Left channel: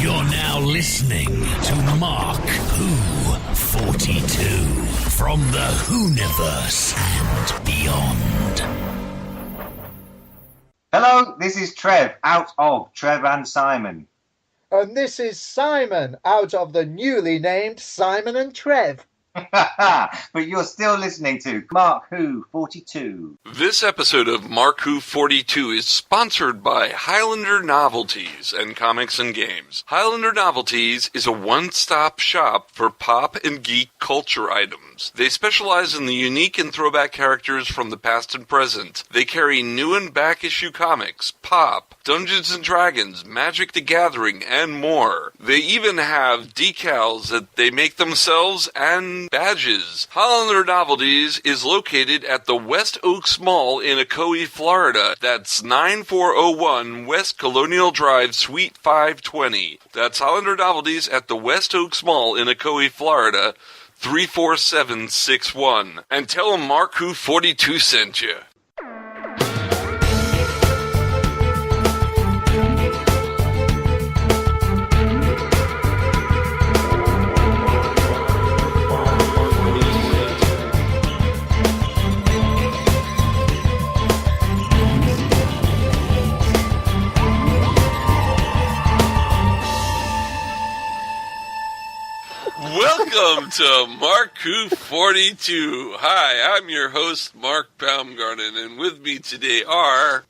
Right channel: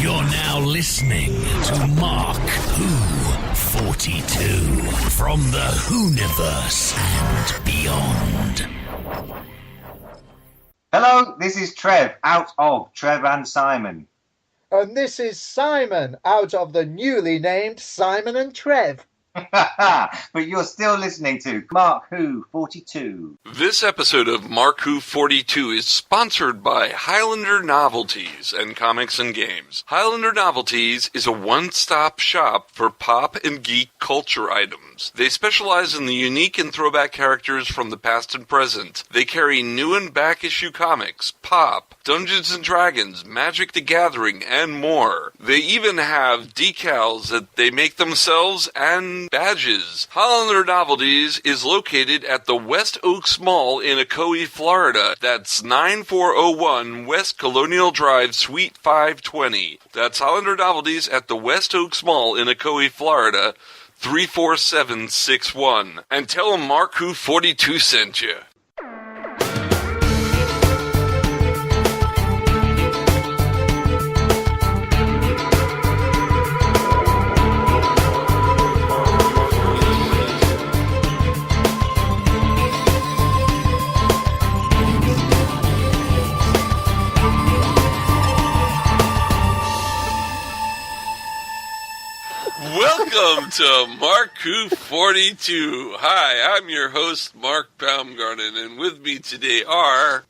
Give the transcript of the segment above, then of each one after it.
You're now listening to MarkWHO42 from the Whoniverse and beyond. Hello, this is Trev, out of Trev and Simon. And this is Simon, out of the newly named Simon and Trev. But you're still listening to MarkWHO42. This episode of MarkWHO42 is sponsored by Highlander Novelties and Comics and Games. Highlander Novelties is a one-stop shop for pop and geek culture items. They specialize in the unique and throwback characters from the past and present. They carry new and back-issue comics, pop, Dungeons & Dragons, Magic the Gathering, and more. They even have decals that they make themselves and badges. Highlander Novelties is located at the West Oaks Mall in Ocoee, Florida. That's 9401 West Colonial Drive, Suite 520. That's Highlander Novelties at the West Oaks Mall in Ocoee, Florida, 34761. And tell them MarkWHO42 sent you. Welcome to MarkWHO42. Hi, I'm your host, Mark Baumgarten, and with me today are...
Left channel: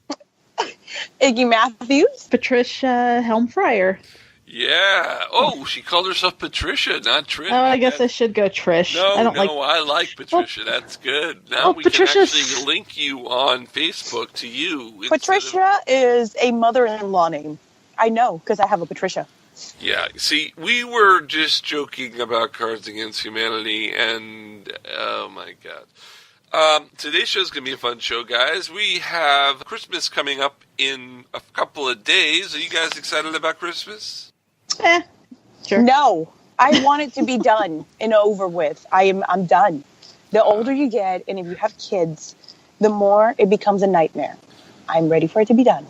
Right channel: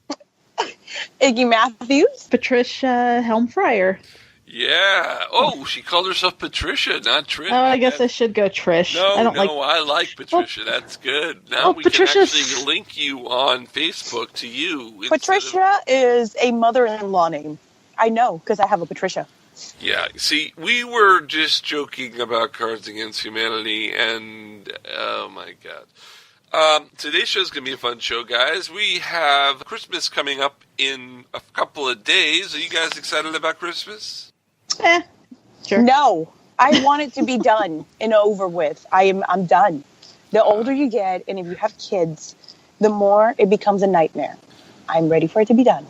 Iggy Matthews. Patricia Helm-Fryer. Yeah. Oh, she called herself Patricia, not Trish. Oh, I guess I should go Trish. I like Patricia. That's good. Now we can actually link you on Facebook to you. Patricia is a mother-in-law name. I know, because I have a Patricia. Yeah, see, we were just joking about Cards Against Humanity, and oh my god. Today's show's going to be a fun show, guys. We have Christmas coming up in a couple of days. Are you guys excited about Christmas? Sure. No, I want it to be done and over with. I'm done. The older you get, and if you have kids, the more it becomes a nightmare. I'm ready for it to be done.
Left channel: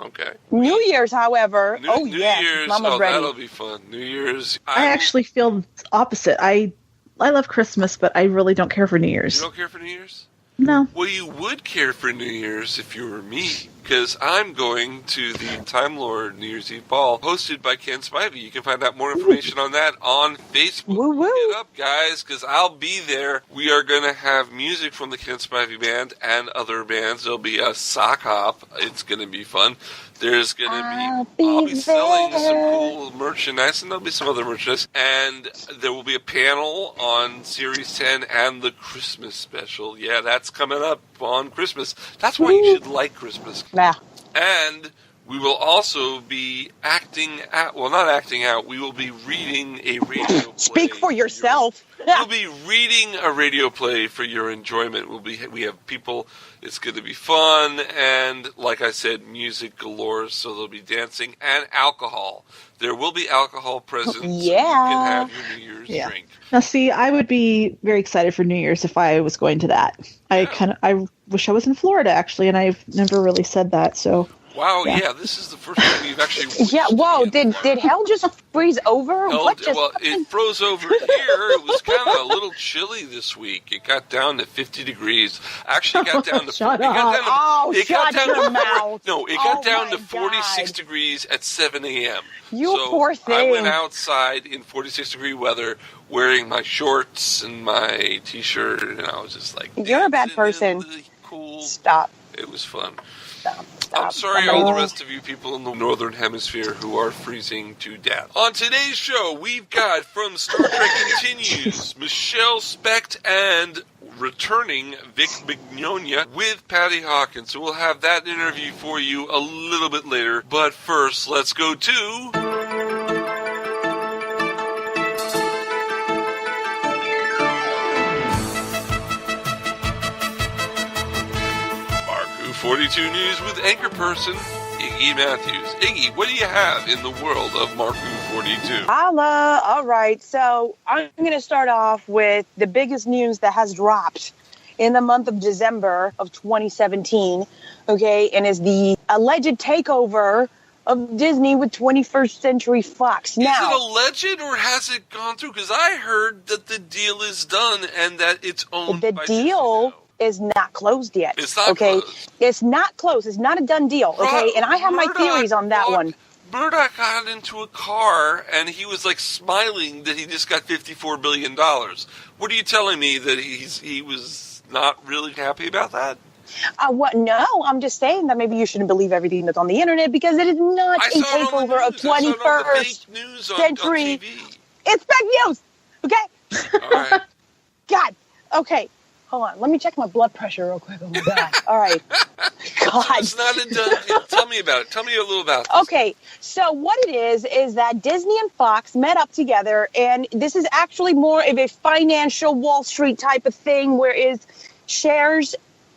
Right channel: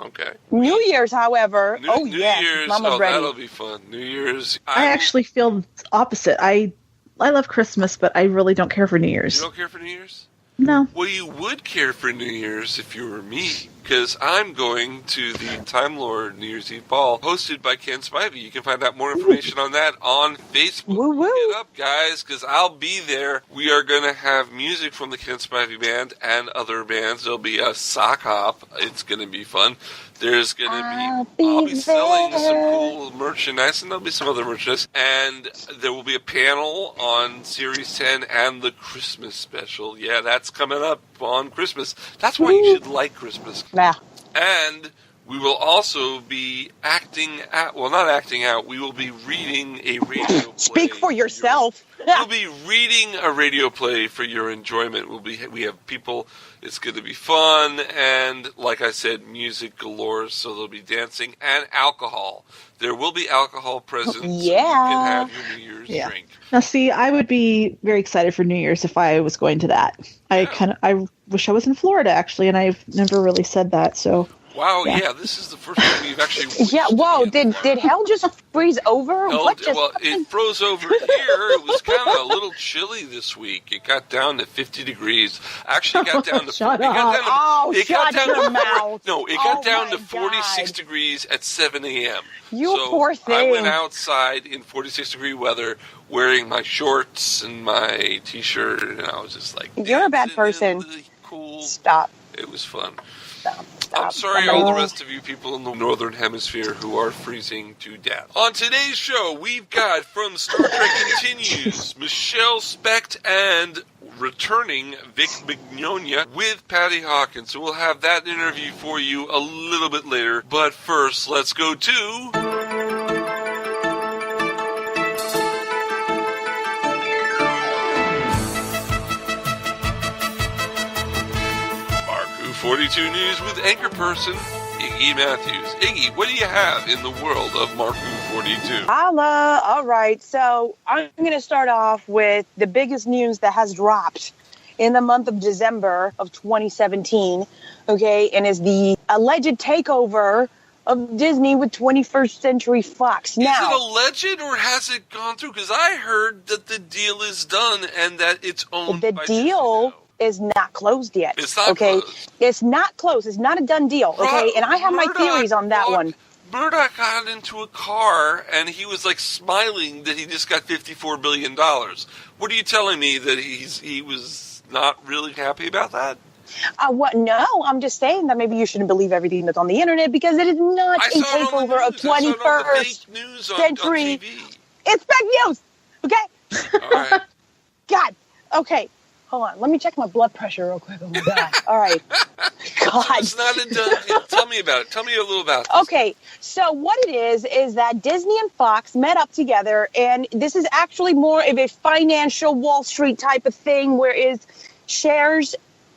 Okay. New Year's, however, New Year's, Mama's ready. That'll be fun. New Year's. I actually feel opposite. I love Christmas, but I really don't care for New Year's. You don't care for New Year's? No. Well, you would care for New Year's if you were me, because I'm going to the Time Lord New Year's Eve Ball, hosted by Ken Spivey. You can find out more information on that on Facebook. Woo-woo. Get up, guys, because I'll be there. We are going to have music from the Ken Spivey Band and other bands. There'll be a sock hop. It's going to be fun. There's going to be, I'll be selling some cool merchandise, and there'll be some other merchandise. And there will be a panel on Series 10 and the Christmas special. Yeah, that's coming up on Christmas. That's why you should like Christmas. Yeah. And we will also be not acting out, we will be reading a radio play. Speak for yourself. We'll be reading a radio play for your enjoyment. We have people, it's going to be fun, and like I said, music galore, so there'll be dancing and alcohol. There will be alcohol present, so you can have your New Year's drink. Now, see, I would be very excited for New Year's if I was going to that. Yeah. I wish I was in Florida, actually, and I've never really said that, so... Wow, yeah, this is the first time we've actually... Yeah, whoa, did hell just freeze over? It froze over here. It was kind of a little chilly this week. It got down to 50 degrees. Actually, it got down to... Shut up. Shut your mouth. No, it got down to 46 degrees at 7 a.m. You poor thing. I went outside in 46-degree weather wearing my shorts and my T-shirt, and I was just like... You're a bad person. Cool. Stop. It was fun. Stop. I'm sorry, all the rest of you people in the Northern Hemisphere who are freezing to death. On today's show, we've got from Star Trek Continues, Michele, Specht, and returning Vic Mignogna with Patty Hawkins. So we'll have that interview for you a little bit later. But first, let's go to... MarkWHO42 News with anchor person Iggy Matthews. Iggy, what do you have in the world of MarkWHO42? Holla. All right. So I'm going to start off with the biggest news that has dropped in the month of December of 2017. Okay. And is the alleged takeover of Disney with 21st Century Fox. Is Now, it a legend or has it gone through? Because I heard that the deal is done and that it's owned by Disney now. Is not closed yet. It's not okay? closed. It's not closed. It's not a done deal. Okay, and I have my theories on that one. Murdoch got into a car and he was like smiling that he just got $54 billion. What are you telling me, that he was not really happy about that? What? No, I'm just saying that maybe you shouldn't believe everything that's on the internet, because it is not a takeover of 21st century. It's fake news. Okay. All right. God. Okay. Hold on. Let me check my blood pressure real quick. Oh my God. All right. God. It's not a done deal. Tell me about it. Tell me a little about this. Okay. So what it is that Disney and Fox met up together, and this is actually more of a financial Wall Street type of thing, whereas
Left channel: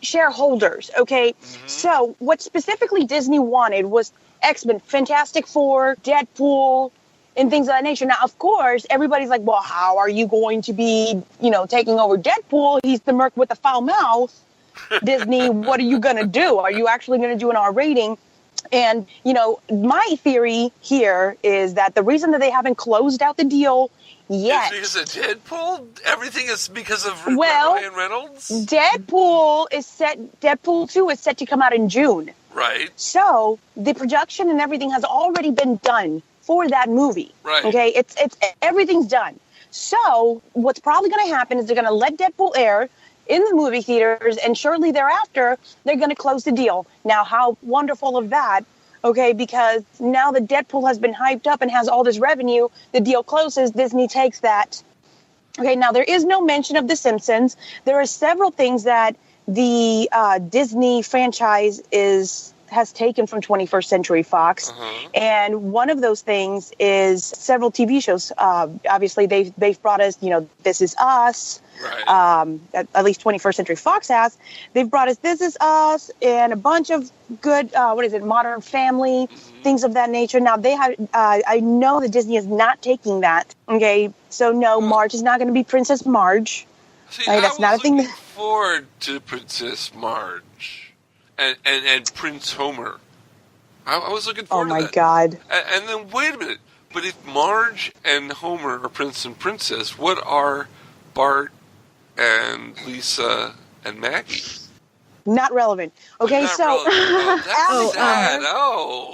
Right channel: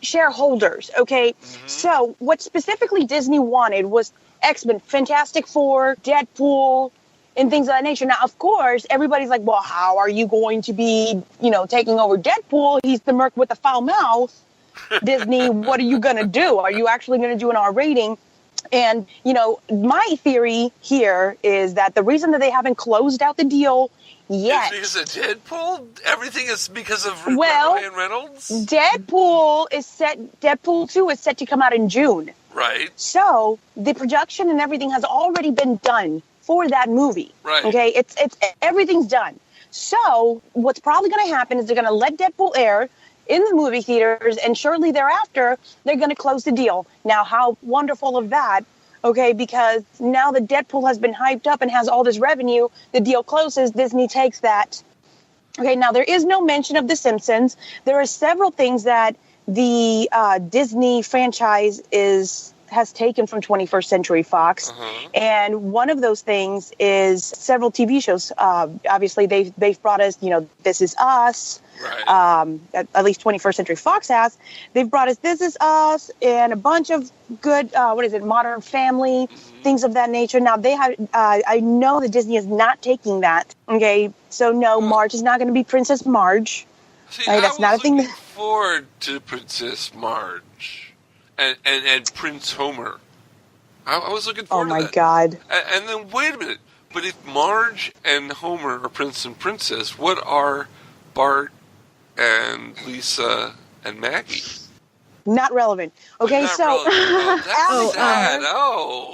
shareholders. Okay. Mm-hmm. So what specifically Disney wanted was X-Men, Fantastic Four, Deadpool, and things of that nature. Now, of course, everybody's like, well, how are you going to be, taking over Deadpool? He's the merc with the foul mouth. Disney, what are you going to do? Are you actually going to do an R rating? And, my theory here is that the reason that they haven't closed out the deal yet. Is it because of Deadpool? Everything is because of Ryan Reynolds? Deadpool 2 is set to come out in June. Right. So the production and everything has already been done for that movie. Right. Okay, it's everything's done. So what's probably going to happen is they're going to let Deadpool air in the movie theaters, and shortly thereafter they're going to close the deal. Now, how wonderful of that? Okay, because now that Deadpool has been hyped up and has all this revenue, the deal closes, Disney takes that. Okay, now there is no mention of The Simpsons. There are several things that the Disney franchise has taken from 21st Century Fox. Uh-huh. And one of those things is several TV shows. Obviously, they've brought us, This Is Us. Right. At least 21st Century Fox has. They've brought us This Is Us and a bunch of good, Modern Family, things of that nature. Now, they have. I know that Disney is not taking that. Okay, so no, Marge is not going to be Princess Marge. See, that's not a thing. I was looking forward to Princess Marge. And Prince Homer. I was looking forward to that. Oh, my God. And then, wait a minute. But if Marge and Homer are Prince and Princess, what are Bart and Lisa and Maggie? Not relevant. Okay, not relevant. Oh, that's sad.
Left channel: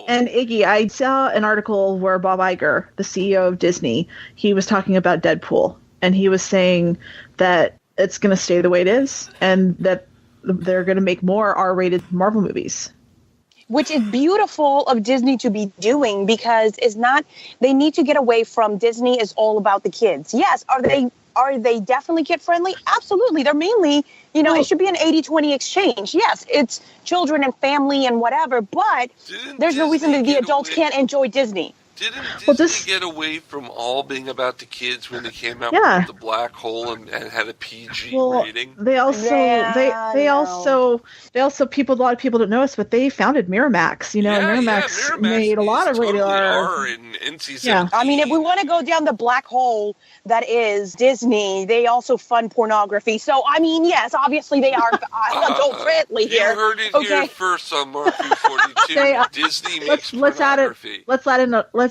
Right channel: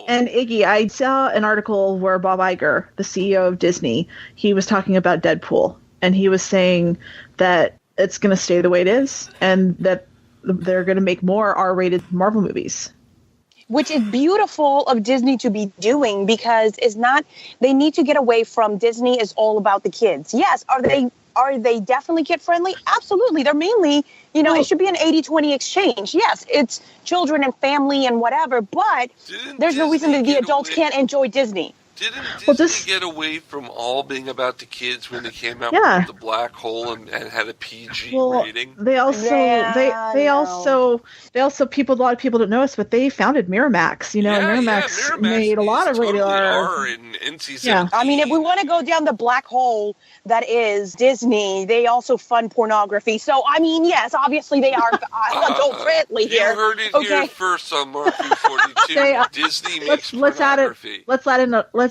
And Iggy, I saw an article where Bob Iger, the CEO of Disney, he was talking about Deadpool. And he was saying that it's going to stay the way it is, and that they're going to make more R-rated Marvel movies. Which is beautiful of Disney to be doing, because they need to get away from Disney is all about the kids. Yes, are they definitely kid friendly? Absolutely. They're mainly, it should be an 80-20 exchange. Yes, it's children and family and whatever, but there's no reason that the adults can't enjoy Disney. Didn't Disney get away from all being about the kids when they came out with the black hole and had a PG rating? They also a lot of people don't know this, but they founded Miramax. And Miramax made a lot of rated R in NC-17. Yeah. I mean, if we want to go down the black hole that is Disney, they also fund pornography. So I mean, yes, obviously they are adult friendly here. You heard it here first on MarkWHO42. Disney makes pornography. Let's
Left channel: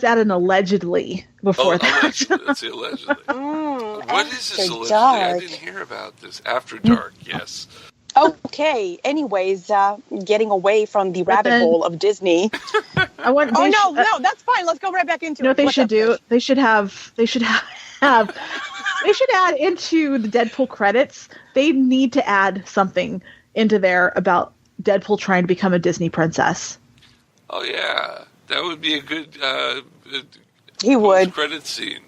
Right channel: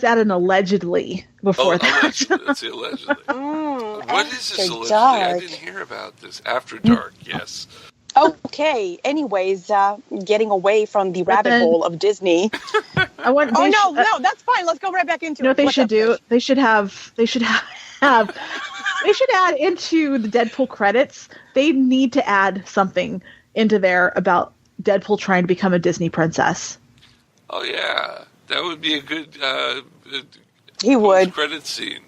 add an allegedly before that. Allegedly. Let's say allegedly. What is this allegedly? I didn't hear about this. After dark, yes. Okay. Anyways, getting away from the rabbit hole of Disney. No, that's fine. Let's go right back into it. You know what they should do? They should add into the Deadpool credits. They need to add something into there about Deadpool trying to become a Disney princess. Oh yeah. That would be a good credit scene.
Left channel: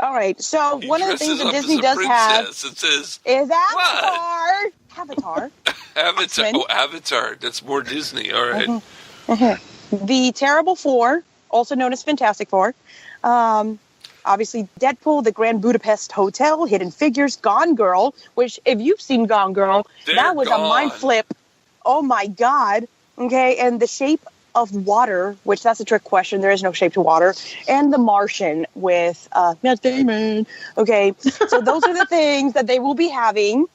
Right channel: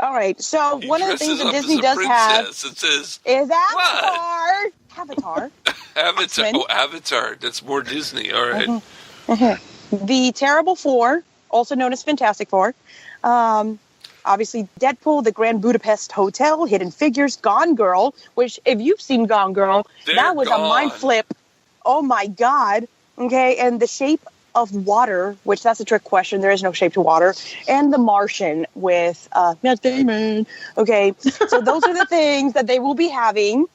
All right. So one of the things that Disney does have is Avatar. Avatar. Avatar. Oh, Avatar. That's more Disney. All right. The Terrible Four, also known as Fantastic Four. Obviously, Deadpool, The Grand Budapest Hotel, Hidden Figures, Gone Girl, which, if you've seen Gone Girl, that was a mind flip. Oh, my God. Okay. And The Shape of Water, which that's a trick question. There is no shape to water. And The Martian with Matt Damon. Okay, so those are the things that they will be having.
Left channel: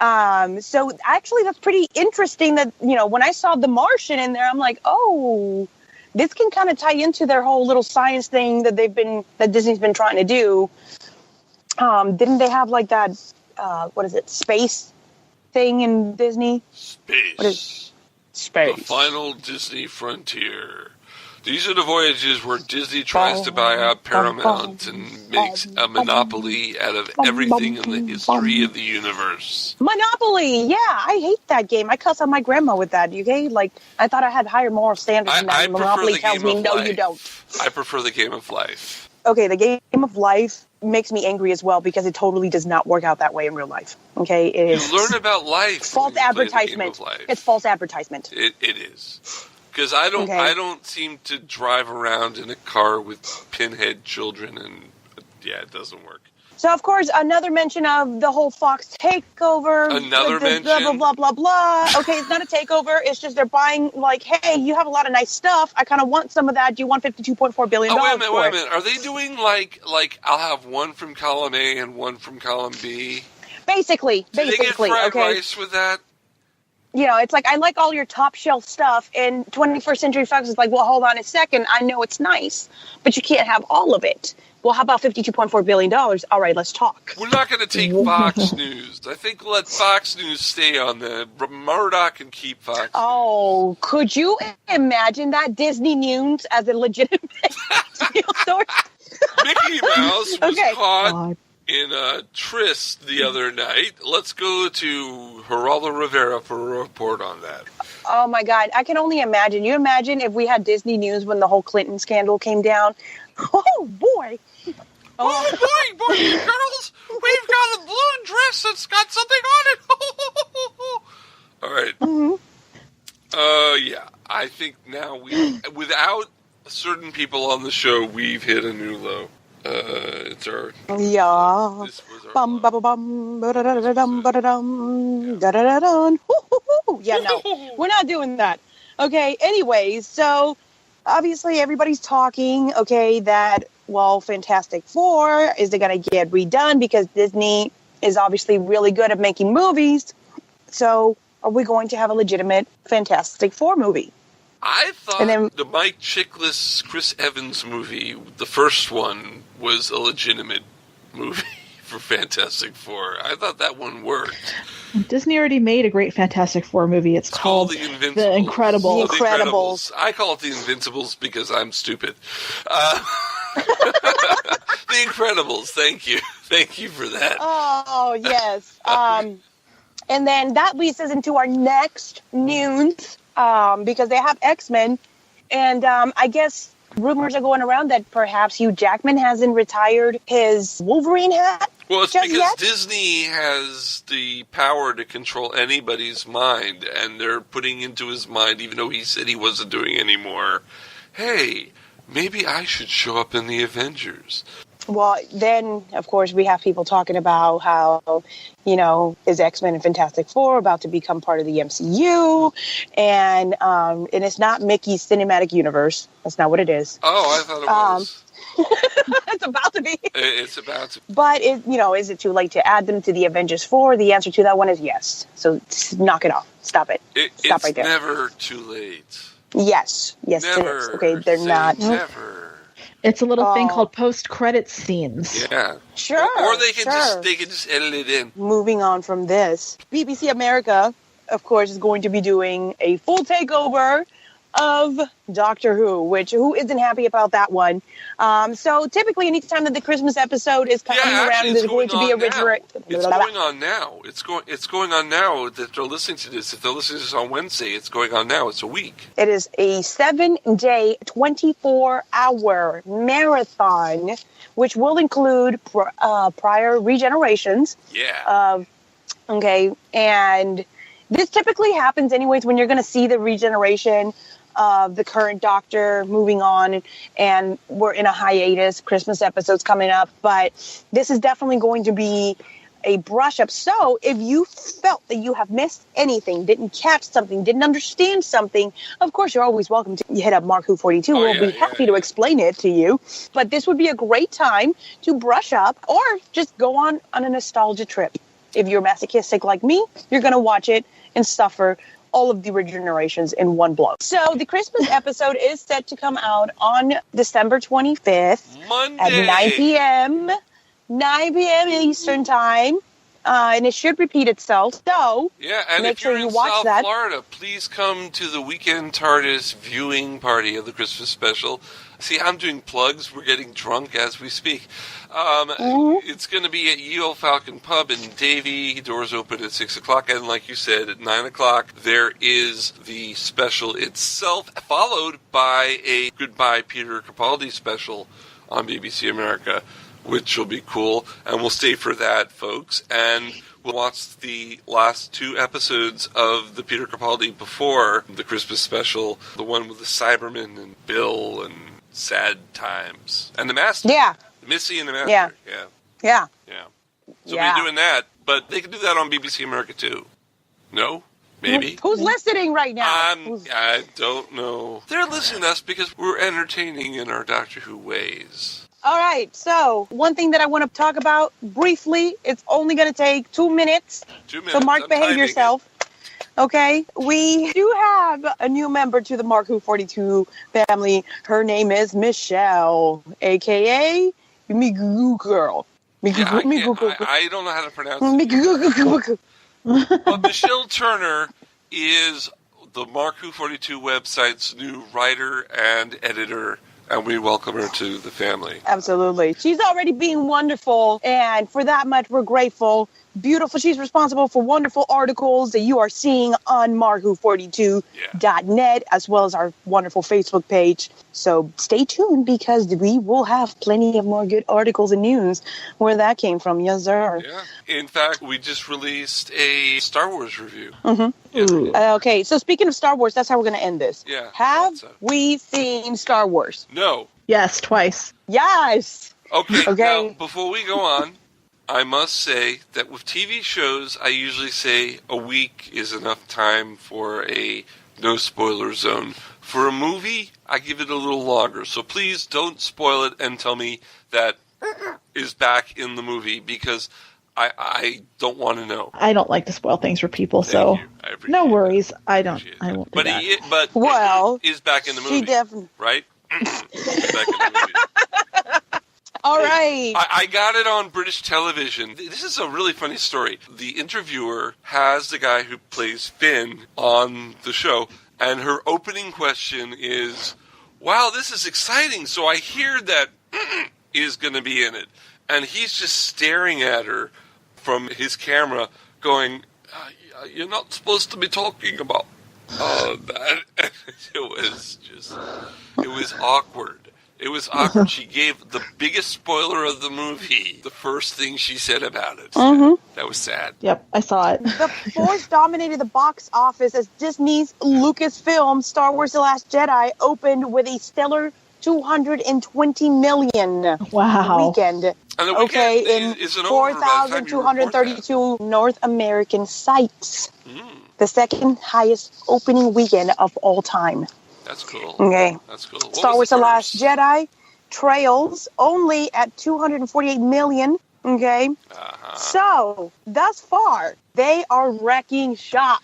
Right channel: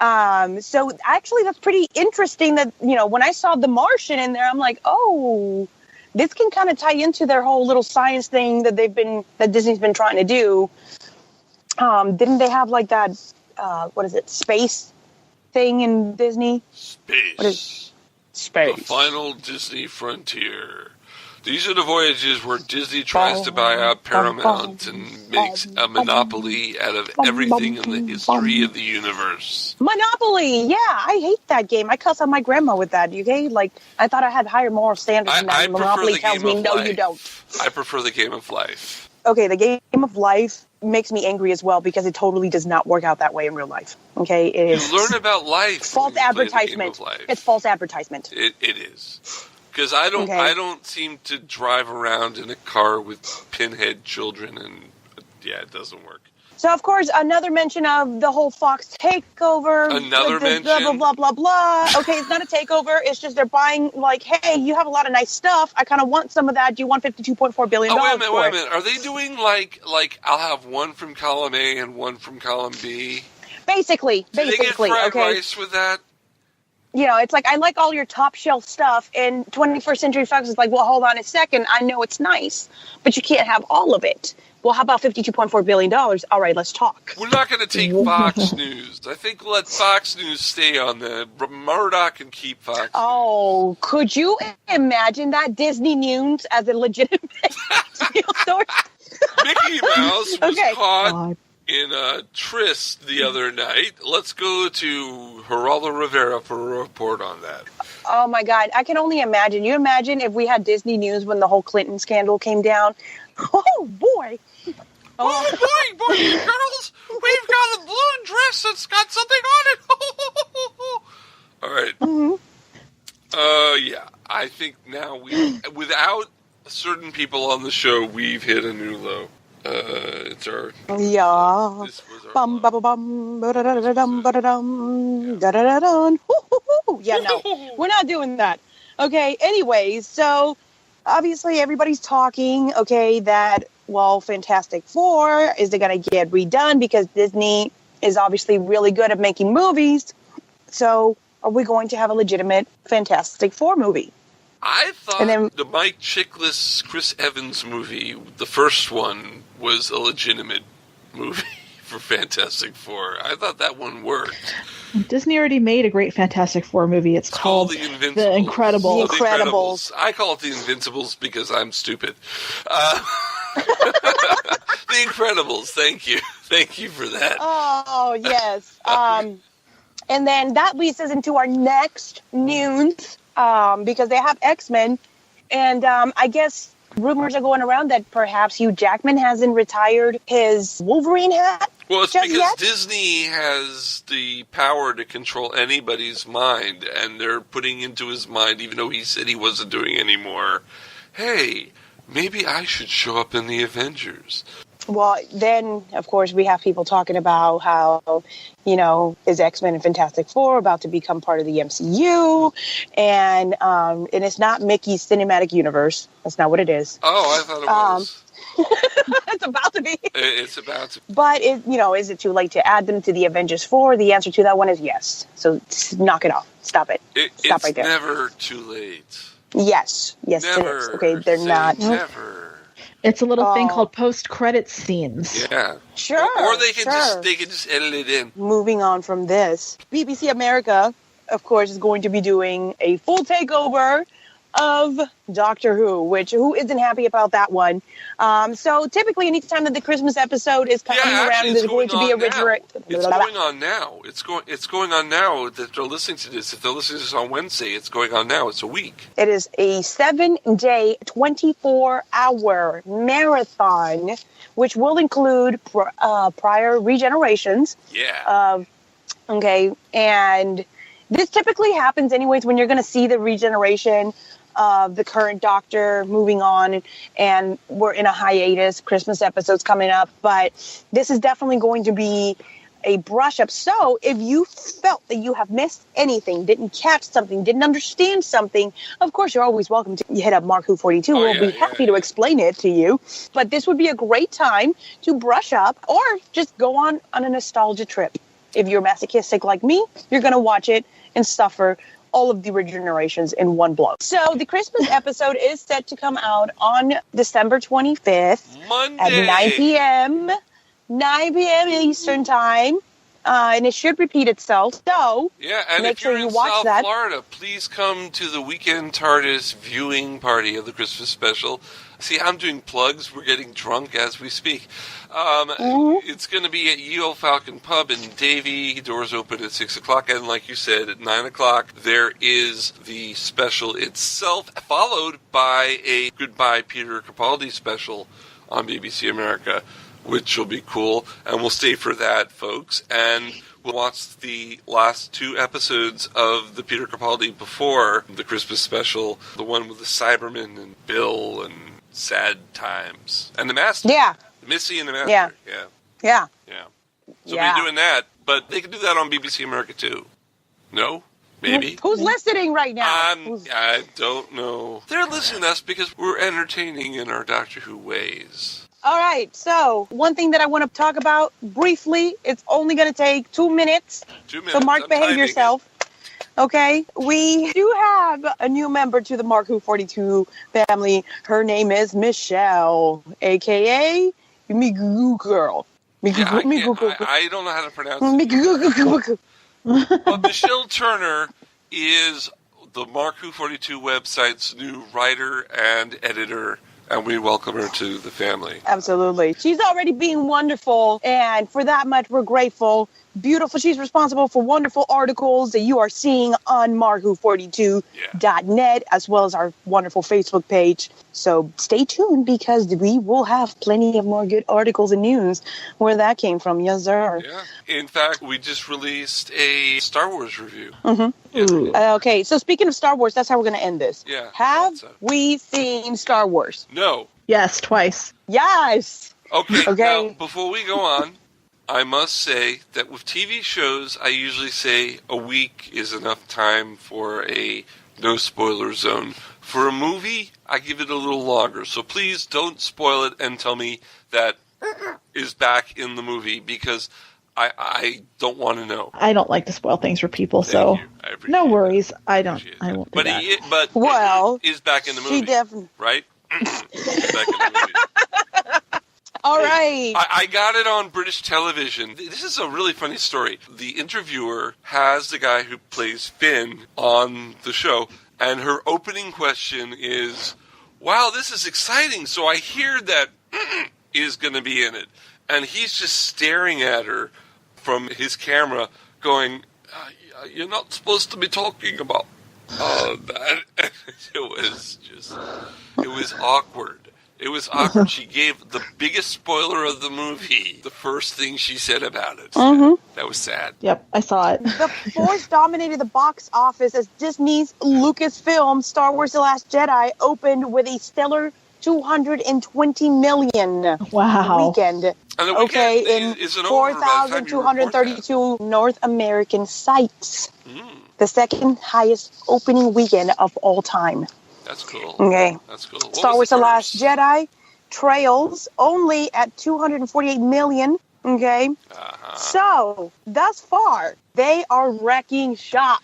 So actually, that's pretty interesting that, when I saw The Martian in there, I'm like, oh, this can kind of tie into their whole little science thing that Disney's been trying to do. Didn't they have like that, space thing in Disney? Space. What is space? The final Disney frontier. These are the voyages where Disney tries to buy out Paramount and makes a monopoly out of everything in the history of the universe. Monopoly! Yeah, I hate that game. I cuss on my grandma with that, okay? Like, I thought I had higher moral standards than that. I Monopoly prefer the tells game me, of no, life. you don't. I prefer the game of life. Okay, the game of life makes me angry as well because it totally does not work out that way in real life. Okay, it is. You learn about life. False advertisement. It's false advertisement. It is. Because I don't seem to drive around in a car with pinhead children, and it doesn't work. So, of course, another mention of the whole Fox takeover. Another mention. Blah, blah, blah, blah, blah. Okay, it's not a takeover. It's just they're buying, like, hey, you have a lot of nice stuff. I kind of want some of that. Do you want $52.4 billion wait a minute. Are they doing, like I'll have one from column A and one from column B? Basically, Do they get fried rice with that? You know, it's like, I like all your top shelf stuff, and 21st Century Fox is like, well, hold on a second. I know it's nice, but you can't have all of it. Well, how about $52.4 billion? All right, let's talk. We're not going to take Fox News. I think let Fox News stay on the... Murdoch can keep Fox News. Could you imagine that? Disney News as a legitimate news source? Mickey Mouse was caught in a tryst the other night. Let's go to Geraldo Rivera for a report on that. Oh, my God. I can only imagine. You imagine if we had Disney News when the whole Clinton scandal came down? Oh, boy. Oh, boy, girls. We've got a blue dress that's got something on it. All right. Mm-hmm. Yeah. I think now without certain people on the show, we've hit a new low. It's our... Yeah. This was our... Bum, bum, bum, ba-da-da-da-dum, ba-da-dum, da-da-da-dum. Yeah, no. We're not doing that. Okay, anyways, so... Obviously, everybody's talking, that, Fantastic Four, is it going to get redone? Because Disney is obviously really good at making movies. So, are we going to have a legitimate Fantastic Four movie? I thought the Mike Chiklis, Chris Evans movie, the first one, was a legitimate movie for Fantastic Four. I thought that one worked. Disney already made a great Fantastic Four movie. It's called The Invincibles. The Incredibles. The Incredibles. I call it The Invincibles because I'm stupid. The Incredibles. Thank you. Thank you for that. Oh, yes. And then that leads us into our next news because they have X-Men. And I guess rumors are going around that perhaps Hugh Jackman hasn't retired his Wolverine hat. Well, it's because Disney has the power to control anybody's mind, and they're putting into his mind, even though he said he wasn't doing anymore, hey, maybe I should show up in the Avengers. Well, then, of course, we have people talking about how, is X-Men and Fantastic Four about to become part of the MCU, and it's not Mickey's cinematic universe. That's not what it is. Oh, I thought it was. It's about to be. It's about to. But, is it too late to add them to the Avengers 4? The answer to that one is yes. So knock it off. Stop it. Stop right there. It's never too late. Yes. Yes, never. It is. Okay, they're not. Never. It's a little thing called post-credit scenes. Yeah. Sure. Or they can just edit it in. Moving on from this, BBC America, of course, is going to be doing a full takeover of Doctor Who, who isn't happy about that one. So typically, anytime that the Christmas episode is coming around, there's going to be a original. It's going on now. It's going on now that they're listening to this. If they're listening to this on Wednesday, it's going on now. It's a week. It is a 7-day, 24-hour marathon, which will include prior regenerations. Yeah. And this typically happens anyways when you're going to see the regeneration of the current Doctor moving on, and we're in a hiatus. Christmas episode's coming up, but this is definitely going to be a brush up. So if you felt that you have missed anything, didn't catch something, didn't understand something, of course, you're always welcome to hit up MarkWHO42. We'll be happy to explain it to you. But this would be a great time to brush up or just go on a nostalgia trip. If you're masochistic like me, you're going to watch it and suffer all of the original narrations in one blow. So the Christmas episode is set to come out on December 25th Monday at 9 p.m. 9 p.m. Eastern Time. And it should repeat itself. So, yeah, and make if you're sure you in watch South that. Florida, please come to the Weekend TARDIS viewing party of the Christmas special. See, I'm doing plugs. We're getting drunk as we speak. It's going to be at Ye Olde Falcon Pub in Davie. Doors open at 6 o'clock. And like you said, at 9 o'clock, there is the special itself, followed by a Goodbye Peter Capaldi special on BBC America, which will be cool, and we'll stay for that, folks. And we'll watch the last 2 episodes of the Peter Capaldi before the Christmas special, the one with the Cybermen and Bill and Sad Times. And the Master. Yeah. Missy and the Master. Yeah. Yeah. So we'll be doing that, but they can do that on BBC America, too. No? Maybe? Who's listening right now? I don't know. They're listening to us because we're entertaining in our Doctor Who ways. All right, so one thing that I want to talk about briefly, it's only going to take 2 minutes. 2 minutes. So, Mark, behave yourself. Okay, we do have a new member to the MarkWHO42 family. Her name is Michele, a.k.a. Mignogna Girl. I don't know how to pronounce it. But Michele Turner is the MarkWHO42 website's new writer and editor, and we welcome her to the family. Absolutely. She's already being wonderful, and for that much, we're grateful. Beautiful. She's responsible for wonderful articles that you are seeing on MarkWHO42.net, as well as our wonderful Facebook page. So stay tuned, because we will have plenty of more good articles and news where that came from. Yes, sir. Yeah. In fact, we just released a Star Wars review. Okay, so speaking of Star Wars, that's how we're going to end this. Yeah. Have we seen Star Wars? No. Yes, twice. Yes. Okay. Okay. Now, before we go on, I must say that with TV shows, I usually say a week is enough time for a no spoiler zone. For a movie, I give it a little longer. So please don't spoil it and tell me that is back in the movie, because I don't want to know. I don't like to spoil things for people, so no worries. I won't do that. But well, is back in the movie. She definitely. Right? Is back in the movie. All right. I got it on British television. This is a really funny story. The interviewer has the guy who plays Finn on the show, and her opening question is, wow, this is exciting. So I hear that is going to be in it. And he's just staring at her from his camera going, you're not supposed to be talking about that. It was awkward. It was awkward. She gave the biggest spoiler of the movie the first thing she said about it. That was sad. Yep, I saw it. The Force dominated the box office as Disney's Lucasfilm Star Wars The Last Jedi opened with a stellar $220 million weekend. And the weekend isn't in over by the time you report 4,232 North American sites. The second highest opening weekend of all time. That's cool. Okay. That's cool. Star Wars The Last Jedi trails only at 248 million. Okay. So, thus far, they are wrecking shop.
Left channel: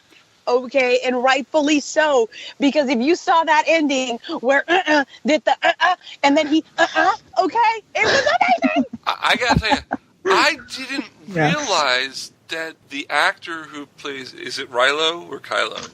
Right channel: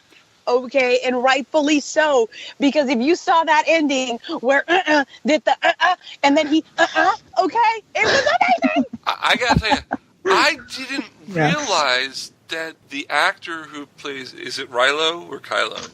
Okay, and rightfully so, because if you saw that ending where did the and then he okay, it was amazing. I gotta tell you, I didn't realize that the actor who plays, is it Rilo or Kylo?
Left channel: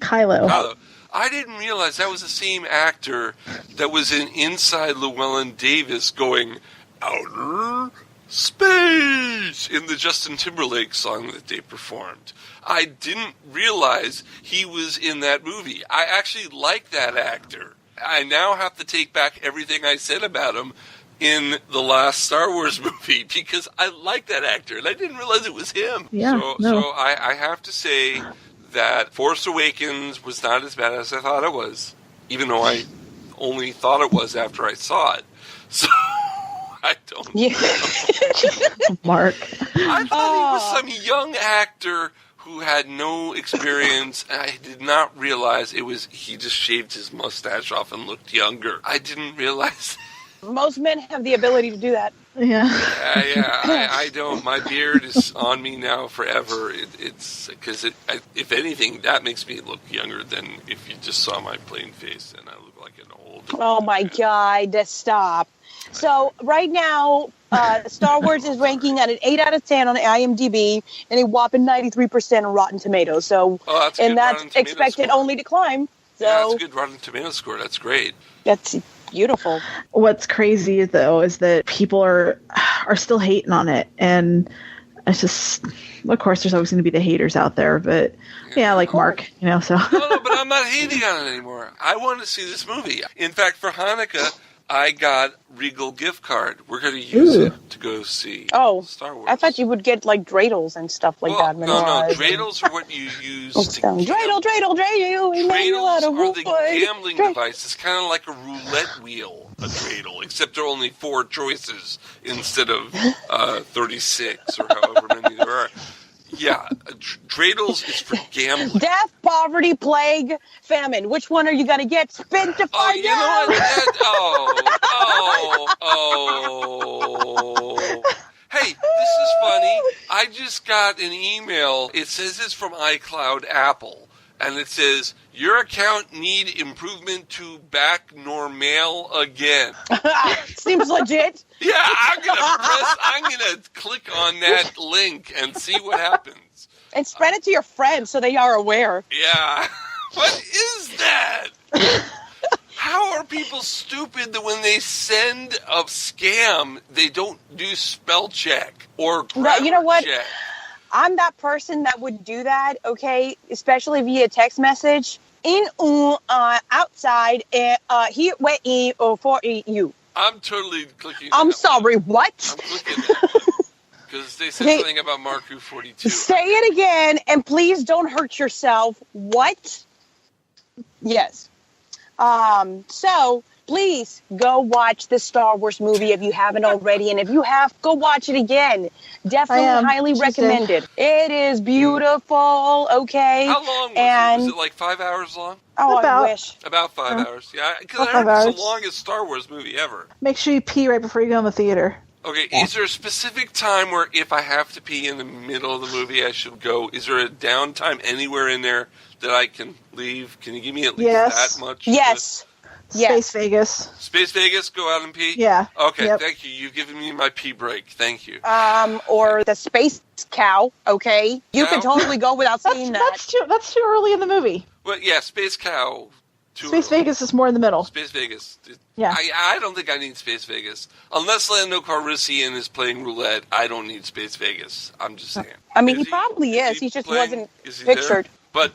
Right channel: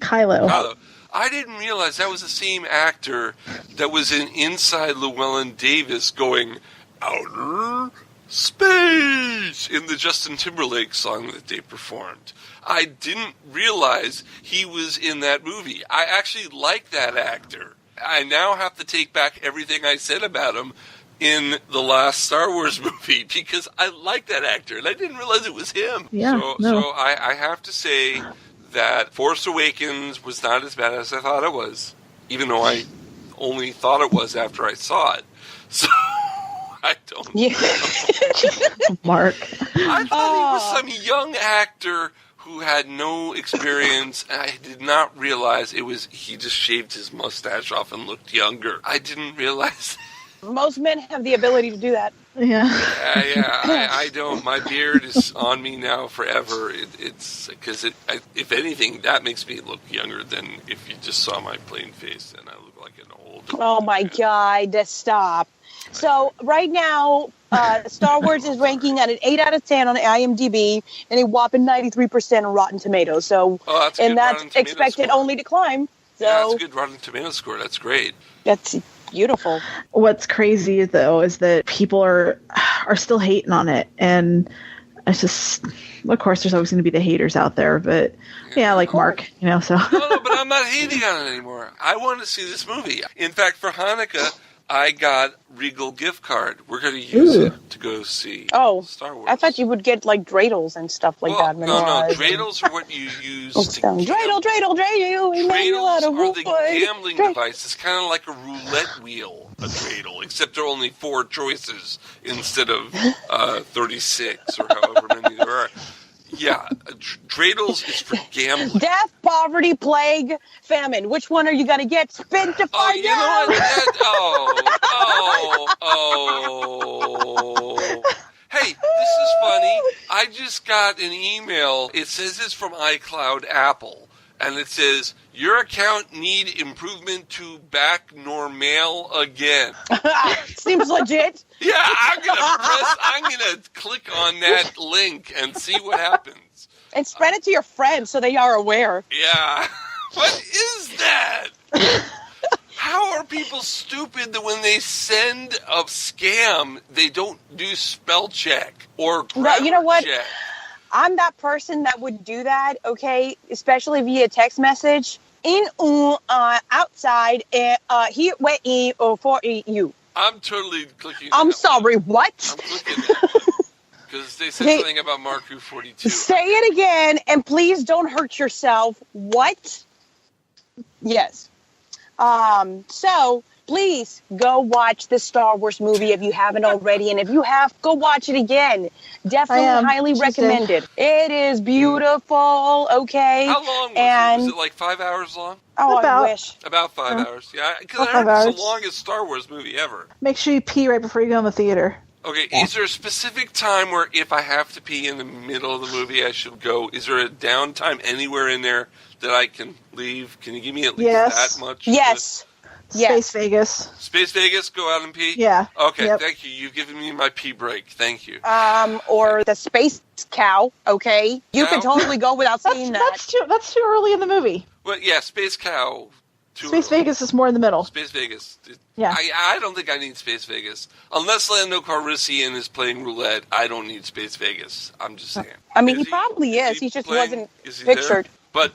Kylo. I didn't realize that was the same actor that was in Inside Llewellyn Davis going outer space in the Justin Timberlake song that they performed. I didn't realize he was in that movie. I actually like that actor. I now have to take back everything I said about him in the last Star Wars movie, because I like that actor, and I didn't realize it was him. So I have to say that Force Awakens was not as bad as I thought it was, even though I only thought it was after I saw it. So I don't know. Mark. I thought he was some young actor who had no experience, and I did not realize he just shaved his mustache off and looked younger. I didn't realize Most men have the ability to do that. Yeah. I don't. My beard is on me now forever. It's because if anything, that makes me look younger than if you just saw my plain face, and I look like an old. Oh my God! Stop. So right now, Star Wars is ranking at an 8 out of 10 on IMDb and a whopping 93% on Rotten Tomatoes. So, and that's expected only to climb. So yeah, that's a good Rotten Tomatoes score. That's great. That's beautiful. What's crazy though is that people are still hating on it, and it's just, of course, there's always going to be the haters out there, but yeah, like Mark, so. No, but I'm not hating on it anymore. I want to see this movie. In fact, for Hanukkah, I got Regal gift card. We're going to use it to go see Star Wars. I thought you would get like dreidels and stuff like that. No, dreidels are what you use to dreidel. Dreidels are the gambling device. It's kind of like a roulette wheel, a dreidel, except there are only 4 choices instead of 36 or however many there are. Yeah, dreidels is for gambling. Death, poverty, plague, famine. Which one are you going to get? Spin to find out. Hey, this is funny. I just got an email. It says it's from iCloud Apple. And it says, your account need improvement to back normal again. Seems legit. Yeah, I'm gonna click on that link and see what happens. And spread it to your friends so they are aware. Yeah. What is that? How are people stupid that when they send a scam, they don't do spell check or grammar you know what? check? I'm that person that would do that, okay, especially via text message. Outside, here, waiting for you. I'm totally clicking. I'm sorry, what? I'm clicking because they said something about MarkWHO42. Say it again, and please don't hurt yourself. What? Yes. So please go watch the Star Wars movie if you haven't already, and if you have, go watch it again. Definitely highly recommended. It is beautiful. Okay. How long was it? Was it like 5 hours long? Oh, I wish. About 5 hours. Yeah, because I heard it's the longest Star Wars movie ever. Make sure you pee right before you go in the theater. Okay, is there a specific time where if I have to pee in the middle of the movie, I should go? Is there a downtime anywhere in there that I can leave? Can you give me at least that much? Yes. Space Vegas. Space Vegas, go out and pee? Yeah. Okay, Thank you. You've given me my pee break. Thank you. Or the Space Cow, okay? You can totally go without seeing that. That's too early in the movie. Well, yeah, Space Cow. Space Vegas is more in the middle. Space Vegas. Yeah. I don't think I need Space Vegas. Unless Lando Calrissian is playing roulette, I don't need Space Vegas. I'm just saying. I mean, he probably is. He just wasn't pictured. There? But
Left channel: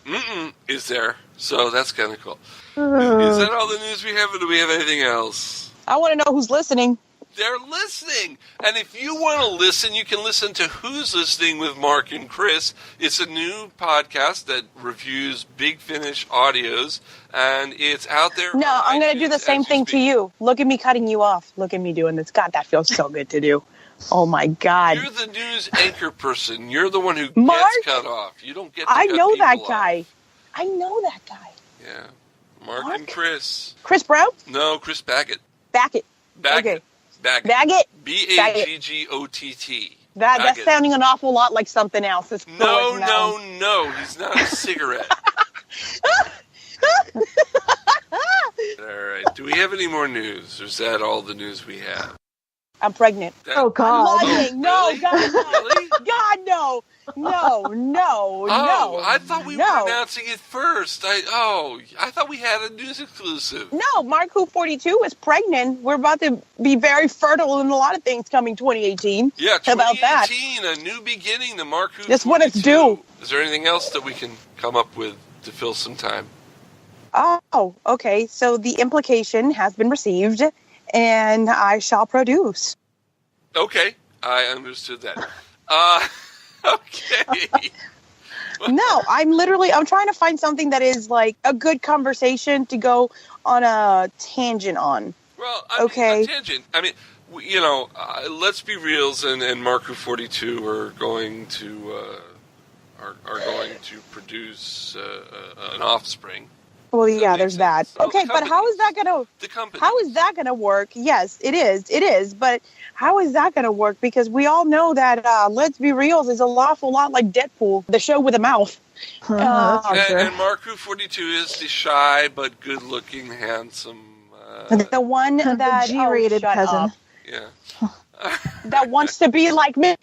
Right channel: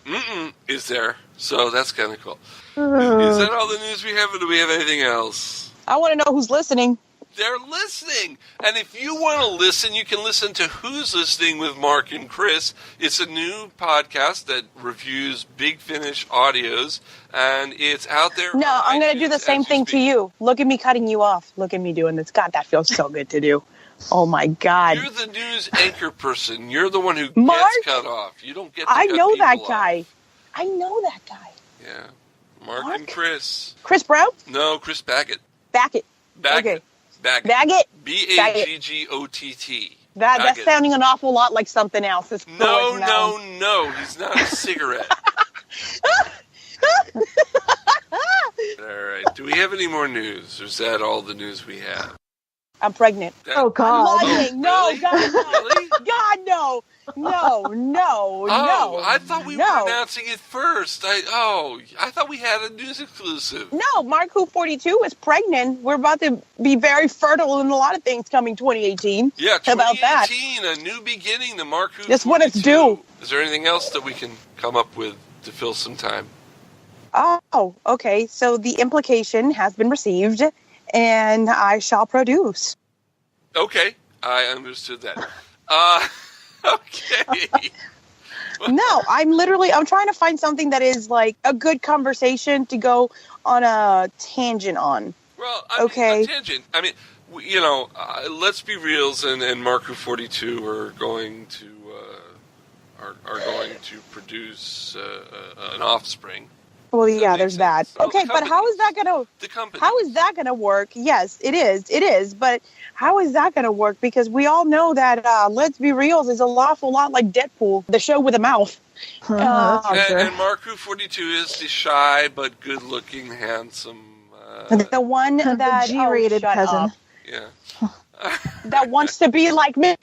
is there. So that's kind of cool. Is that all the news we have, or do we have anything else? I want to know who's listening. They're listening. And if you want to listen, you can listen to Who's Listening with Mark and Chris. It's a new podcast that reviews Big Finish audios, and it's out there. No, I'm going to do the same thing to you. Look at me cutting you off. Look at me doing this. God, that feels so good to do. Oh, my God. You're the news anchor person. You're the one who Mark, gets cut off. You don't get to I cut know that people guy. off. I know that guy. Yeah. Mark and Chris. Chris Brown? No, Chris Baggett. Baggett. Baggett. Okay. Baggett. Baggott. That's sounding an awful lot like something else. No. He's not a cigarette. All right. Do we have any more news? Or is that all the news we have? I'm pregnant. Oh, God. No, really? God, no. Really? God, no. No. I thought we were announcing it first. I thought we had a news exclusive. No, MarkWHO42 is pregnant. We're about to be very fertile in a lot of things coming 2018. Yeah, 2018, How about that? A new beginning, the MarkWHO42. That's what it's due. Is there anything else that we can come up with to fill some time? Oh, okay. So the implication has been received, and I shall produce. Okay, I understood that. Okay. No, I'm trying to find something that is like a good conversation to go on a tangent on. Well, I mean, a tangent. I mean, let's be reals, and MarkWHO42 are going to produce an offspring. Well, Does yeah, make there's that. sense? Oh, Okay, but how is that gonna? The company. How is that gonna work? Yes, it is. It is. But how is that gonna work? Because we all know that Let's Be Real is an awful lot like Deadpool, the show with a mouth. That's for sure. And MarkWHO42 is the shy but good-looking, handsome. The one that the G-rated shut cousin. up. Yeah. That wants to be like me.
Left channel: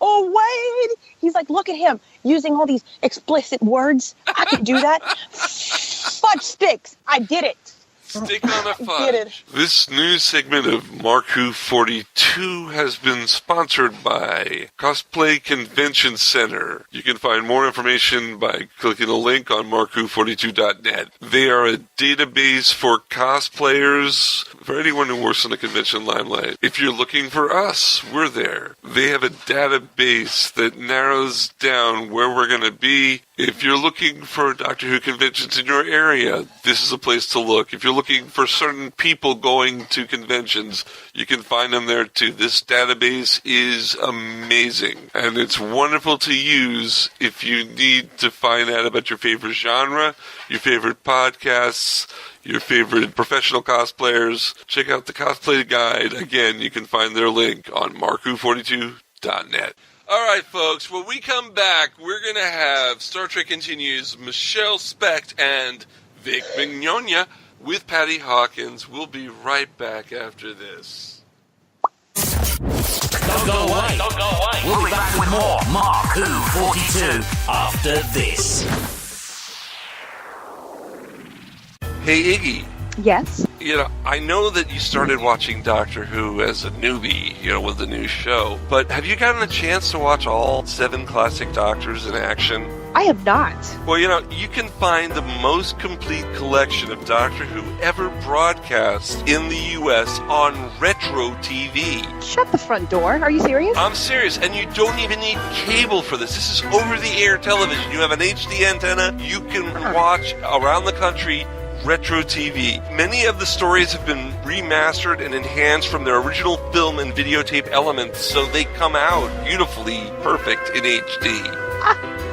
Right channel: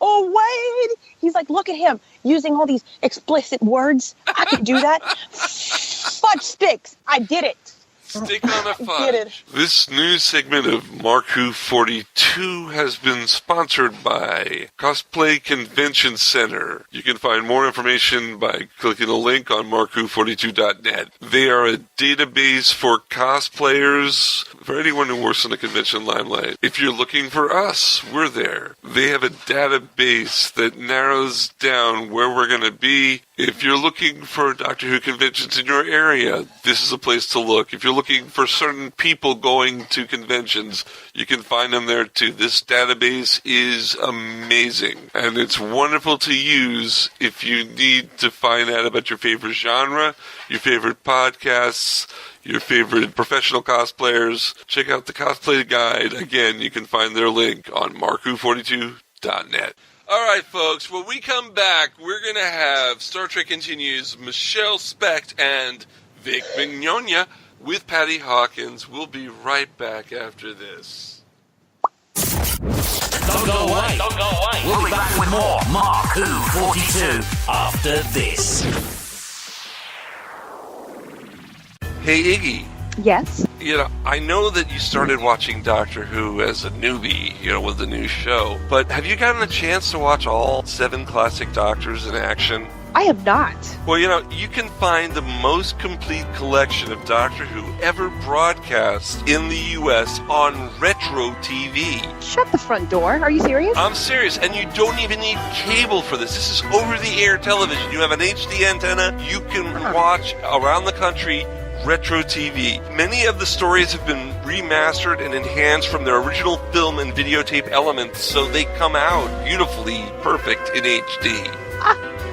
Oh, Wade. He's like, look at him using all these explicit words. I can do that. Fudge sticks. I did it. Stick on a Get it. fudge. This new segment of MarkWHO42 has been sponsored by Cosplay Convention Center. You can find more information by clicking the link on MarkWHO42.net. They are a database for cosplayers, for anyone who works in the convention limelight. If you're looking for us, we're there. They have a database that narrows down where we're going to be. If you're looking for Doctor Who conventions in your area, this is a place to look. If you're looking for certain people going to conventions, you can find them there too. This database is amazing, and it's wonderful to use if you need to find out about your favorite genre, your favorite podcasts, your favorite professional cosplayers. Check out the Cosplay Guide. Again, you can find their link on MarkWHO42.net. All right, folks, when we come back, we're going to have Star Trek Continues, Michele, Specht, and Vic Mignogna with Patty Hawkins. We'll be right back after this. Don't go away. Don't go away. We'll be back with more MarkWHO42 after this. Hey, Iggy. Yes. I know that you started watching Doctor Who as a newbie, with the new show, but have you gotten a chance to watch all 7 classic Doctors in action? I have not. Well, you can find the most complete collection of Doctor Who ever broadcast in the U.S. on Retro TV. Shut the front door. Are you serious? I'm serious, and you don't even need cable for this. This is over-the-air television. You have an HD antenna. You can watch around the country Retro TV. Many of the stories have been remastered and enhanced from their original film and videotape elements, so they come out beautifully perfect in HD.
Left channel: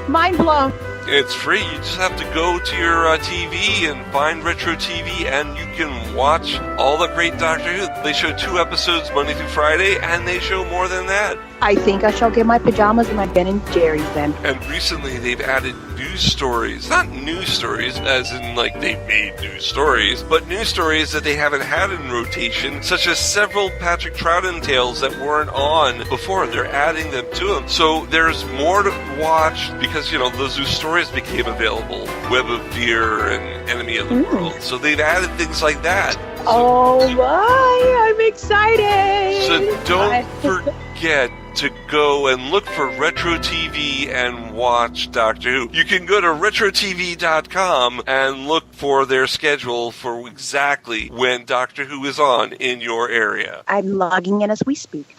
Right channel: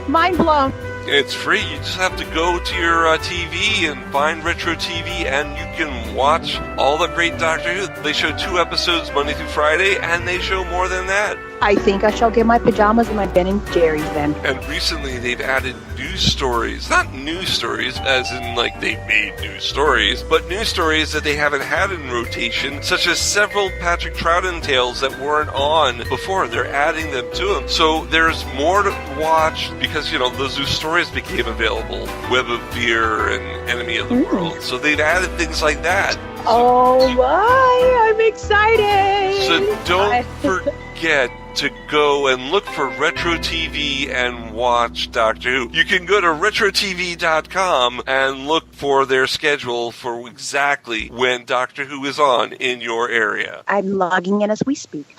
Mind blown. It's free. You just have to go to your TV and find Retro TV, and you can watch all the great Doctor Who. They show 2 episodes Monday through Friday, and they show more than that. I think I shall get my pajamas and my Ben & Jerry's then. And recently they've added news stories. Not news stories as in like they've made new stories, but news stories that they haven't had in rotation, such as several Patrick Troughton tales that weren't on before. They're adding them to them. So there's more to watch because, those new stories became available. Web of Fear and Enemy of the World. So they've added things like that. Oh my, I'm excited. So don't forget to go and look for Retro TV and watch Doctor Who. You can go to RetroTV.com and look for their schedule for exactly when Doctor Who is on in your area. I'm logging in as we speak.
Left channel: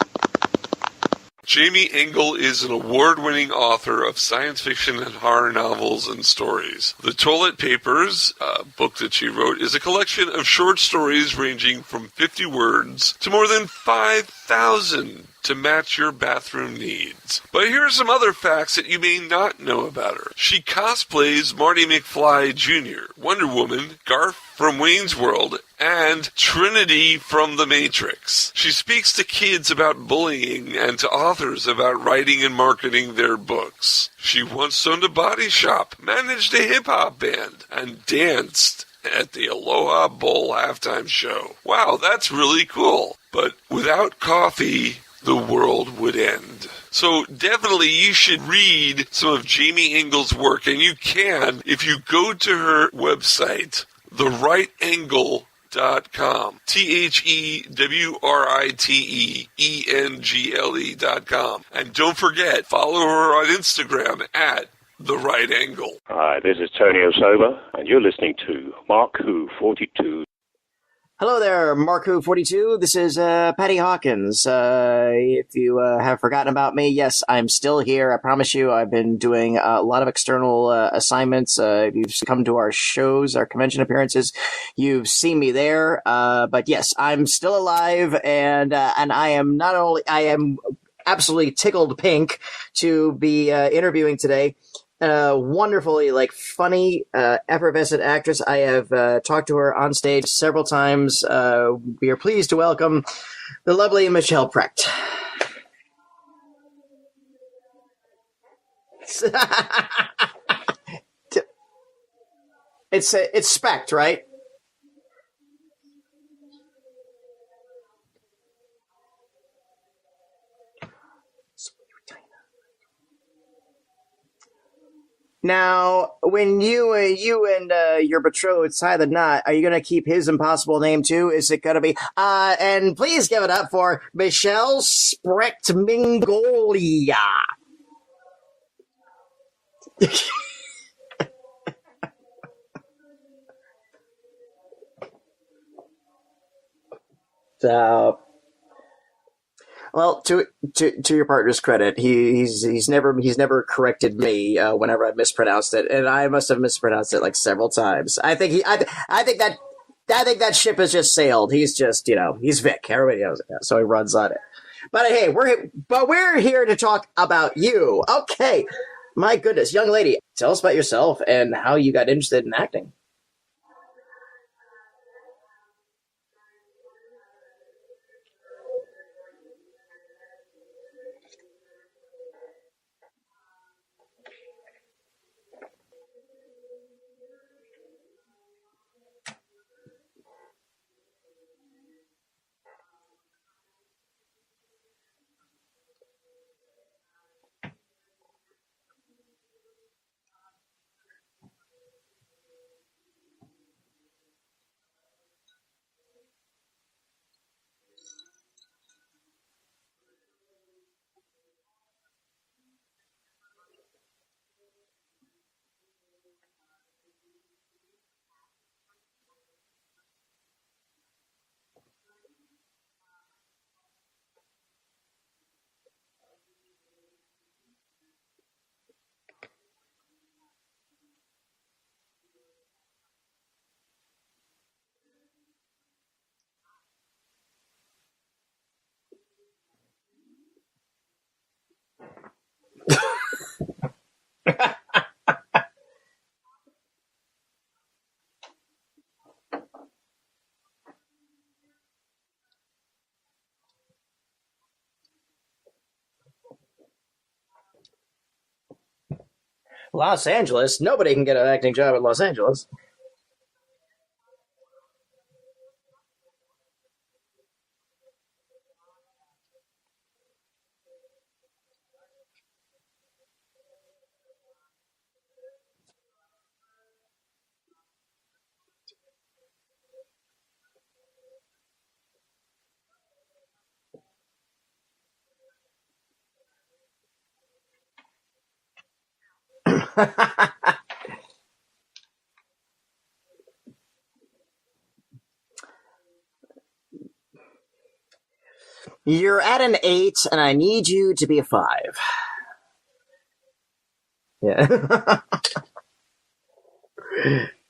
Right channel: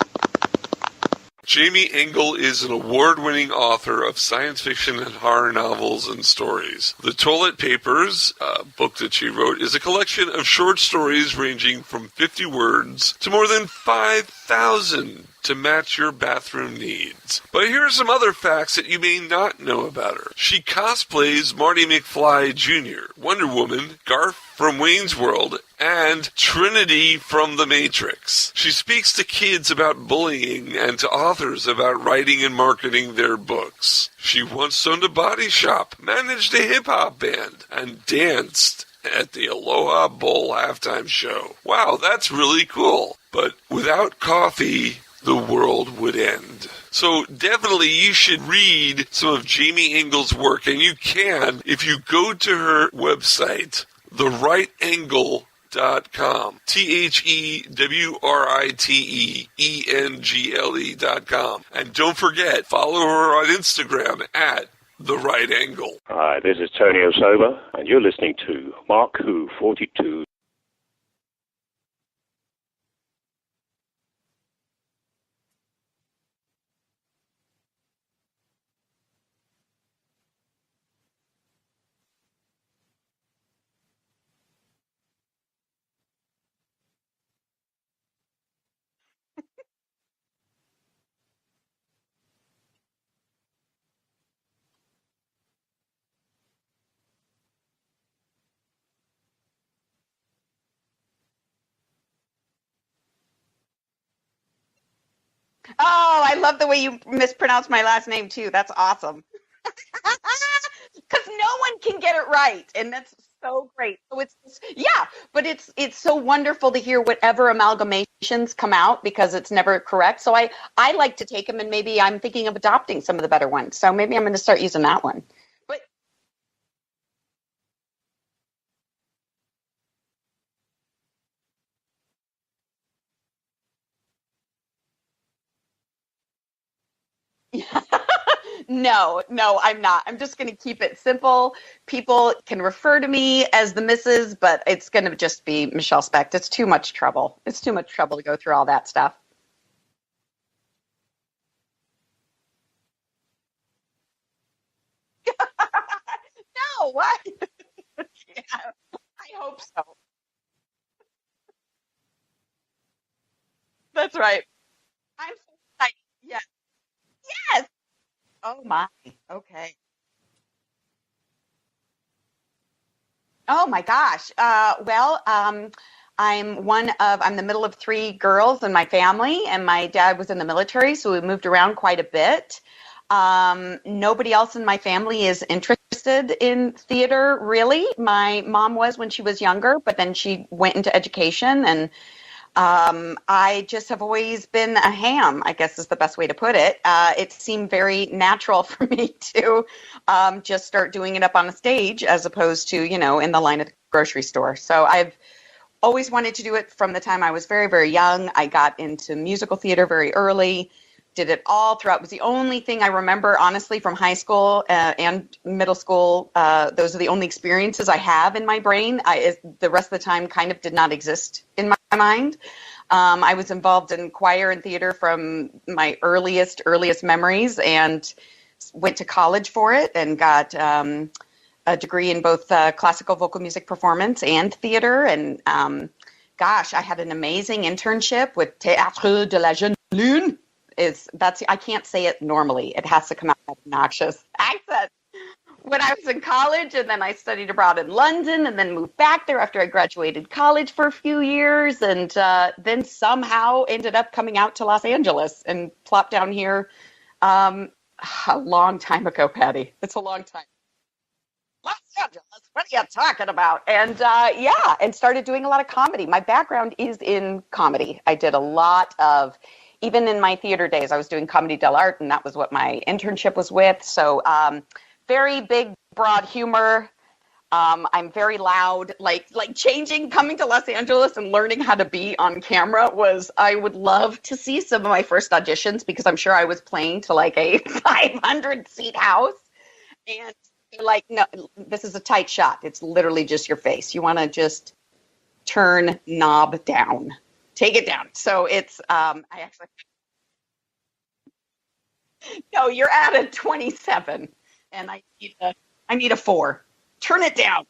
Jamie Engel is an award-winning author of science fiction and horror novels and stories. The Toilet Papers, a book that she wrote, is a collection of short stories ranging from 50 words to more than 5,000 to match your bathroom needs. But here are some other facts that you may not know about her. She cosplays Marty McFly Jr., Wonder Woman, Garth from Wayne's World, and Trinity from The Matrix. She speaks to kids about bullying and to authors about writing and marketing their books. She once owned a body shop, managed a hip-hop band, and danced at the Aloha Bowl halftime show. Wow, that's really cool. But without coffee, the world would end. So definitely you should read some of Jamie Engel's work, and you can if you go to her website, TheRightAngle.com. TheWriteEngle.com. And don't forget, follow her on Instagram at The Right Angle. Hi, this is Tony Osoba, and you're listening to MarkWHO42. Hello there, MarkWHO42. This is Patty Hawkins. If you have forgotten about me, yes, I'm still here. I promise you, I've been doing a lot of external assignments. If you've come to our shows, our convention appearances, you've seen me there. But yes, I'm still alive, and I am I am absolutely tickled pink to be interviewing today wonderfully, like, funny, effervescent actress. I have talked to her on stage several times. We are pleased to welcome the lovely Michele Specht. Oh, I love the way you mispronounce my last name too. That's awesome. Because no one can get it right, and It's Specht, right? So yeah, but it's so wonderful to hear whatever amalgamations come out because it's never correct. So I like to take them, and maybe I'm thinking of adopting some of the better ones. So maybe I'm going to start using that one. Now, when you and your betrothed tie the knot, are you going to keep his impossible name too? Is it going to be? And please give it up for Michele Specht Mignogna. No, I'm not. I'm just going to keep it simple. People can refer to me as the Mrs., but it's going to just be Michele Specht. It's too much trouble. It's too much trouble to go through all that stuff. Well, to your partner's credit, he's never corrected me whenever I mispronounced it, and I must have mispronounced it like several times. I think that ship has just sailed. He's just he's Vic. Everybody knows it, so he runs on. Right. But hey, we're here to talk about you. Okay, my goodness, young lady, tell us about yourself and how you got interested in acting. Oh my gosh. I'm the middle of three girls in my family, and my dad was in the military, so we moved around quite a bit. Nobody else in my family is interested in theater, really. My mom was when she was younger, but then she went into education, and I just have always been a ham, I guess is the best way to put it. It seemed very natural for me to just start doing it up on a stage as opposed to, in the line at the grocery store. So I've always wanted to do it from the time I was very, very young. I got into musical theater very early, did it all throughout. It was the only thing I remember, honestly, from high school and middle school. Those are the only experiences I have in my brain. The rest of the time kind of did not exist in my mind. I was involved in choir and theater from my earliest memories, and went to college for it and got a degree in both classical vocal music performance and theater. And gosh, I had an amazing internship with Théâtre de la Jeune Lune. I can't say it normally. It has to come out with obnoxious accent. When I was in college, and then I studied abroad in London, and then moved back there after I graduated college for a few years, and then somehow ended up coming out to Los Angeles and plopped down here a long time ago, Patty. It's Los Angeles. Nobody can get an acting job in Los Angeles. What are you talking about? And and started doing a lot of comedy. My background is in comedy. I did a lot of, even in my theater days, I was doing comedy dell'arte, and that was what my internship was with. So very big, broad humor. I'm very loud. Like coming to Los Angeles and learning how to be on camera I would love to see some of my first auditions, because I'm sure I was playing to like a 500-seat house. Like, no, this is a tight shot. It's literally just your face. You want to just turn knob down. Take it down. So it's... you're at an 8, and I need you to be a 5. No, you're at a 27. Yeah. And I need a 4. Turn it down.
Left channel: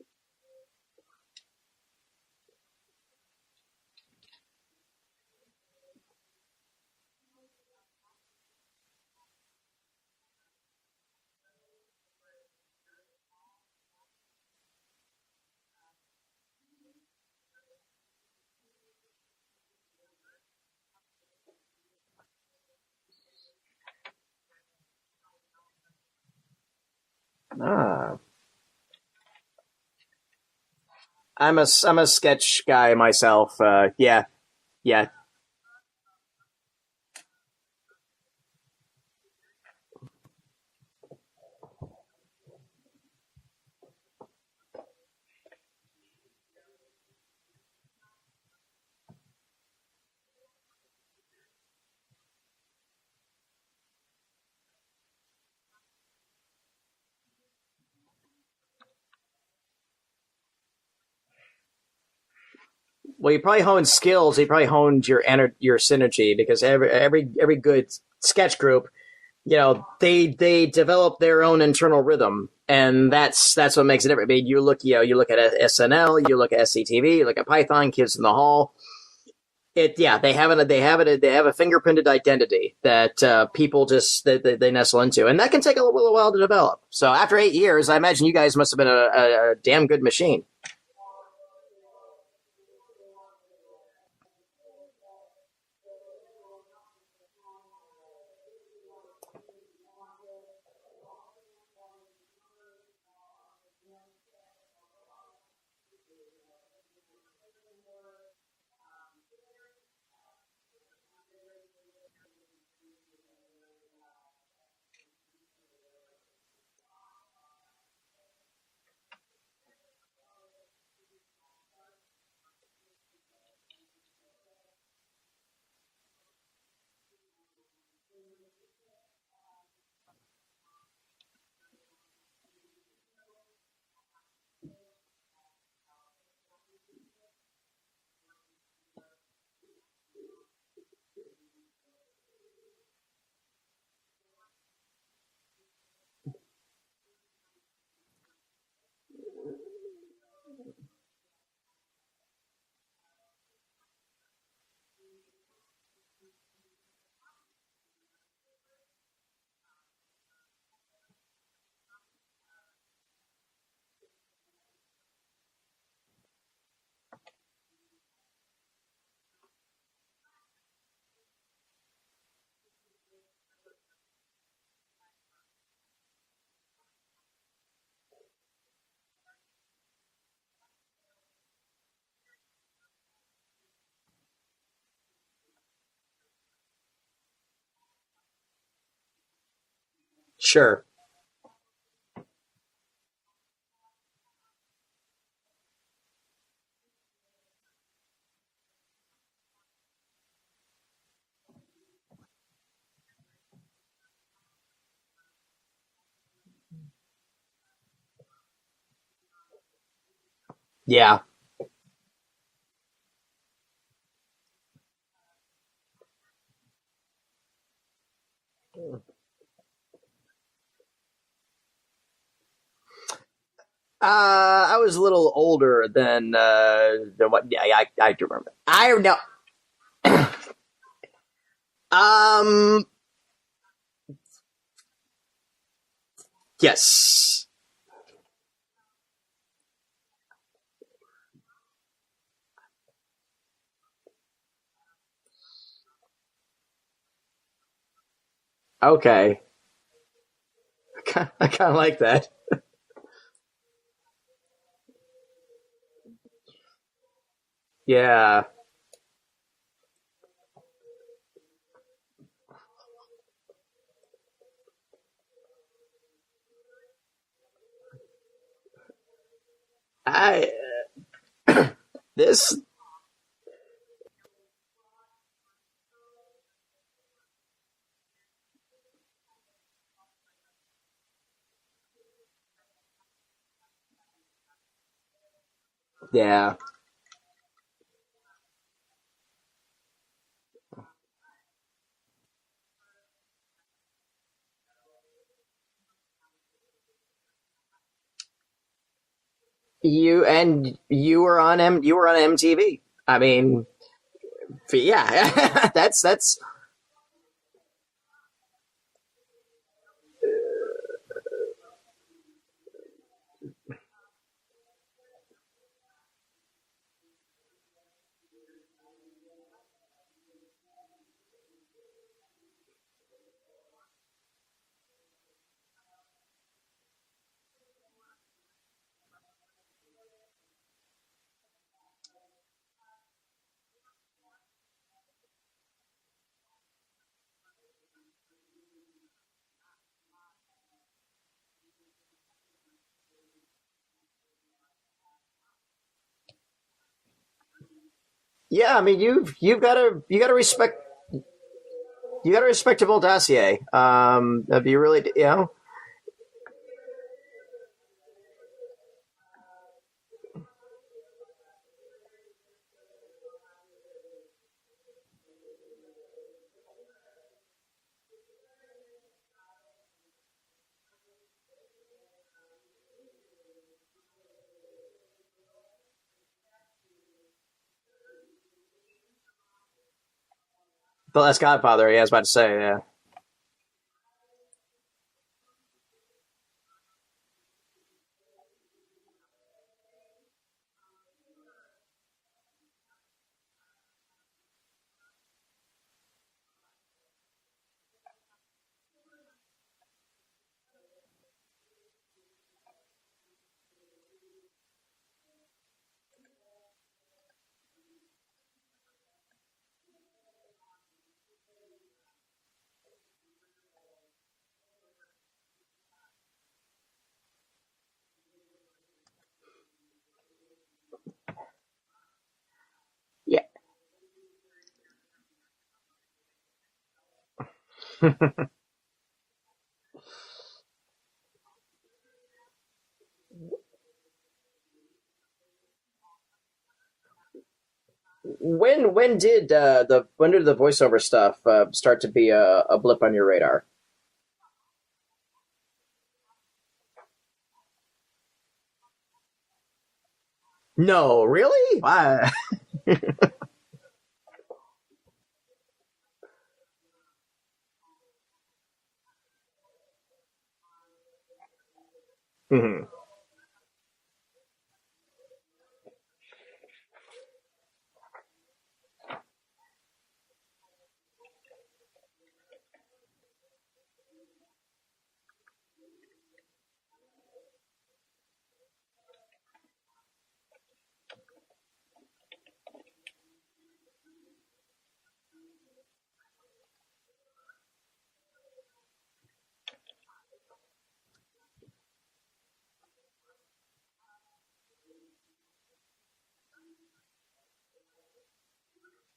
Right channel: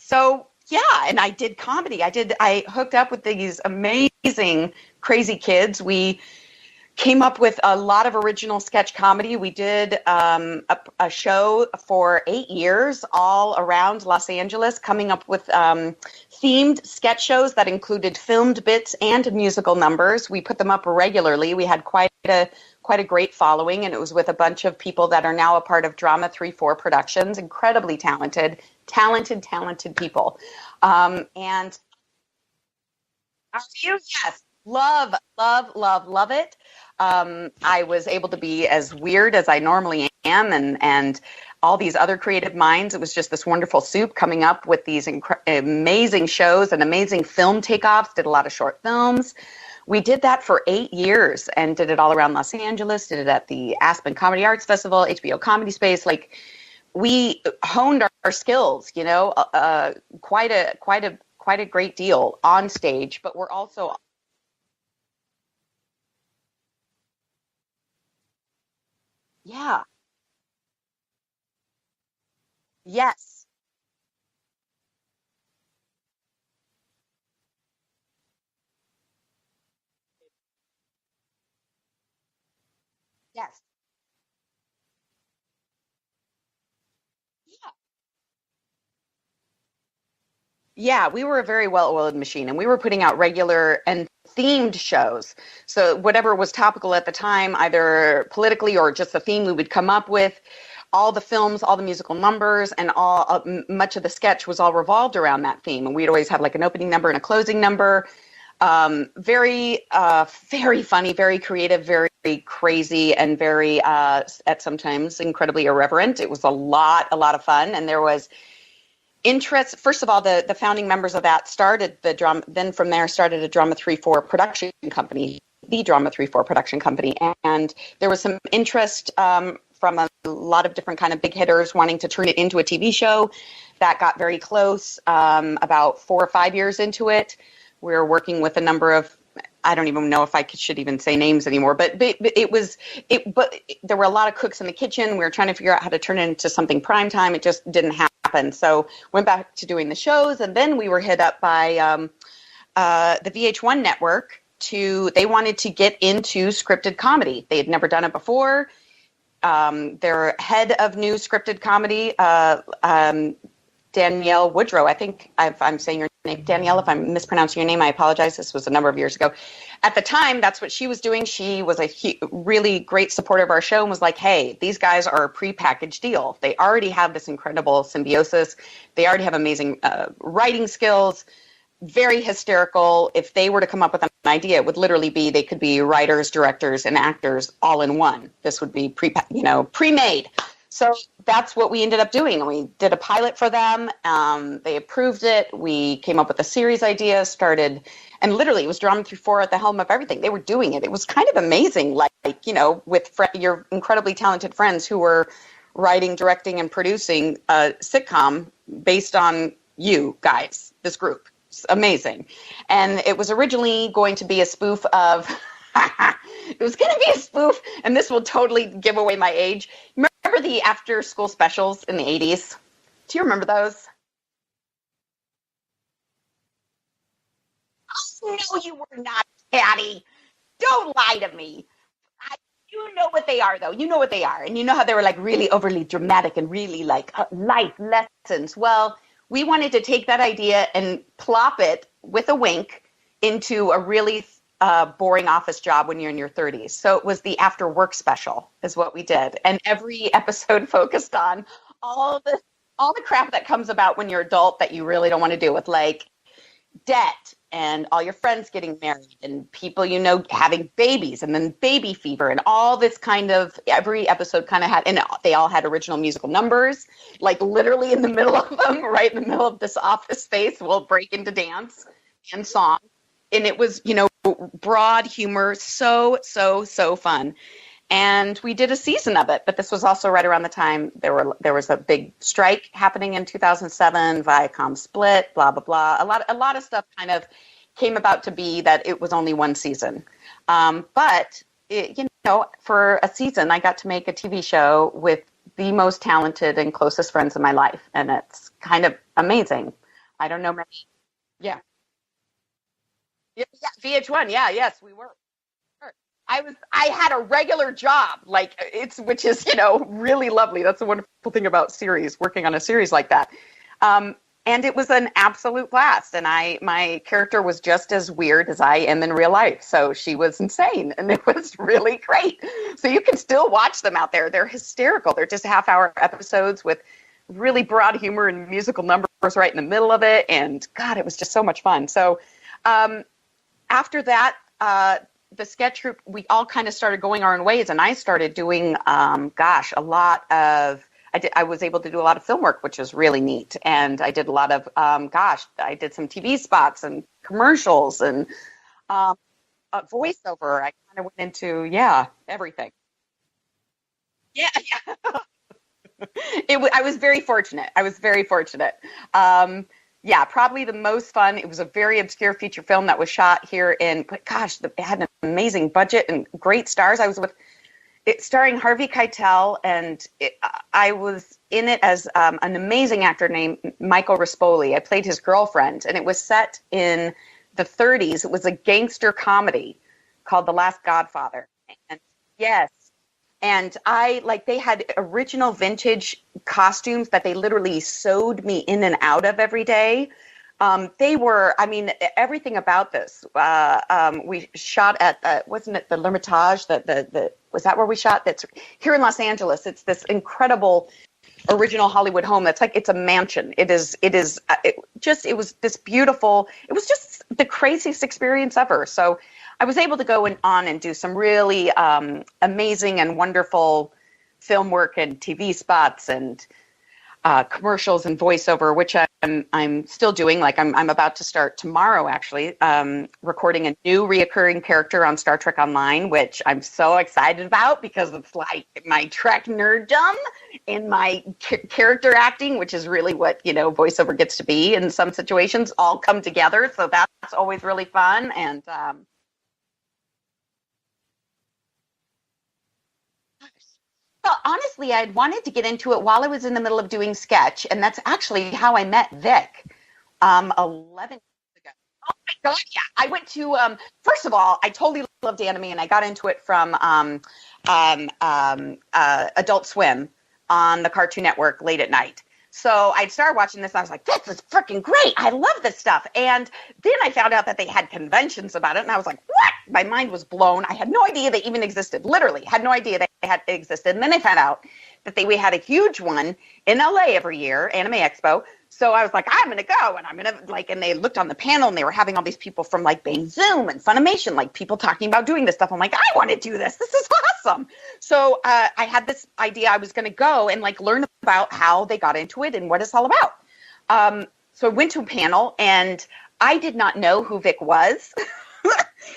So, yeah, and I did comedy. I hooked up with these amazing, crazy kids. We came up with a lot of original sketch comedy. We did a show for 8 years all around Los Angeles, coming up with themed sketch shows that included filmed bits and musical numbers. We put them up regularly. We had quite a great following, and it was with a bunch of people that are now a part of Drama 3-4 Productions. Incredibly talented people. I'm a sketch guy myself. Yeah. Yes. Love it. I was able to be as weird as I normally am, and all these other creative minds. It was just this wonderful soup coming up with these amazing shows and amazing film takeoffs. Did a lot of short films. We did that for 8 years and did it all around Los Angeles. Did it at the Aspen Comedy Arts Festival, HBO Comedy Space. Like, we honed our skills, quite a great deal on stage. Well, you probably honed skills. You probably honed your synergy, because every good sketch group, they develop their own internal rhythm, and that's what makes it different. I mean, you look at SNL, you look at SCTV, you look at Python, Kids in the Hall. They have a fingerprinted identity that people just they nestle into, and that can take a little while to develop. So after 8 years, I imagine you guys must have been a damn good machine. Yeah, we were a very well-oiled machine, and we were putting out regular and themed shows. So whatever was topical at the time, either politically or just the theme we would come up with, all the films, all the musical numbers, and all much of the sketch was all revolved around that theme. And we'd always have like an opening number and a closing number. Very funny, very creative, very crazy, and very at sometimes incredibly irreverent. It was a lot of fun, and there was interest. First of all, the founding members of that started the drama. Then from there started a Drama 3-4 production company, the Drama 3-4 production company, and there was some interest from a lot of different kind of big hitters wanting to turn it into a TV show. That got very close. About 4 or 5 years into it, we were working with a number of, I don't even know if I should even say names anymore, but there were a lot of cooks in the kitchen. We were trying to figure out how to turn it into something primetime. It just didn't happen. So went back to doing the shows, and then we were hit up by the VH1 network they wanted to get into scripted comedy. They had never done it before. Their head of new scripted comedy, Danielle Woodrow, I think I'm saying your name, Danielle, if I'm mispronouncing your name, I apologize. This was a number of years ago. At the time, that's what she was doing. She was a really great supporter of our show and was like, hey, these guys are a prepackaged deal. They already have this incredible symbiosis. They already have amazing writing skills. Very hysterical. If they were to come up with an idea, it would literally be they could be writers, directors, and actors all in one. This would be pre-made. Sure. So that's what we ended up doing. We did a pilot for them. They approved it. We came up with a series idea, started, and literally it was Drama 3-4 at the helm of everything. They were doing it. It was kind of amazing, with your incredibly talented friends who were writing, directing, and producing a sitcom based on you guys. This group. Amazing. And it was originally going to be a spoof of it was going to be a spoof, and this will totally give away my age. Remember the after school specials in the 80s? Do you remember those? I was a little older than what. Yeah, I do remember. I know, Patty. Don't lie to me. You know what they are, though. You know what they are, and you know how they were like really overly dramatic and really life lessons. Well, we wanted to take that idea and plop it with a wink into a really boring office job when you're in your 30s. So it was the after work special is what we did. And every episode focused on I kind of like that. All the crap that comes about when you're adult that you really don't want to deal with, like debt and all your friends getting married and people having babies and then baby fever and all this kind of, every episode kind of had, and they all had original musical numbers, like literally in the middle of them, right in the middle of this office space, we'll break into dance and song. And it was, broad humor, so fun. And we did a season of it, but this was also right around the time there was a big strike happening in 2007, Viacom split, blah, blah, blah. A lot of stuff kind of came about to be that it was only one season. But, for a season, I got to make a TV show with the most talented and closest friends in my life. And it's kind of amazing. You were on MTV. I mean, VH1, yeah. That's. I had a regular job, which is really lovely. That's the wonderful thing about working on a series like that. And it was an absolute blast. And my character was just as weird as I am in real life. So she was insane, and it was really great. So you can still watch them out there. They're hysterical. They're just half-hour episodes with really broad humor and musical numbers right in the middle of it. And God, it was just so much fun. So. After that, the sketch group, we all kind of started going our own ways, and I started doing, I was able to do a lot of film work, which was really neat. And I did a lot of, I did some TV spots and commercials and. Yeah, I mean, you got to respect. I went into, You got a respectable dossier. Do you really, I was very fortunate. Probably the most fun. It was a very obscure feature film that was shot here but it had an amazing budget and great stars. I was with it starring Harvey Keitel, and I was in it as an amazing actor named Michael Rispoli. I played his girlfriend, and it was set in the 30s. It was a gangster comedy called The Last Godfather. The Last Godfather, yeah, I was about to say, yeah. And they had original vintage costumes that they literally sewed me in and out of every day. They were, everything about this. We shot at, wasn't it the L'Ermitage? Was that where we shot? That's here in Los Angeles. It's this incredible original Hollywood home. It's a mansion. It was this beautiful, it was just the craziest experience ever. So I was able to go on and do some really amazing and wonderful film work and TV spots and commercials and voiceover, which I'm still doing. Like I'm about to start tomorrow, actually, recording a new reoccurring character on Star Trek Online, which I'm so excited about because it's like my Trek nerddom and my character acting, which is really what voiceover gets to be in some situations, all come together. So that's always really fun. And when did the voiceover stuff start to be a blip on your radar? Well, honestly, I wanted to get into it while I was in the middle of doing sketch, and that's actually how I met Vic. No, really? Wow. God, yeah. I went to, first of all, I totally loved anime, and I got into it from Adult Swim on the Cartoon Network late at night. Mm-hmm. So I started watching this, and I was like, this is freaking great. I love this stuff. And then I found out that they had conventions about it, and I was like, what? My mind was blown. I had no idea they even existed. Literally, had no idea they had existed. And then I found out that we had a huge one in LA every year, Anime Expo. So I was like, I'm going to go, and I'm going to and they looked on the panel, and they were having all these people from Bang Zoom and Funimation, people talking about doing this stuff. I'm like, I want to do this. This is awesome. So I had this idea I was going to go and learn about how they got into it and what it's all about. So I went to a panel, and I did not know who Vic was.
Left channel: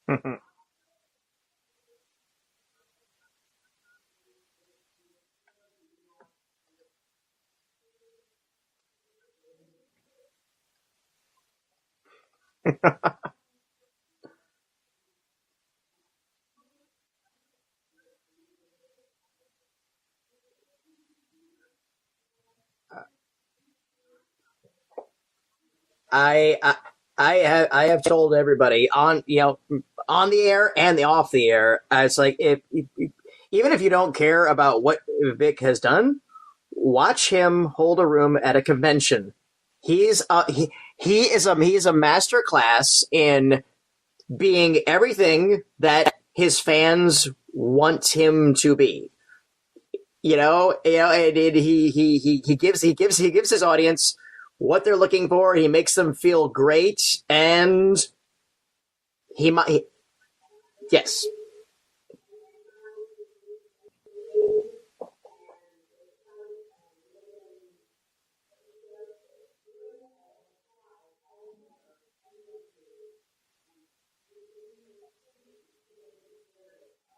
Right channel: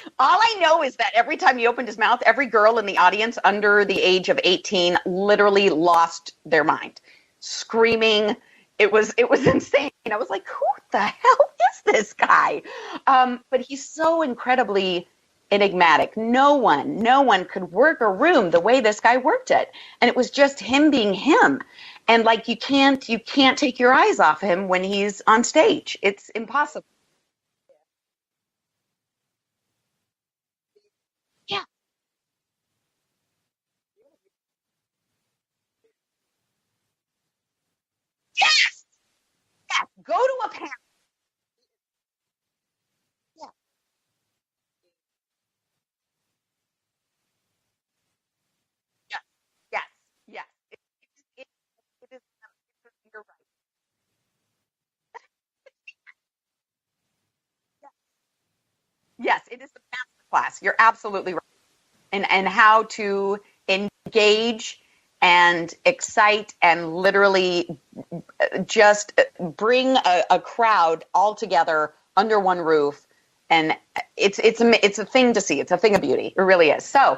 All I know is that every time he opened his mouth, every girl in the audience under the age of 18 literally lost their mind, screaming. It was insane. I was like, who the hell is this guy? But he's so incredibly enigmatic. No one could work a room the way this guy worked it. And it was just him being him. And you can't take your eyes off him when he's on stage. It's impossible. I have told everybody on the air and off the air. It's like even if you don't care about what Vic has done, watch him hold a room at a convention. He is a master class in being everything that his fans want him to be. Yeah. And he gives his audience what they're looking for. He makes them feel great, and class. You're absolutely right. And how to engage and excite and literally just bring a crowd all together under one roof. And it's a thing to see. It's a thing of beauty. It really is. So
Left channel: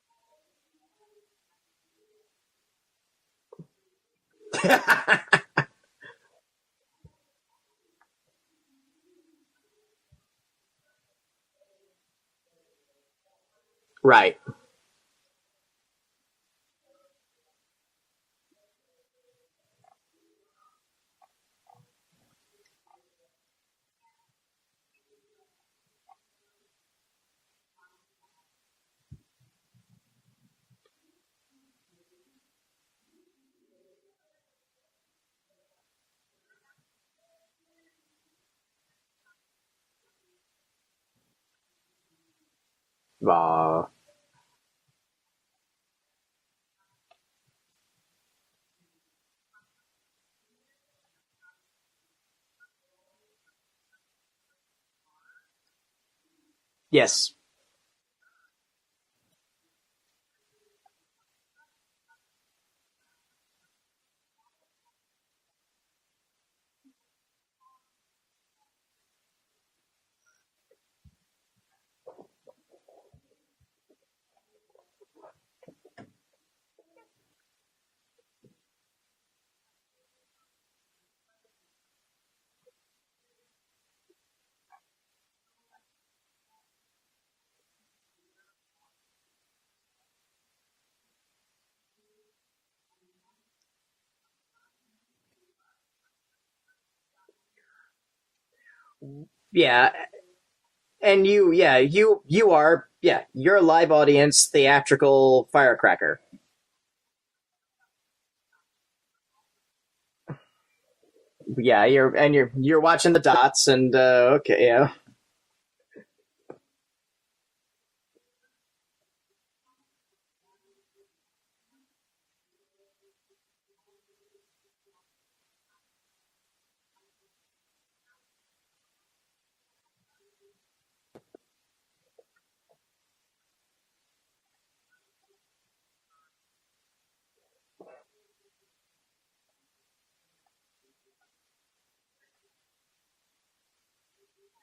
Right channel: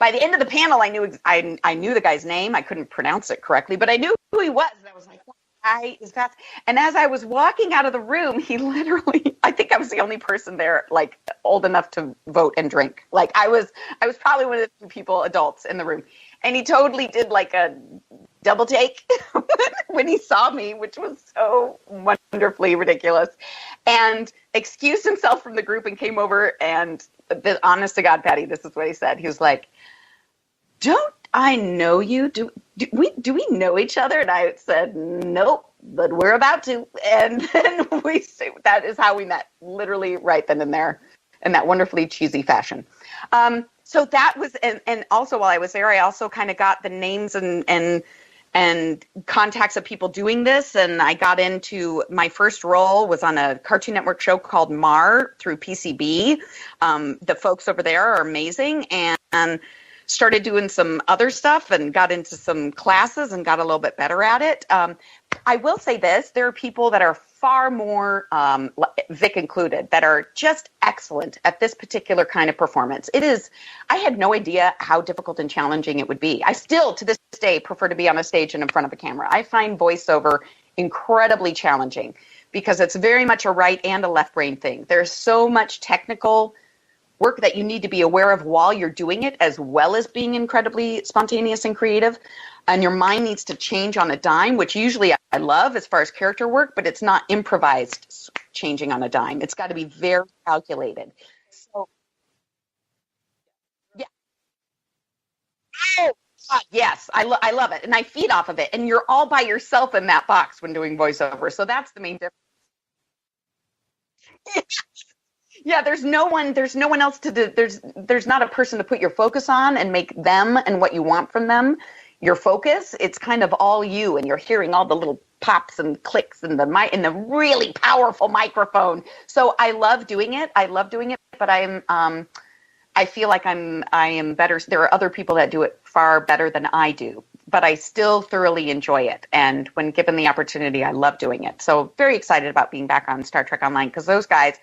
by the end of the panel, I knew the guy's name. I couldn't pronounce it correctly, but I knew who he was. And as I was walking out of the room, he literally, I think I was the only person there, old enough to vote and drink. I was probably one of the few people, adults in the room. And he totally did a double take when he saw me, which was so wonderfully ridiculous, and excused himself from the group and came over. And honest to God, Patty, this is what he said. He was like, don't I know you? Do we know each other? And I said, nope, but we're about to. And then that is how we met, literally right then and there, in that wonderfully cheesy fashion. Wow. So that was, and also while I was there, I also kind of got the names and contacts of people doing this. And I got into, my first role was on a Cartoon Network show called Mar through PCB. Yes. The folks over there are amazing, and started doing some other stuff and got into some classes and got a little bit better at it. I will say this, there are people that are far more, Vic included, that are just excellent at this particular kind of performance. I had no idea how difficult and challenging it would be. I still, to this day, prefer to be on a stage and in front of a camera. I find voiceover incredibly challenging because it's very much a right and a left brain thing. There's so much technical work that you need to be aware of while you're doing it, as well as being incredibly spontaneous and creative. and your mind needs to change on a dime, which usually I love as far as character work, but it's not improvised changing on a dime. It's got to be very calculated. And you're a live audience theatrical firecracker. Yes, I love it, and I feed off of it. And you're all by yourself in that box when doing voiceover. So yeah, you're watching the dots, and okay, yeah. Yeah, there's no one else to do. There's not a person to put your focus on and make them and what you want from them your focus. It's kind of all you, and you're hearing all the little pops and clicks and the really powerful microphone. So I love doing it. But I feel like I am better. There are other people that do it far better than I do, but I still thoroughly enjoy it. And when given the opportunity, I love doing it. So very excited about being back on Star Trek Online, because those guys,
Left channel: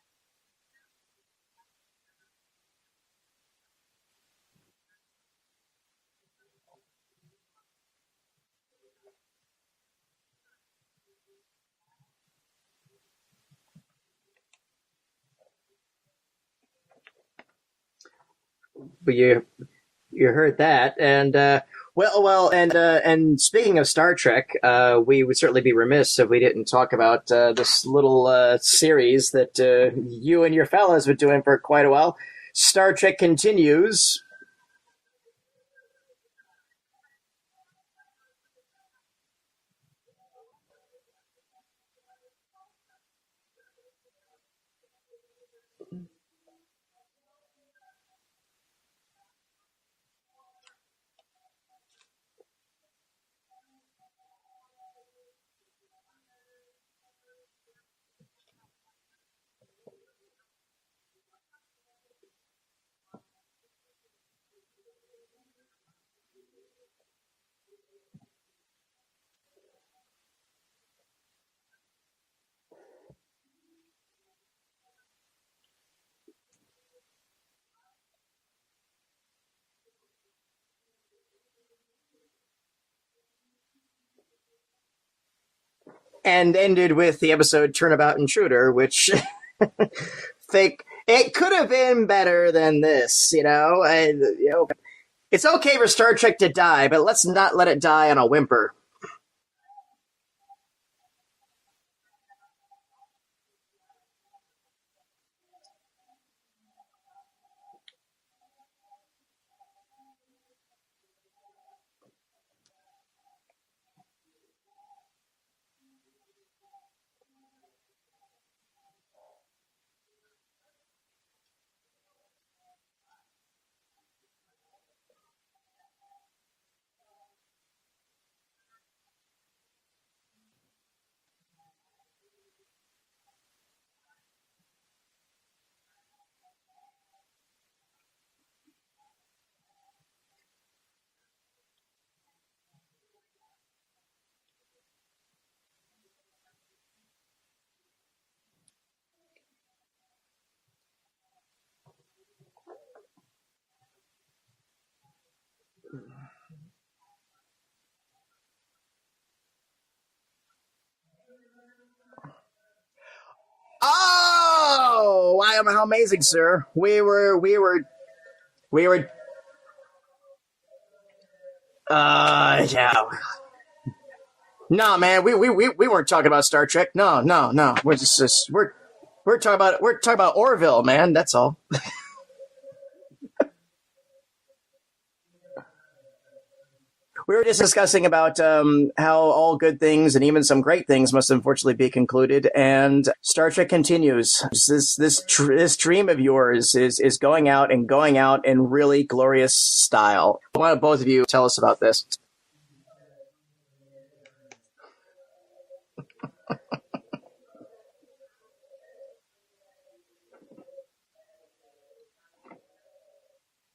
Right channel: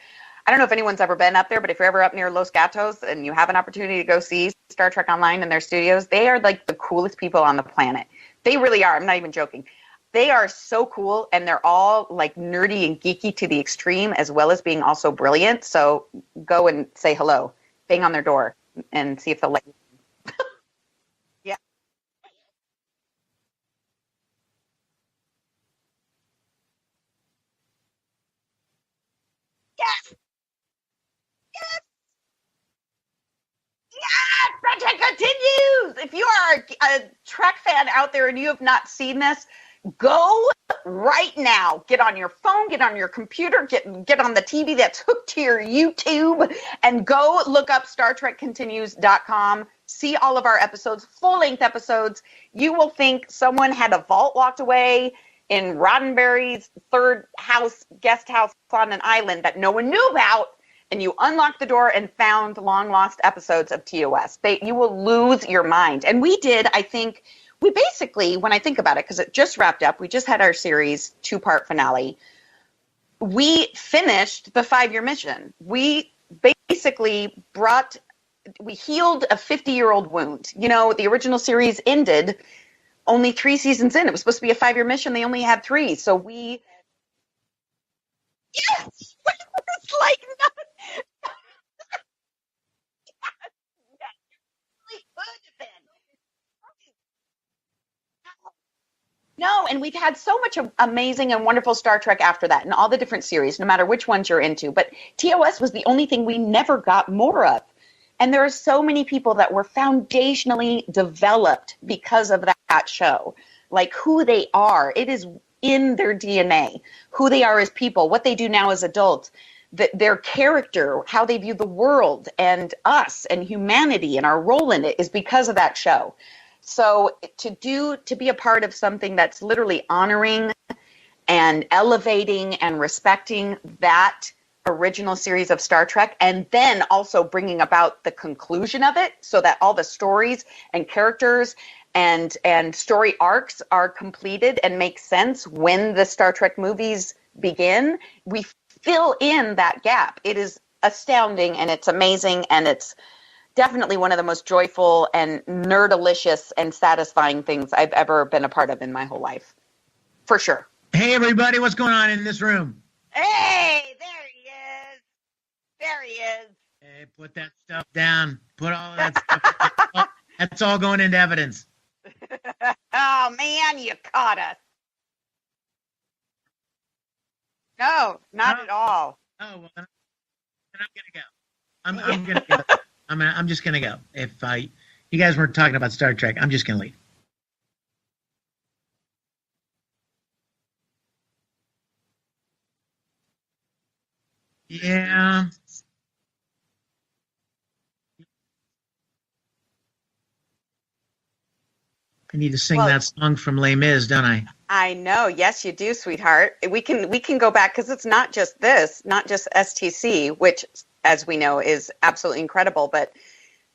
I don't know if anyone's ever been up there, but if you're ever up near Los Gatos and you have an opportunity to go see Star Trek Online in their studios, they are like the coolest people on the planet. They really are. I'm not even joking. They are so cool, and they're all like nerdy and geeky to the extreme, as well as being also brilliant. So go and say hello, bang on their door, and see if they'll let you. You heard that, and and speaking of Star Trek, we would certainly be remiss if we didn't talk about this little series that you and your fellas have been doing for quite a while. Star Trek Continues. Yeah, Star Trek Continues! If you are a Trek fan out there and you have not seen this, go right now. Get on your phone, get on your computer, get on the TV that's hooked to your YouTube, and go look up StarTrekContinues.com. See all of our episodes, full-length episodes. You will think someone had a vault locked away in Roddenberry's guest house on an island that no one knew about, and you unlocked the door and found long-lost episodes of TOS. You will lose your mind. And we did, I think, we basically, when I think about it, because it just wrapped up, we just had our series 2-part finale. We finished the 5-year mission. We basically we healed a 50-year-old wound. You know, the original series ended only 3 seasons in. It was supposed to be a 5-year mission. They only had 3. And ended with the episode Turnabout Intruder, which it could have been better than this, you know. It's okay for Star Trek to die, but let's not let it die on a whimper. No, and we've had so much amazing and wonderful Star Trek after that, in all the different series, no matter which ones you're into. But TOS was the only thing we never got more of. And there are so many people that were foundationally developed because of that show. Like who they are. It is in their DNA. Who they are as people, what they do now as adults, their character, how they view the world and us and humanity and our role in it is because of that show. So to be a part of something that's literally honoring and elevating and respecting that original series of Star Trek, and then also bringing about the conclusion of it so that all the stories and characters and story arcs are completed and make sense when the Star Trek movies begin, we fill in that gap. It is astounding, and it's amazing, and it's definitely one of the most joyful and nerdalicious and satisfying things I've ever been a part of in my whole life. For sure. Hey, everybody, what's going on in this room? Hey! Oh, how amazing, sir. We were down. That's all going into evidence. Yeah. Oh man, you caught us. No, man, we weren't talking about Star Trek. No. No, not at all. We're talking about Orville, man. That's all. I'm gonna go. I'm just gonna go. If you guys weren't talking about Star Trek, I'm just gonna leave. We were just discussing about how all good things and even some great things must unfortunately be concluded, and Star Trek Continues. This dream of yours is going out in really glorious style. Why don't both of you tell us about this? I need to sing that song from Les Mis, don't I? I know. Yes, you do, sweetheart. we can go back because it's not just this, not just STC, which, as we know, is absolutely incredible, but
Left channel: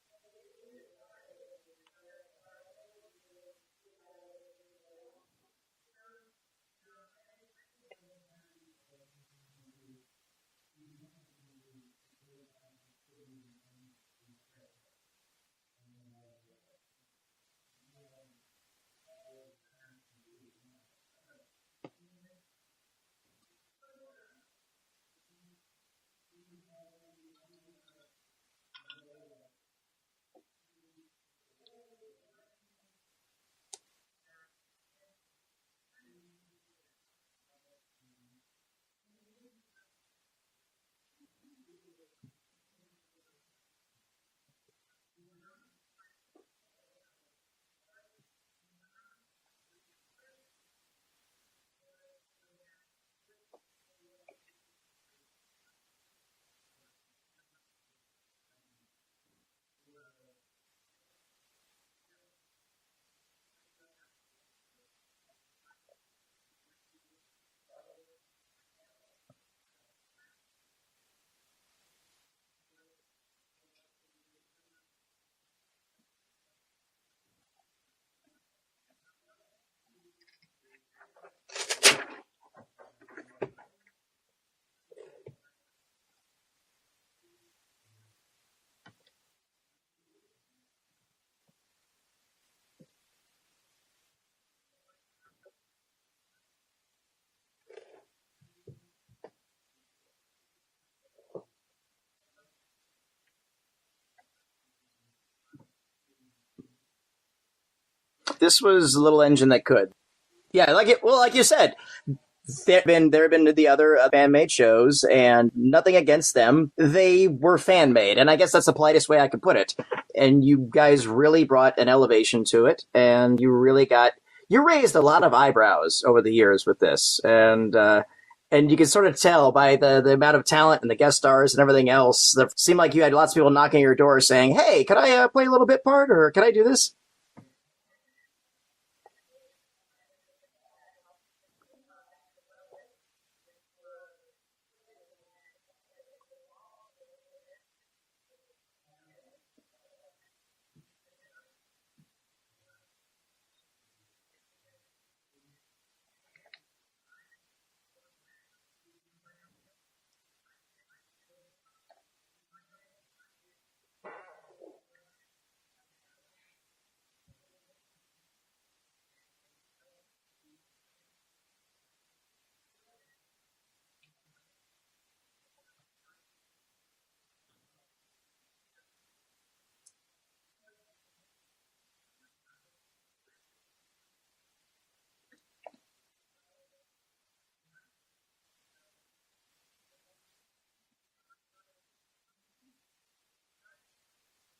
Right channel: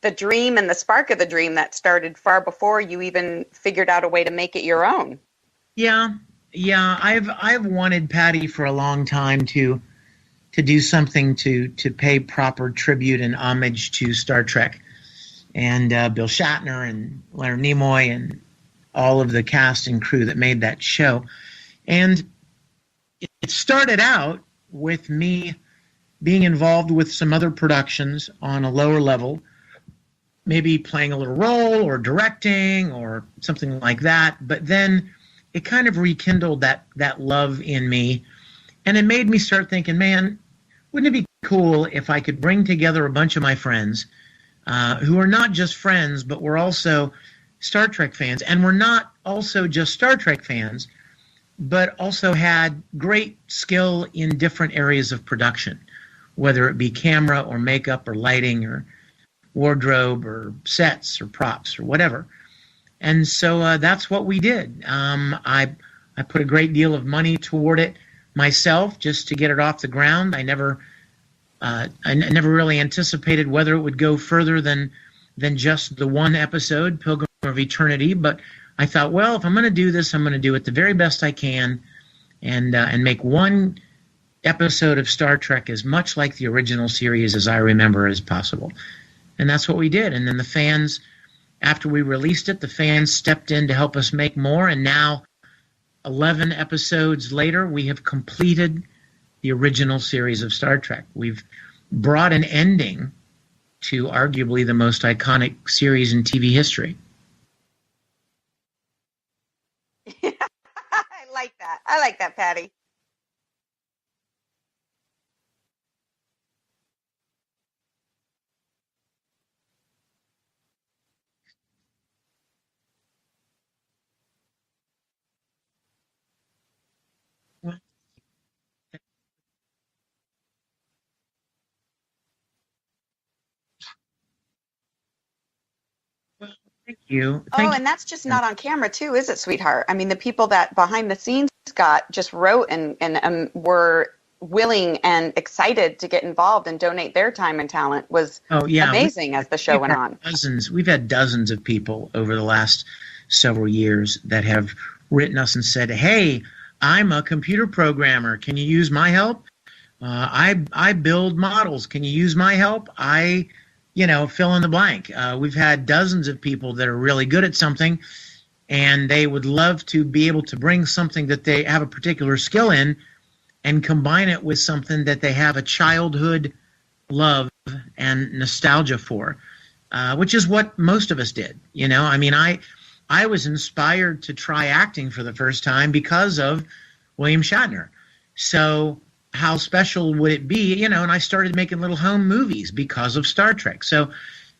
the dream and the spark of the dream that started far before you even figured out a way to make it your own. Yeah. I've wanted Patty for a long time to do something to pay proper tribute and homage to Star Trek, and Bill Shatner and Leonard Nimoy and all of the cast and crew that made that show. And it started out with me being involved with some other productions on a lower level, maybe playing a little role or directing or something like that. But then it kind of rekindled that love in me. And it made me start thinking, man, wouldn't it be cool if I could bring together a bunch of my friends who are not just friends, but we're also Star Trek fans. And we're not also just Star Trek fans, but also had great skill in different areas of production, whether it be camera or makeup or lighting or wardrobe or sets or props or whatever. And so that's what we did. I put a great deal of money toward it myself just to get it off the ground. I never really anticipated whether it would go further than just the one episode, Pilgrim of Eternity. But I thought, well, if I'm going to do this, I'm going to do it the very best I can and make one episode of Star Trek as much like the original series as I remember as possible. And that's what we did. And then the fans, after we released it, the fans stepped in to help us make more. And now, 11 episodes later, we have completed the original series of Star Trek. We've brought an ending to arguably the most iconic series in TV history. This was a little engine that could. Yeah, like you said. I like that, Patty. There have been the other fan-made shows, and nothing against them. They were fan-made, and I guess that's the politest way I could put it. And you guys really brought an elevation to it, and you raised a lot of eyebrows over the years with this, and you can sort of tell by the amount of talent and the guest stars and everything else. It seemed like you had lots of people knocking at your door saying, hey, could I play a little bit part, or can I do this? Thank you. And that's just not on camera too, is it, sweetheart? I mean, the people that behind the scenes just wrote and were willing and excited to get involved and donate their time and talent was amazing as the show went on. We've had dozens of people over the last several years that have written us and said, hey, I'm a computer programmer. Can you use my help? I build models. Can you use my help? Fill in the blank. We've had dozens of people that are really good at something, and they would love to be able to bring something that they have a particular skill in and combine it with something that they have a childhood love and nostalgia for, which is what most of us did. I was inspired to try acting for the first time because of William Shatner. So how special would it be? And I started making little home movies because of Star Trek. So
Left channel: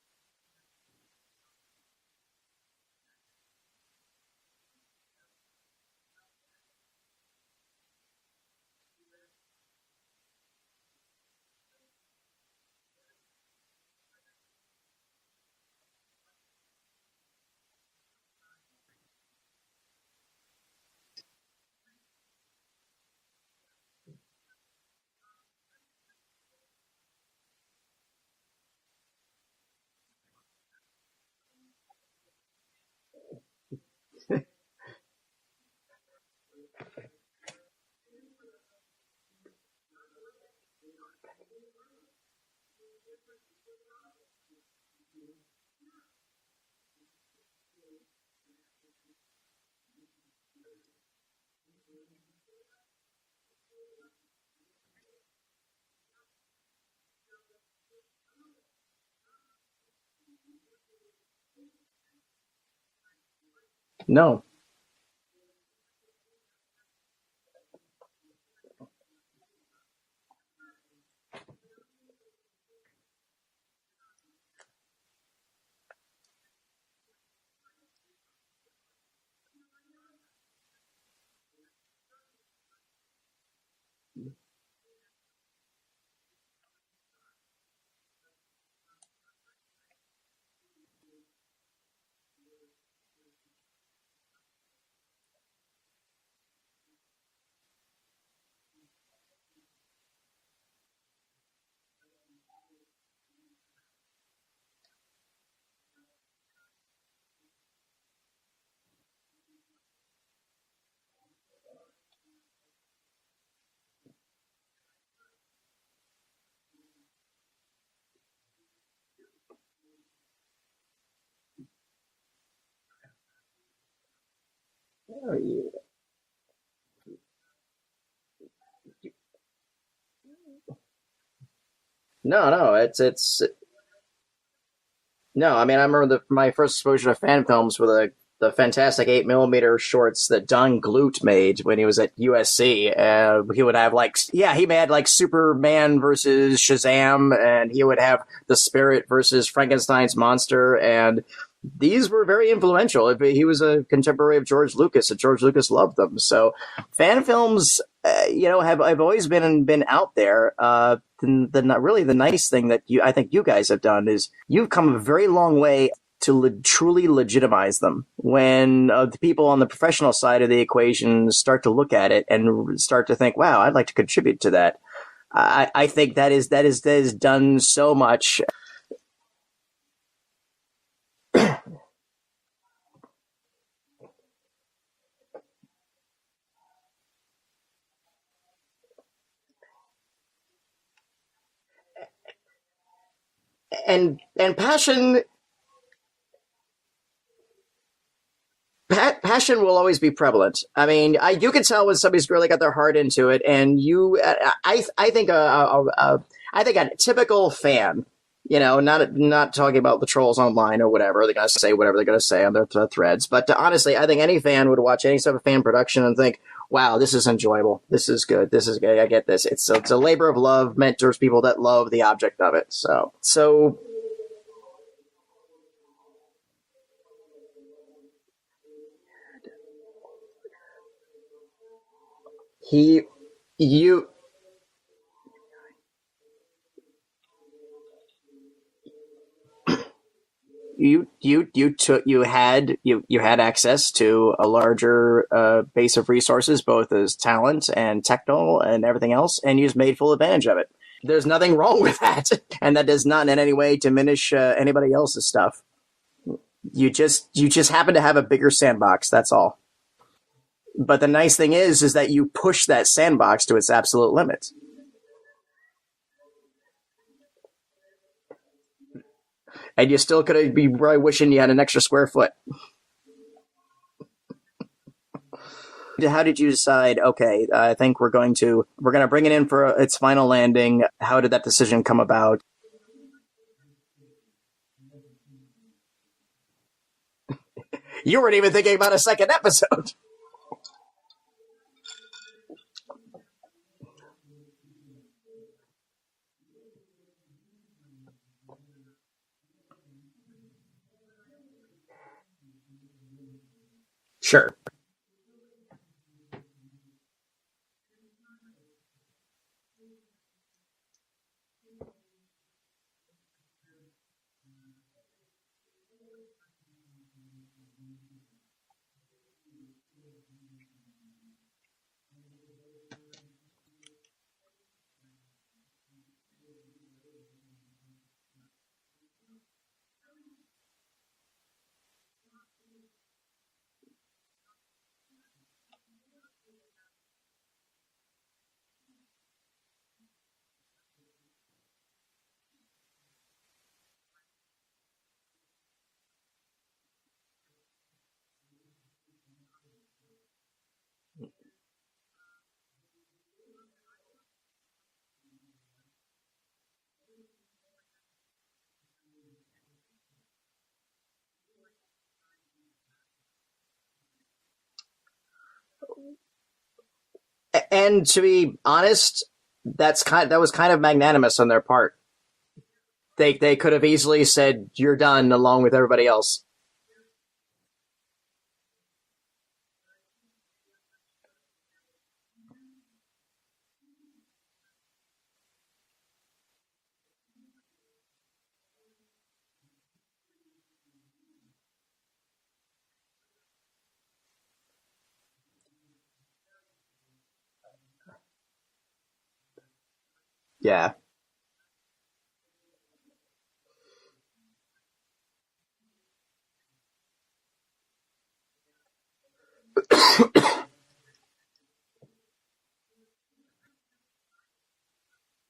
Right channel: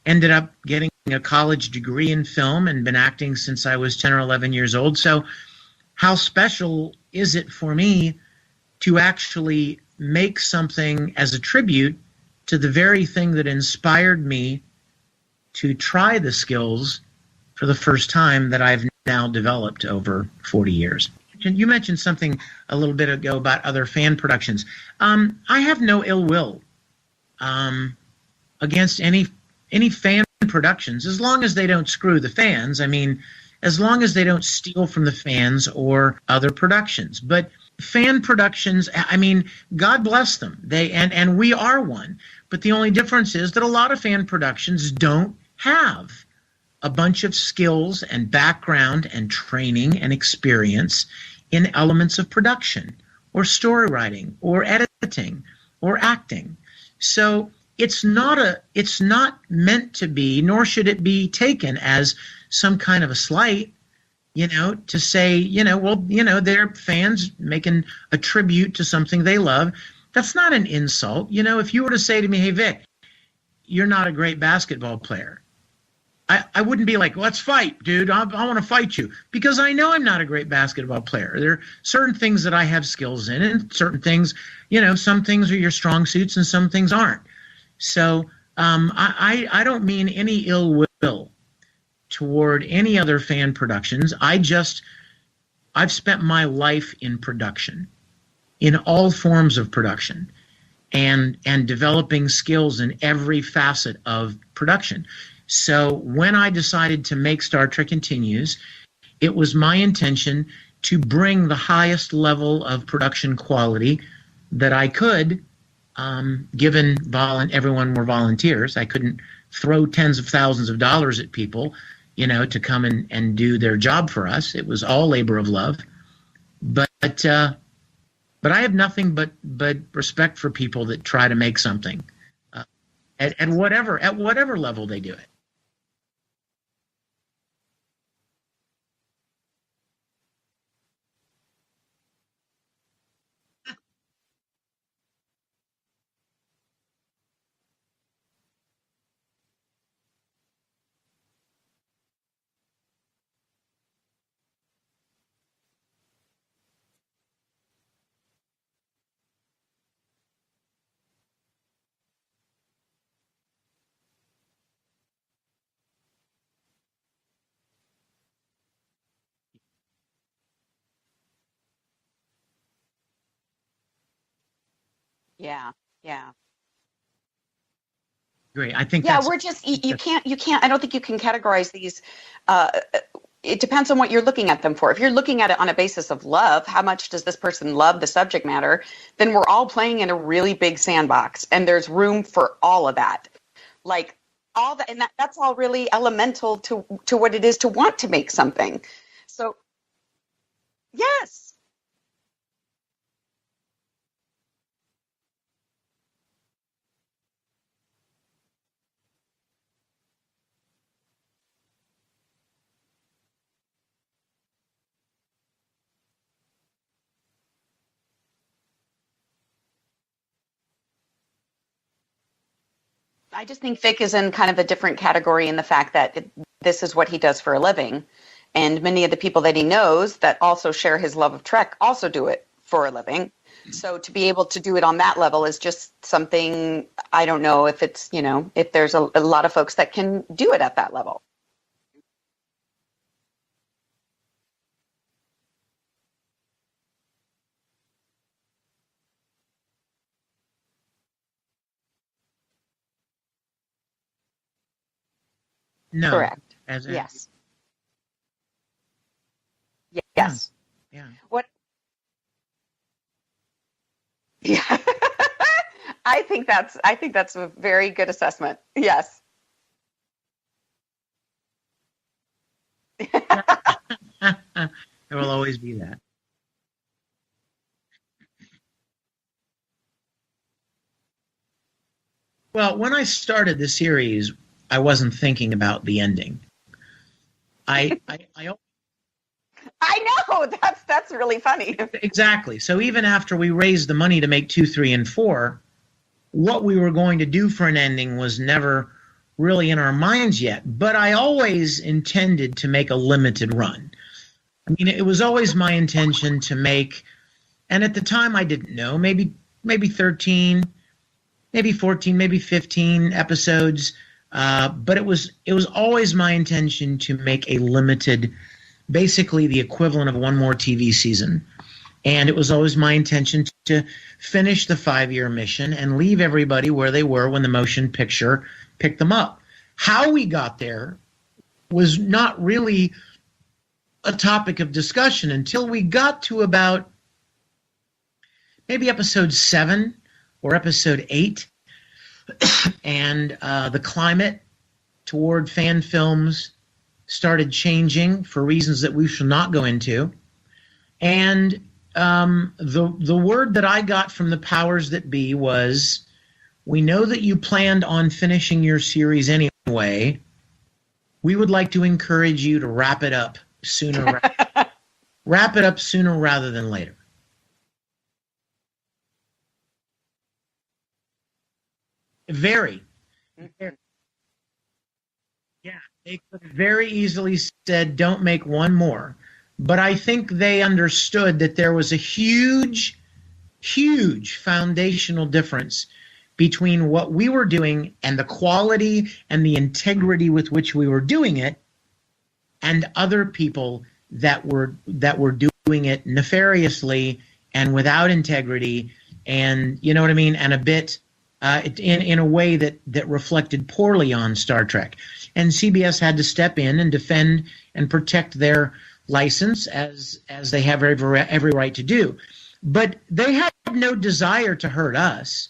ended up getting a college degree in film and been acting since I was 10 or 11 years old. So how special is it for me to actually make something as a tribute to the very thing that inspired me to try the skills for the first time that I've now developed over 40 years. You mentioned something a little bit ago about other fan productions. I have no ill will against any fan productions, as long as they don't screw the fans. I mean, as long as they don't steal from the fans or other productions. But fan productions, I mean, God bless them. And we are one. But the only difference is that a lot of fan productions don't have a bunch of skills and background and training and experience in elements of production or story writing or editing or acting. So it's not meant to be, nor should it be taken as some kind of a slight. No. To say, they're fans making a tribute to something they love. That's not an insult. If you were to say to me, hey, Vic, you're not a great basketball player, I wouldn't be like, let's fight, dude. I want to fight you, because I know I'm not a great basketball player. There are certain things that I have skills in, and certain things, some things are your strong suits and some things aren't. So I don't mean any ill will toward any other fan productions. I've spent my life in production, in all forms of production, and developing skills in every facet of production. So when I decided to make Star Trek Continues, it was my intention to bring the highest level of production quality that I could, given everyone were volunteers. I couldn't throw tens of thousands of dollars at people, to come and do their job for us. It was all labor of love. But But I have nothing but respect for people that try to make something. No, it's at whatever level they do it. No, I mean, I remember my first exposure to fan films were the fantastic 8mm shorts that Don Glut made when he was at USC. He would have he made like Superman versus Shazam, and he would have The Spirit versus Frankenstein's monster, and these were very influential. He was a contemporary of George Lucas, and George Lucas loved them. So fan films, have always been out there. The nice thing that I think you guys have done is you've come a very long way to truly legitimize them. When the people on the professional side of the equation start to look at it and start to think, wow, I'd like to contribute to that. I think that is done so much. Great. I think we're just you can't I don't think you can categorize these. It depends on what you're looking at them for. If you're looking at it on a basis of love, how much does this person love the subject matter? Then we're all playing in a really big sandbox, and there's room for all of that. And passion, that's all really elemental to what it is to want to make something. Passion will always be prevalent. I mean, yes. You can tell when somebody's really got their heart into it, and I think a typical fan, not talking about the trolls online or whatever, they're going to say whatever they're going to say on their threads, but honestly, I think any fan would watch any sort of fan production and think, wow, this is enjoyable. This is good. This is good. I get this. It's a labor of love meant towards people that love the object of it. So I just think Vic is in kind of a different category in the fact that this is what he does for a living. And many of the people that he knows that also share his love of Trek also do it for a living. So to be able to do it on that level is just something, I don't know if it's, if there's a lot of folks that can do it at that level. You had access to a larger base of resources, both as talent and technical and everything else, and you just made full advantage of it. There's nothing wrong with that. And that does not in any way diminish anybody else's stuff. No. Correct. You just happen to have a bigger sandbox. That's all. Yes. But the nice thing is that you push that sandbox to its absolute limits. Yeah. I think that's a very good assessment. Yes. And you still could be probably wishing you had an extra square foot. There will always be that. How did you decide, okay, I think we're going to bring it in for its final landing? How did that decision come about? Well, when I started the series, I wasn't thinking about the ending. You weren't even thinking about a second episode. I know. That's really funny. Exactly. So even after we raised the money to make 2, 3, and 4, what we were going to do for an ending was never really in our minds yet. But I always intended to make a limited run. Sure. I mean, it was always my intention to make, and at the time I didn't know, maybe 13, maybe 14, maybe 15 episodes. But it was always my intention to make a limited, basically the equivalent of one more TV season. And it was always my intention to finish the 5-year mission and leave everybody where they were when the motion picture picked them up. How we got there was not really a topic of discussion until we got to about maybe episode 7 or episode 8. And the climate toward fan films started changing for reasons that we shall not go into. And the word that I got from the powers that be was, we know that you planned on finishing your series anyway. We would like to encourage you to wrap it up sooner rather than later. And to be honest, that was kind of magnanimous on their part. Very. They could have easily said, you're done, along with everybody else. Very easily said, don't make one more. But I think they understood that there was a huge, huge foundational difference between what we were doing and the quality and the integrity with which we were doing it, and other people that were doing it nefariously and without integrity, and you know what I mean, and a bit in a way that reflected poorly on Star Trek. And CBS had to step in and defend and protect their license as they have every right to do. But they had no desire to hurt us.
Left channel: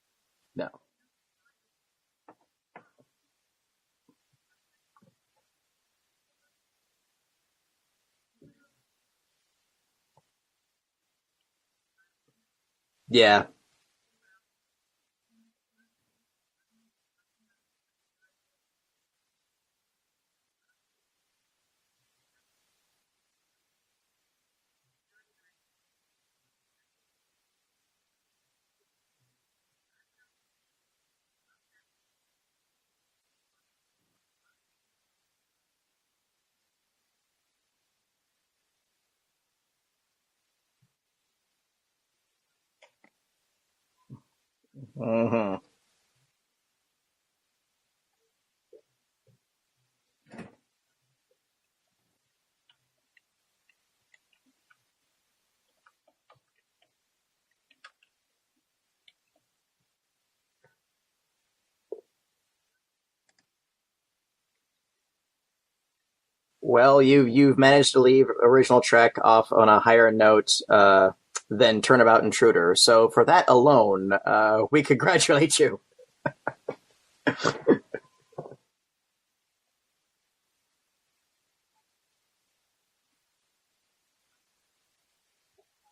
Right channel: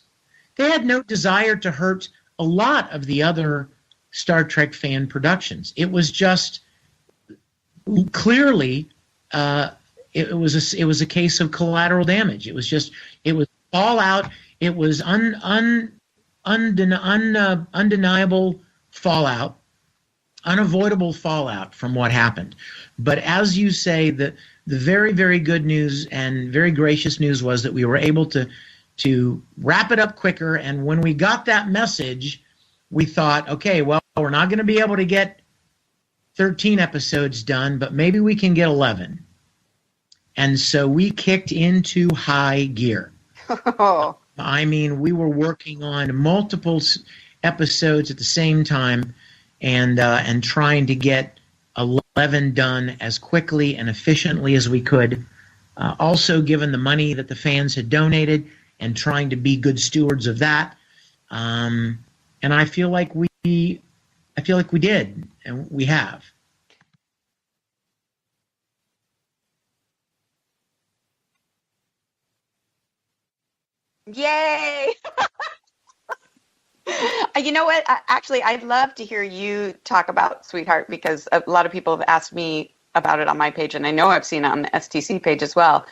They had no desire to hurt a lot of the other Star Trek fan productions. It was just clearly it was a case of collateral damage. It was just it was fallout. It was undeniable fallout, unavoidable fallout from what happened. But as you say, the very, very good news and very gracious news was that we were able to wrap it up quicker. And when we got that message, we thought, okay, well, we're not going to be able to get 13 episodes done, but maybe we can get 11. And so we kicked into high gear. I mean, we were working on multiple episodes at the same time and trying to get 11 done as quickly and efficiently as we could. Also, given the money that the fans had donated and trying to be good stewards of that. And I feel like we did, and we have. Well, you've managed to leave original Trek off on a higher note than Turnabout Intruder. So for that alone, we congratulate you. You know what? Actually, I'd love to hear you talk about Sweetheart, because a lot of people have asked me about it on my page, and I know I've seen it on the STC page as well.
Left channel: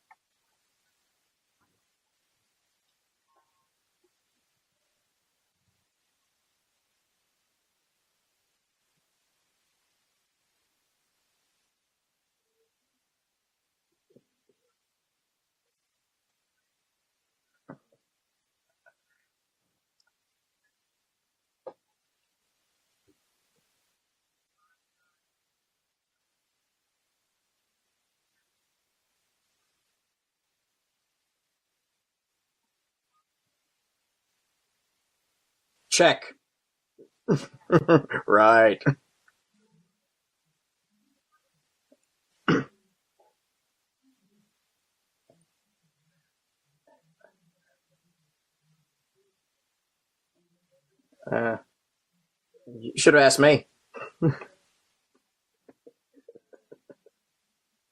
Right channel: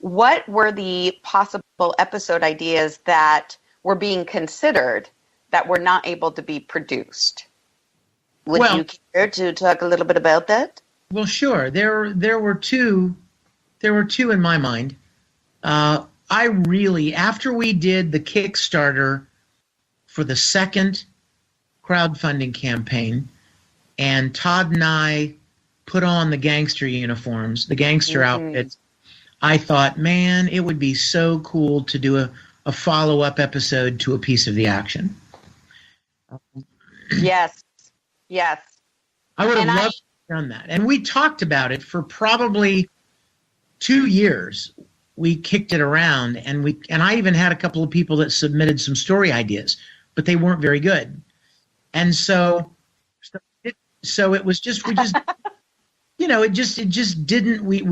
What were the possible episode ideas that were being considered that were not able to be produced? Would you care to talk a little bit about that? Well, sure. There were two in my mind. I really, after we did the Kickstarter for the second crowdfunding campaign, and Todd and I put on the gangster uniforms, the gangster outfits, I thought, man, it would be so cool to do a follow-up episode to A Piece of the Action. Check. Yes. Right. I would have loved to have done that. And we talked about it for probably 2 years. We kicked it around, and I even had a couple of people that submitted some story ideas, but they weren't very good. And so you should have asked me. So it was just we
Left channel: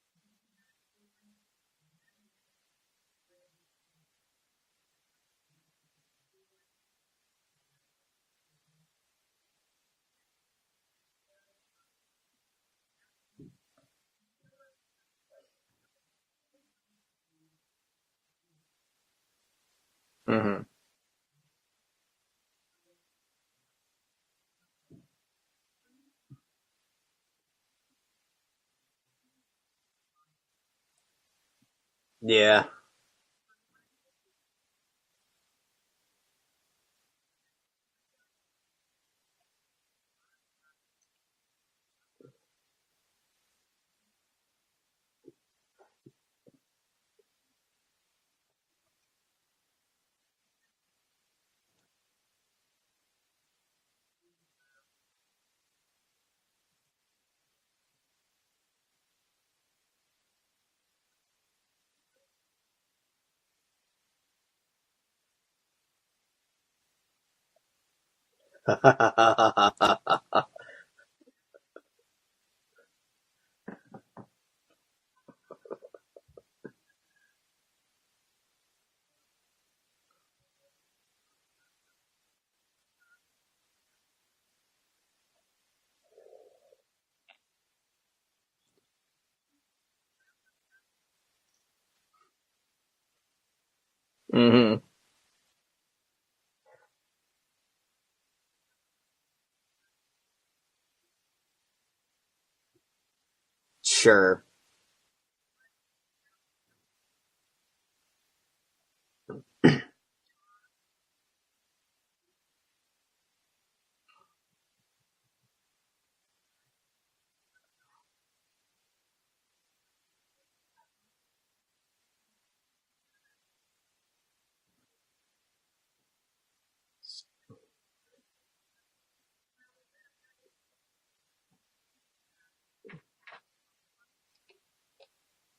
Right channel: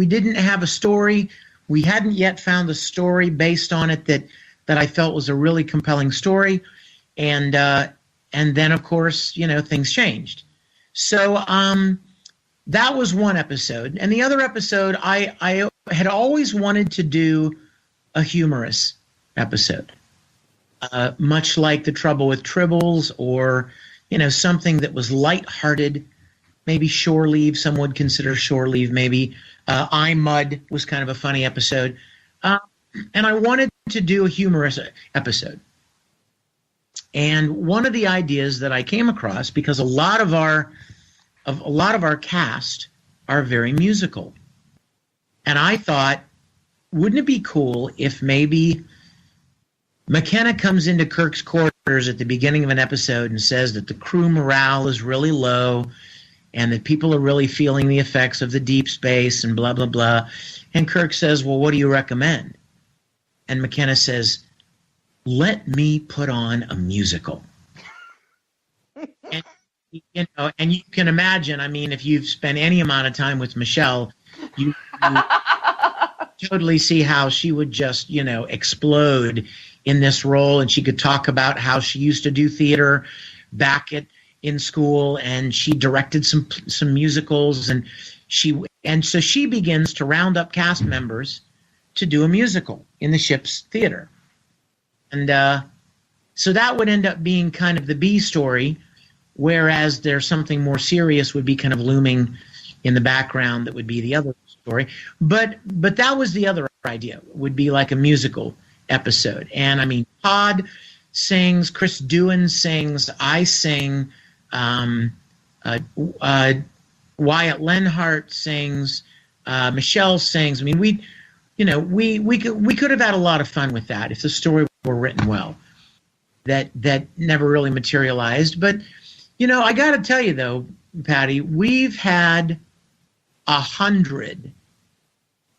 didn't have a story. We hadn't yet found a story based on it that I felt was a really compelling story. And then of course, things changed. So that was one episode. And the other episode, I had always wanted to do a humorous episode. Much like The Trouble with Tribbles, or something that was lighthearted, maybe Shore Leave. Some would consider Shore Leave maybe. I Mud was kind of a funny episode. Yeah. And I wanted to do a humorous episode. And one of the ideas that I came across, because a lot of our cast are very musical, and I thought, wouldn't it be cool if maybe McKenna comes into Kirk's quarters at the beginning of an episode and says that the crew morale is really low and that people are really feeling the effects of the deep space and blah, blah, blah. And Kirk says, well, what do you recommend? And McKenna says, let me put on a musical. And you can imagine, I mean, if you've spent any amount of time with Michele, you totally see how she would just, explode in this role. And she could talk about how she used to do theater back in school, and she directed some musicals, and so she begins to round up cast members to do a musical in the ship's theater. And so that would end up being kind of the B story, whereas there's something more serious would be kind of looming in the background that would be the other story. But that was the other idea, would be like a musical episode. And I mean, Todd sings, Chris Doohan sings, I sing, Wyatt Lenhart sings, Michele sings. I mean, we could have had a lot of fun with that if the story were written well. That never really materialized. But, I got to tell you, though, Patty, we've had 100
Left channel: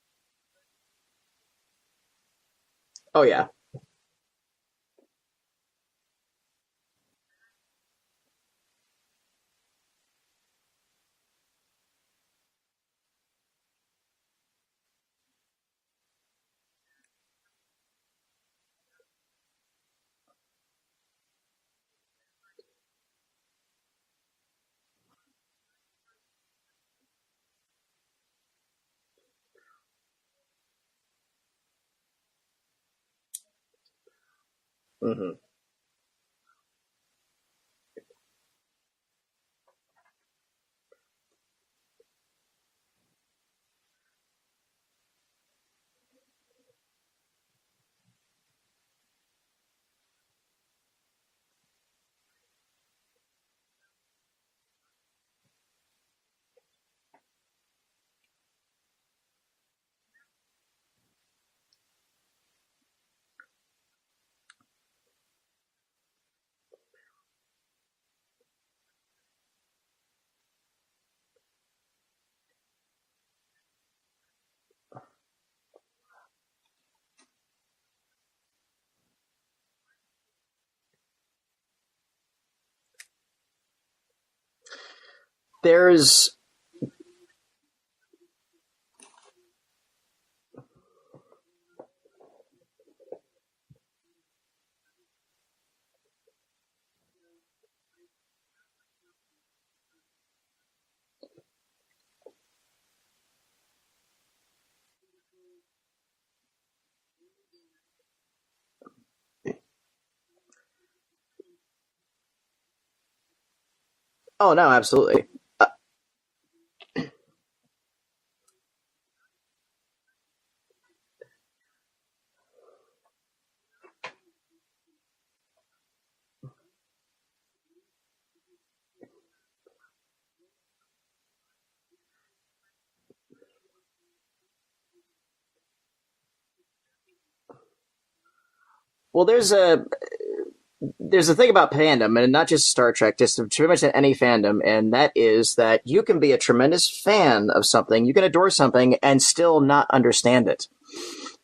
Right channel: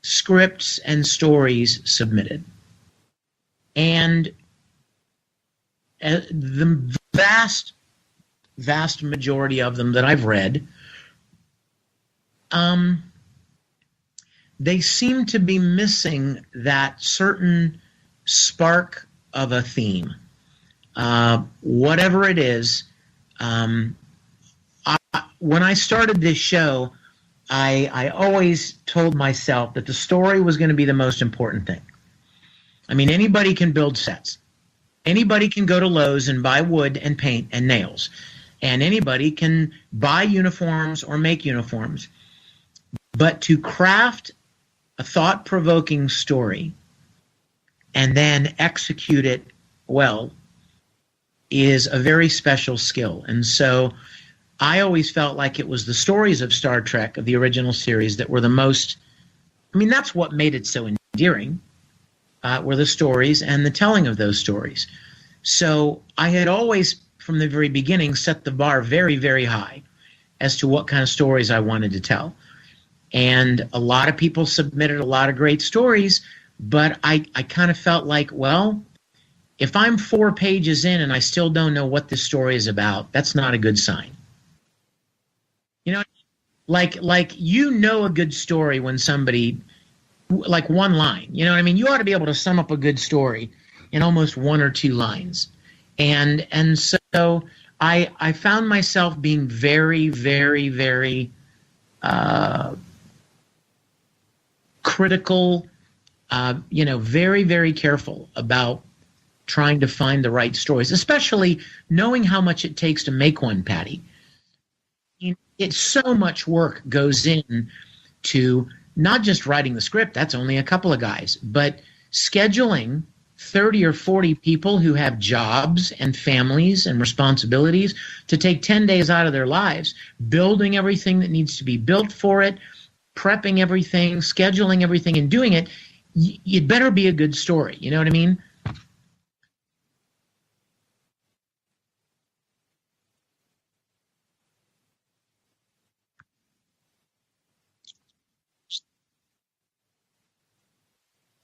scripts and stories submitted. Oh, yeah. And the vast majority of them that I've read, they seem to be missing that certain spark of a theme. Whatever it is, when I started this show, I always told myself that the story was going to be the most important thing. I mean, anybody can build sets. Anybody can go to Lowe's and buy wood and paint and nails. And anybody can buy uniforms or make uniforms. But to craft a thought-provoking story and then execute it well is a very special skill. And so I always felt like it was the stories of Star Trek, of the original series, that were the most, I mean, that's what made it so endearing, were the stories and the telling of those stories. So I had always, from the very beginning, set the bar very, very high as to what kind of stories I wanted to tell. And a lot of people submitted a lot of great stories, but I kind of felt like, well, if I'm 4 pages in and I still don't know what this story is about, that's not a good sign. There's you know a good story when somebody, like one line, you know what I mean? You ought to be able to sum up a good story in almost 1 or 2 lines. And so I found myself being very, very, very critical, very, very careful about trying to find the right stories, especially knowing how much it takes to make one, Patty. Oh, no, absolutely. I mean, it's so much work goes in to not just writing the script, that's only a couple of guys, but scheduling 30 or 40 people who have jobs and families and responsibilities to take 10 days out of their lives, building everything that needs to be built for it, prepping everything, scheduling everything, and doing it. You'd better be a good story. You know what I mean? Well, there's a thing about fandom, and not just Star Trek, just pretty much any fandom, and that is that you can be a tremendous fan of something, you can adore something, and still not understand it.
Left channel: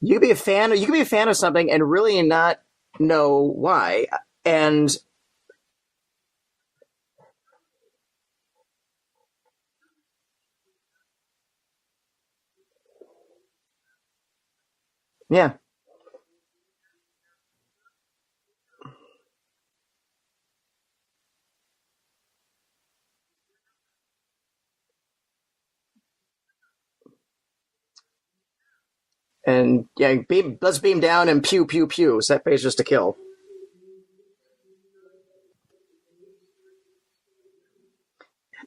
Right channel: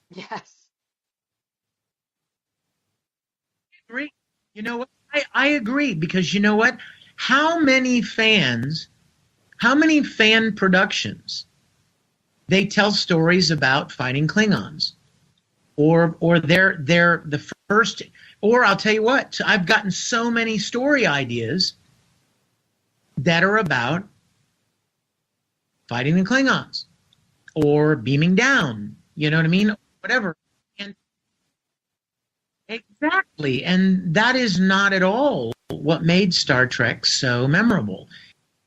You can be a fan of something and really not know why. And I agree, because you know what? How many fan productions, they tell stories about fighting Klingons? Yeah. Or they're the first. Or I'll tell you what, I've gotten so many story ideas that are about fighting the Klingons or beaming down. You know what I mean? Yeah, let's beam down and pew, pew, pew. Set phasers to kill. Exactly. And that is not at all what made Star Trek so memorable.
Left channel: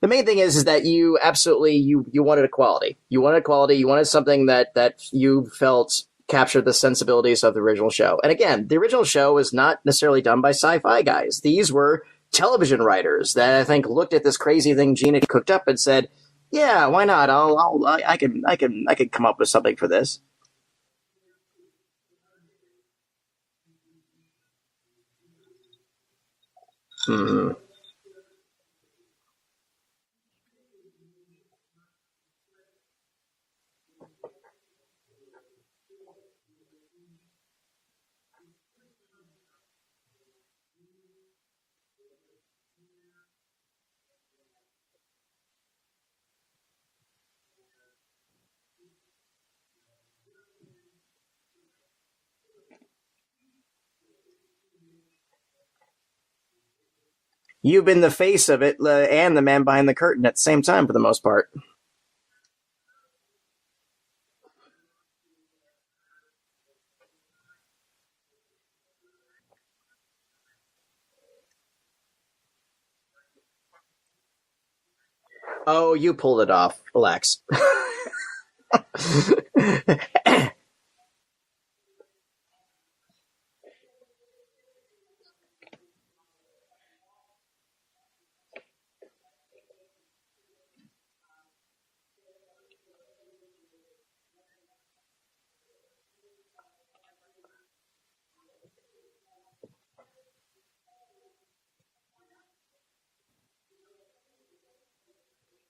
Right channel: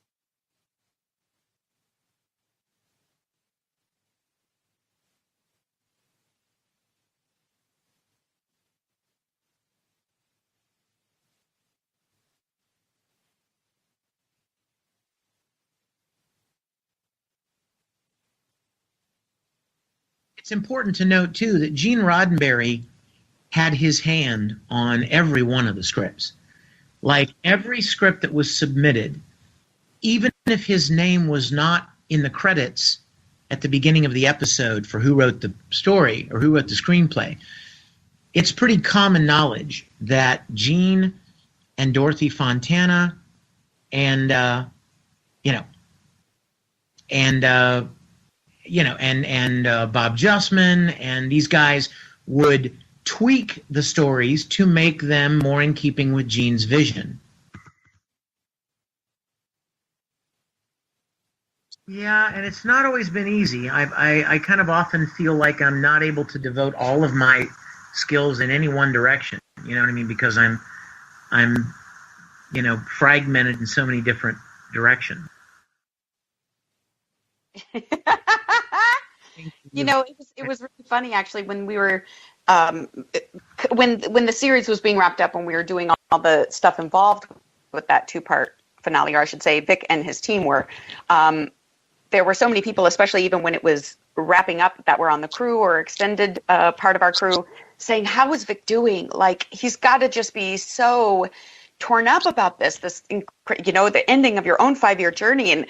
The main thing is that you absolutely, you wanted equality. You wanted equality. You wanted something that you felt captured the sensibilities of the original show. And again, the original show was not necessarily done by sci-fi guys. These were television writers that I think looked at this crazy thing Gene had cooked up and said, "Yeah, why not? I can come up with something for this." It's important to note too that Gene Roddenberry had his hand on every one of the scripts. Like every script that was submitted, even if his name was not in the credits at the beginning of the episode for who wrote the story or who wrote the screenplay, it's pretty common knowledge that Gene and Dorothy Fontana and Bob Justman and these guys would tweak the stories to make them more in keeping with Gene's vision. You've been the face of it and the man behind the curtain at the same time for the most part. Yeah, and it's not always been easy. I kind of often feel like I'm not able to devote all of my skills in any one direction. You know what I mean? Because I'm fragmented in so many different directions. Oh, you pulled it off. Relax. It was really funny actually when we were when the series was being wrapped up and we were doing all the stuff involved with that 2-part finale, or I should say Vic and his team were, there were so many people, especially even when it was wrapping up, that were on the crew or extended part of our crew, saying, "How is Vic doing? Like, he's got to just be so torn up about this, the ending of your own 5-year journey." And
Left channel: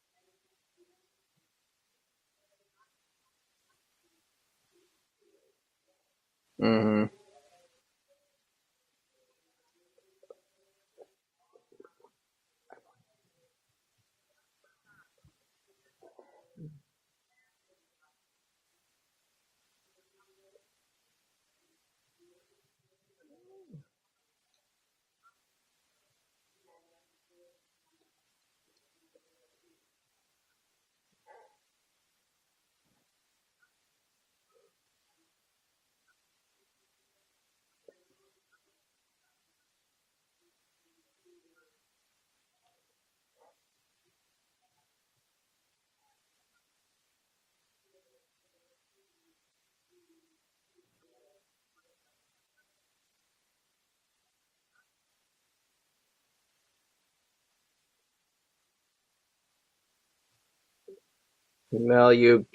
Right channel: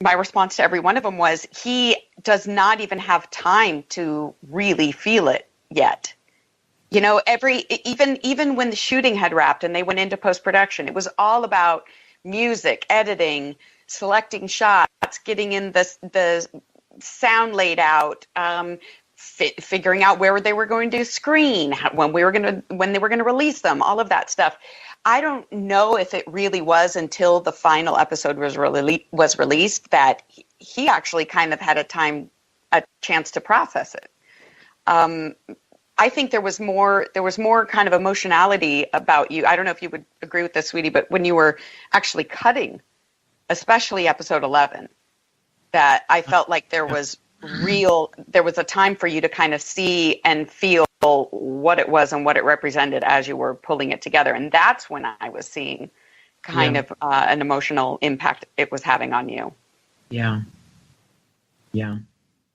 my response to every one of them was, he does not even have time to really feel it yet. Mm-hmm. Even when the shooting had wrapped and they went into post-production, it was all about music, editing, selecting shots, getting in the sound laid out, figuring out where they were going to screen, when they were going to release them, all of that stuff. I don't know if it really was until the final episode was released that he actually kind of had a chance to process it. I think there was more kind of emotionality about you. I don't know if you would agree with this, sweetie, but when you were actually cutting, especially episode 11, that I felt like there was a time for you to kind of see and feel what it was and what it represented as you were pulling it together. And that's when I was seeing kind of an emotional impact it was having on you. Yeah. Well, you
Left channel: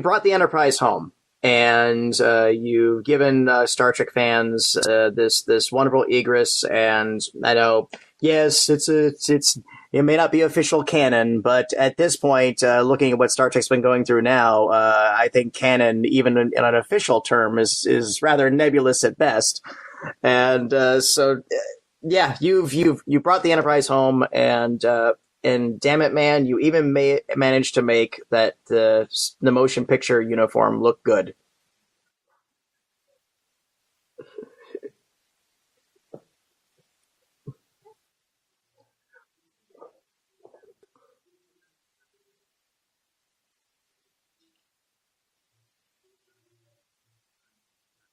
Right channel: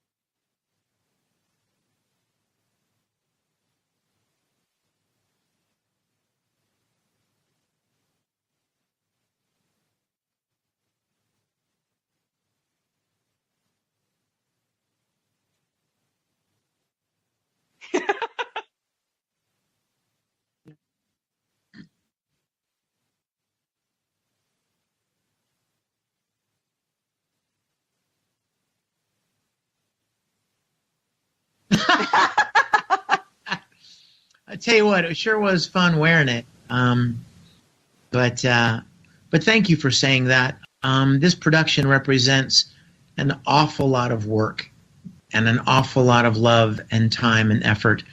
brought the Enterprise home, and you've given Star Trek fans this wonderful egress. And I know, yes, it may not be official canon, but at this point, looking at what Star Trek's been going through now, I think canon, even in an official term, is rather nebulous at best. And so, you brought the Enterprise home, and damn it, man, you even managed to make that the motion picture uniform look good. I tell you what, it sure was fun wearing it. But thank you for saying that. This production represents an awful lot of work and an awful lot of love and time and effort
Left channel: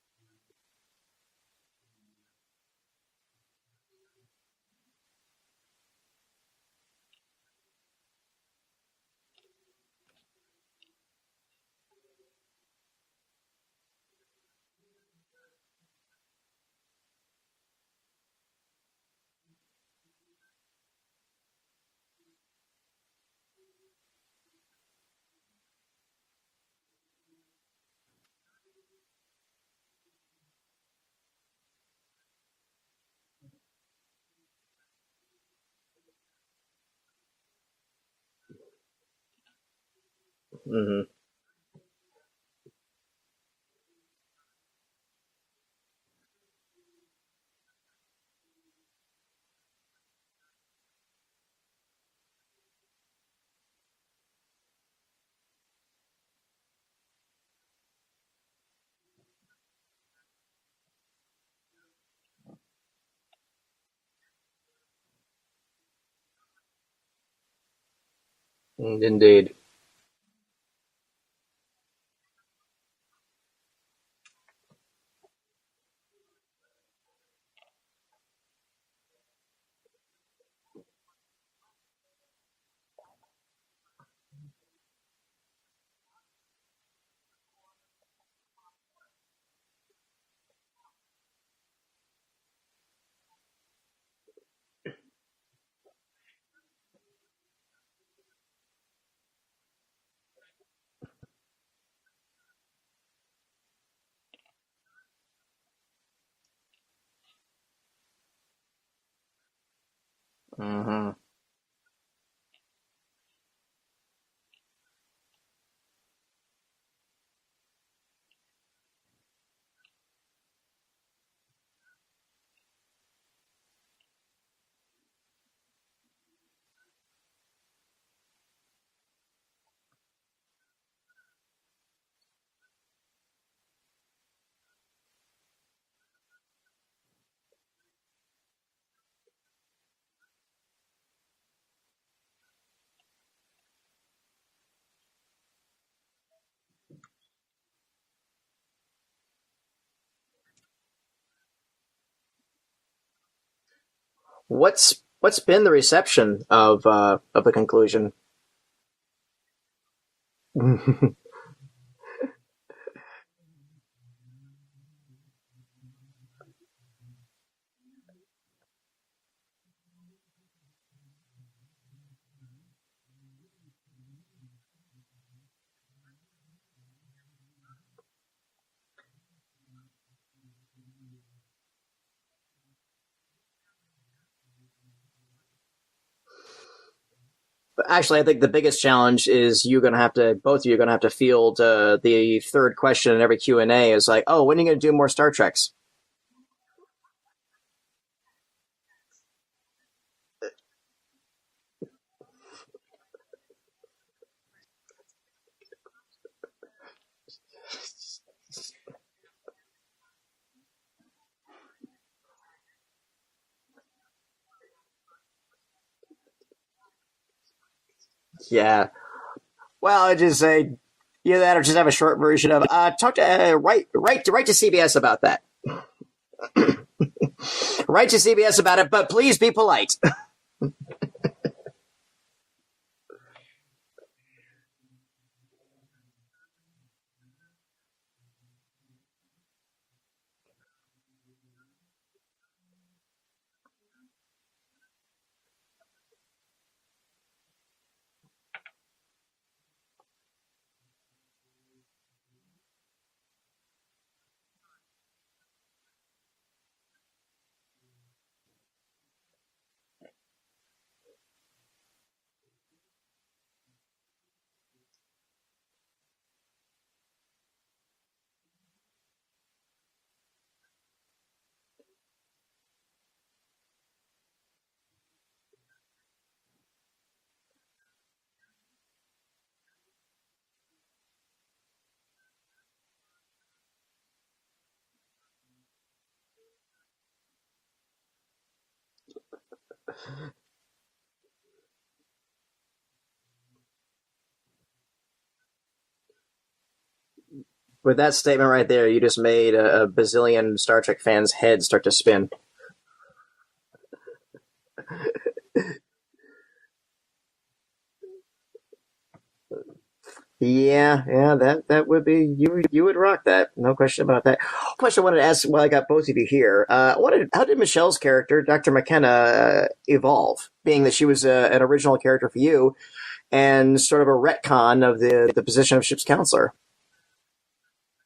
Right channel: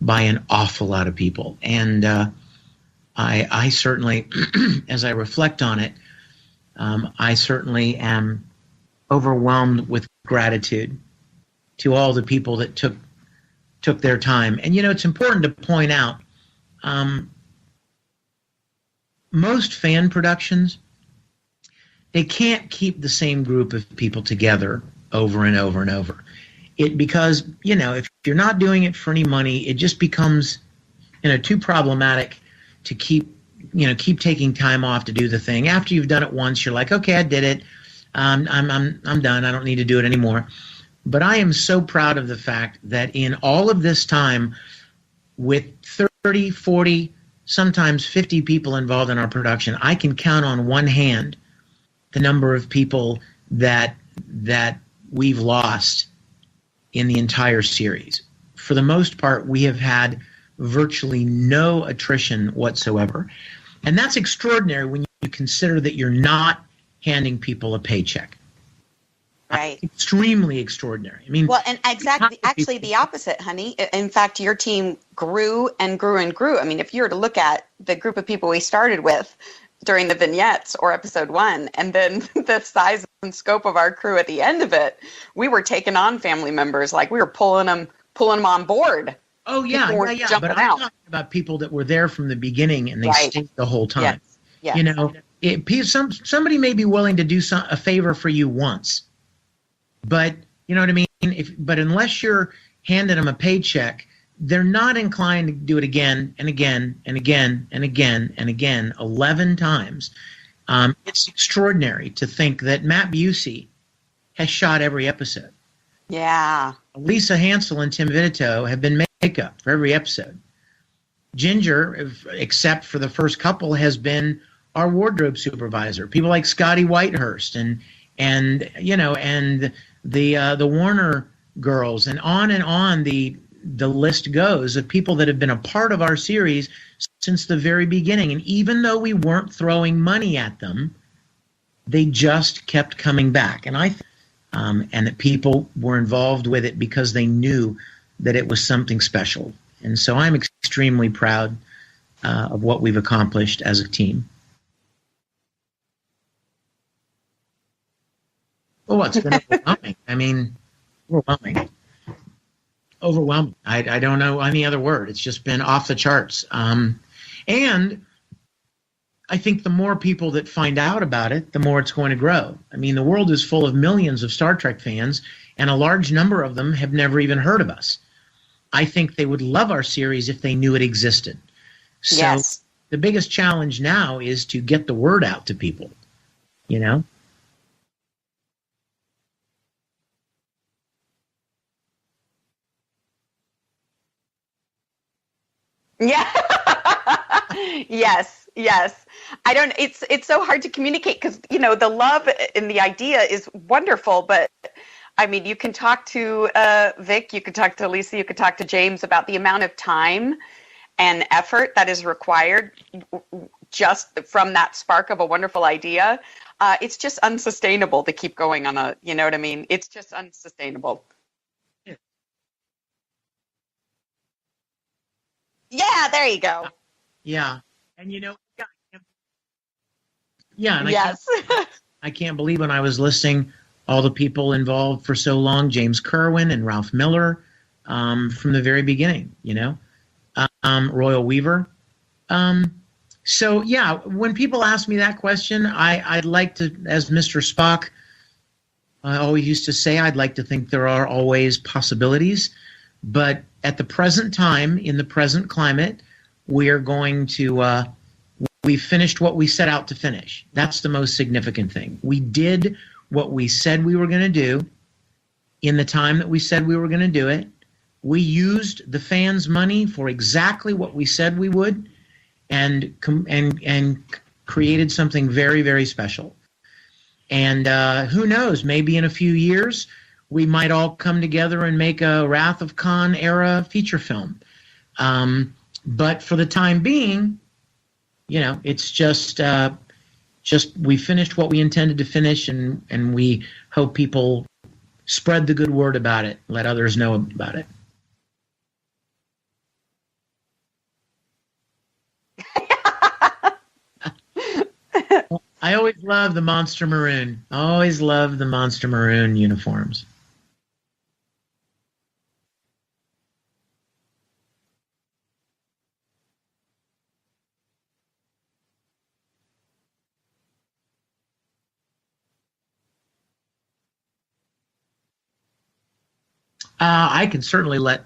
by an awful lot of people. And I certainly, as I reflect on it, I certainly am overwhelmed with gratitude to all the people that took their time. And, it's important to point out, most fan productions, they can't keep the same group of people together over and over and over. Because, if you're not doing it for any money, it just becomes, too problematic to keep taking time off to do the thing. After you've done it once, you're like, okay, I did it. I'm done. I don't need to do it anymore. Mm-hmm. But I am so proud of the fact that in all of this time, with 30, 40, sometimes 50 people involved in our production, I can count on one hand the number of people that we've lost in the entire series. For the most part, we have had virtually no attrition whatsoever. And that's extraordinary when you consider that you're not handing people a paycheck. Indeed. Right. Extremely extraordinary. I mean, well, and actually the opposite, honey. In fact, your team grew and grew and grew. I mean, if you were to look at the group of people we started with during the vignettes or episode 1, and then the size and scope of our crew at the end of it, we were taking on family members. Like, we were pulling them on board. Oh, yeah. But I'm talking about people that were there from the beginning and they stayed the whole time. Yes. Somebody may be willing to do a favor for you once, but you know what I mean? But unless you're handing them a paycheck, they're not inclined to do it again and again and again and again and again 11 times. It's extraordinary to think that Matt Busey has shot every episode. Yeah. Lisa Hansel and Tim Vidito have been makeup for every episode. Ginger, except for the first couple, has been our wardrobe supervisor. People like Scotty Whitehurst and the Warner girls, and on the list goes of people that have been a part of our series since the very beginning. And even though we weren't throwing money at them, they just kept coming back. And and that people were involved with it because they knew that it was something special. And so I'm extremely proud of what we've accomplished as a team. What's been the reception of the conclusion? Oh, it's been overwhelming. I mean, overwhelming. I don't know any other word. It's just been off the charts. And I think the more people that find out about it, the more it's going to grow. I mean, the world is full of millions of Star Trek fans, and a large number of them have never even heard of us. I think they would love our series if they knew it existed. So yes. The biggest challenge now is to get the word out to people, Actually, I think the biggest challenge is both of you are going to have to field the third question in every Q&A is like, oh, when are you going to do more Star Treks? Yeah. Yes. It's so hard to communicate because, the love and the idea is wonderful, but I mean, you can talk to Vic, you can talk to Lisa, you can talk to James about the amount of time and effort that is required just from that spark of a wonderful idea, it's just unsustainable to keep going on. You know what I mean? It's just unsustainable. Either that or just have a short version of talk to write to CBS about that. Yeah, there you go. Yeah. Write to CBS about it, but please be polite. Yeah. And yes. I can't believe when I was listing all the people involved for so long, James Kerwin and Ralph Miller, from the very beginning, Royal Weaver. So yeah, when people ask me that question, I'd like to, as Mr. Spock I always used to say, I'd like to think there are always possibilities, but at the present time, in the present climate, we are going to, we finished what we set out to finish. That's the most significant thing. We did what we said we were going to do in the time that we said we were going to do it. We used the fans' money for exactly what we said we would, and created something very, very special. And who knows, maybe in a few years, we might all come together and make a Wrath of Khan era feature film. But for the time being, it's just we finished what we intended to finish, and we hope people spread the good word about it, let others know about it. With that statement right there, you just made a bazillion Star Trek fans' heads start to spin. I always love the Monster Maroon. Always love the Monster Maroon uniforms. Yeah, that would be, you would rock that, no question about that. Question I wanted to ask while I got both of you here, how did Michele's character, Dr. McKenna, evolve, being that she was an original character for you and sort of a retcon of the position of ship's counselor? I can certainly let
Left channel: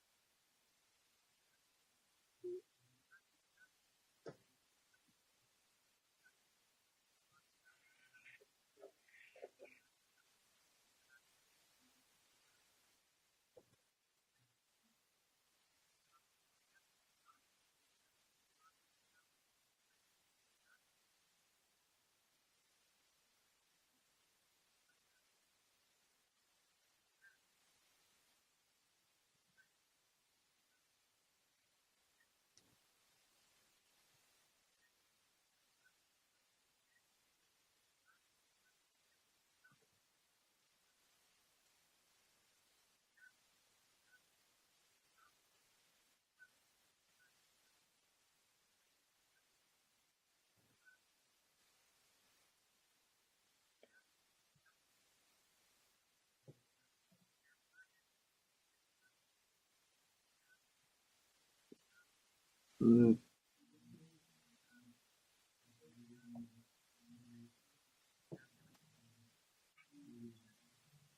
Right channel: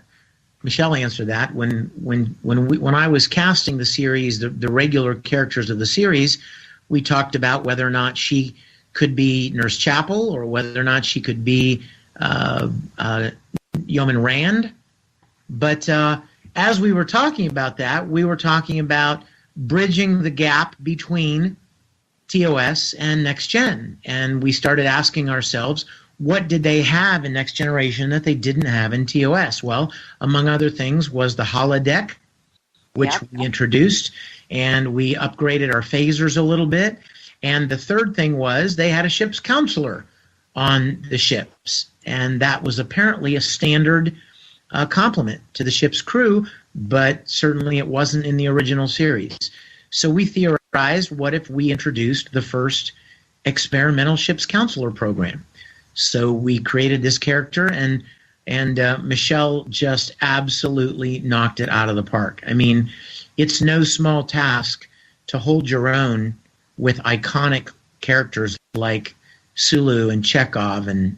Michele answer that. When I was casting the series, the regular characters of the series, we talked about whether or not she could be Nurse Chapel or whether or not she could be Yeoman Rand. But as we were talking about that, we were talking about bridging the gap between TOS and Next Gen. And we started asking ourselves, what did they have in Next Generation that they didn't have in TOS? Well, among other things was the holodeck, which we introduced, and we upgraded our phasers a little bit. And the third thing was they had a ship's counselor on the ships, and that was apparently a standard complement to the ship's crew, but certainly it wasn't in the original series. So we theorized, what if we introduced the first experimental ship's counselor program? So we created this character, and Michele just absolutely knocked it out of the park. I mean, it's no small task to hold your own with iconic characters like Sulu and Chekhov and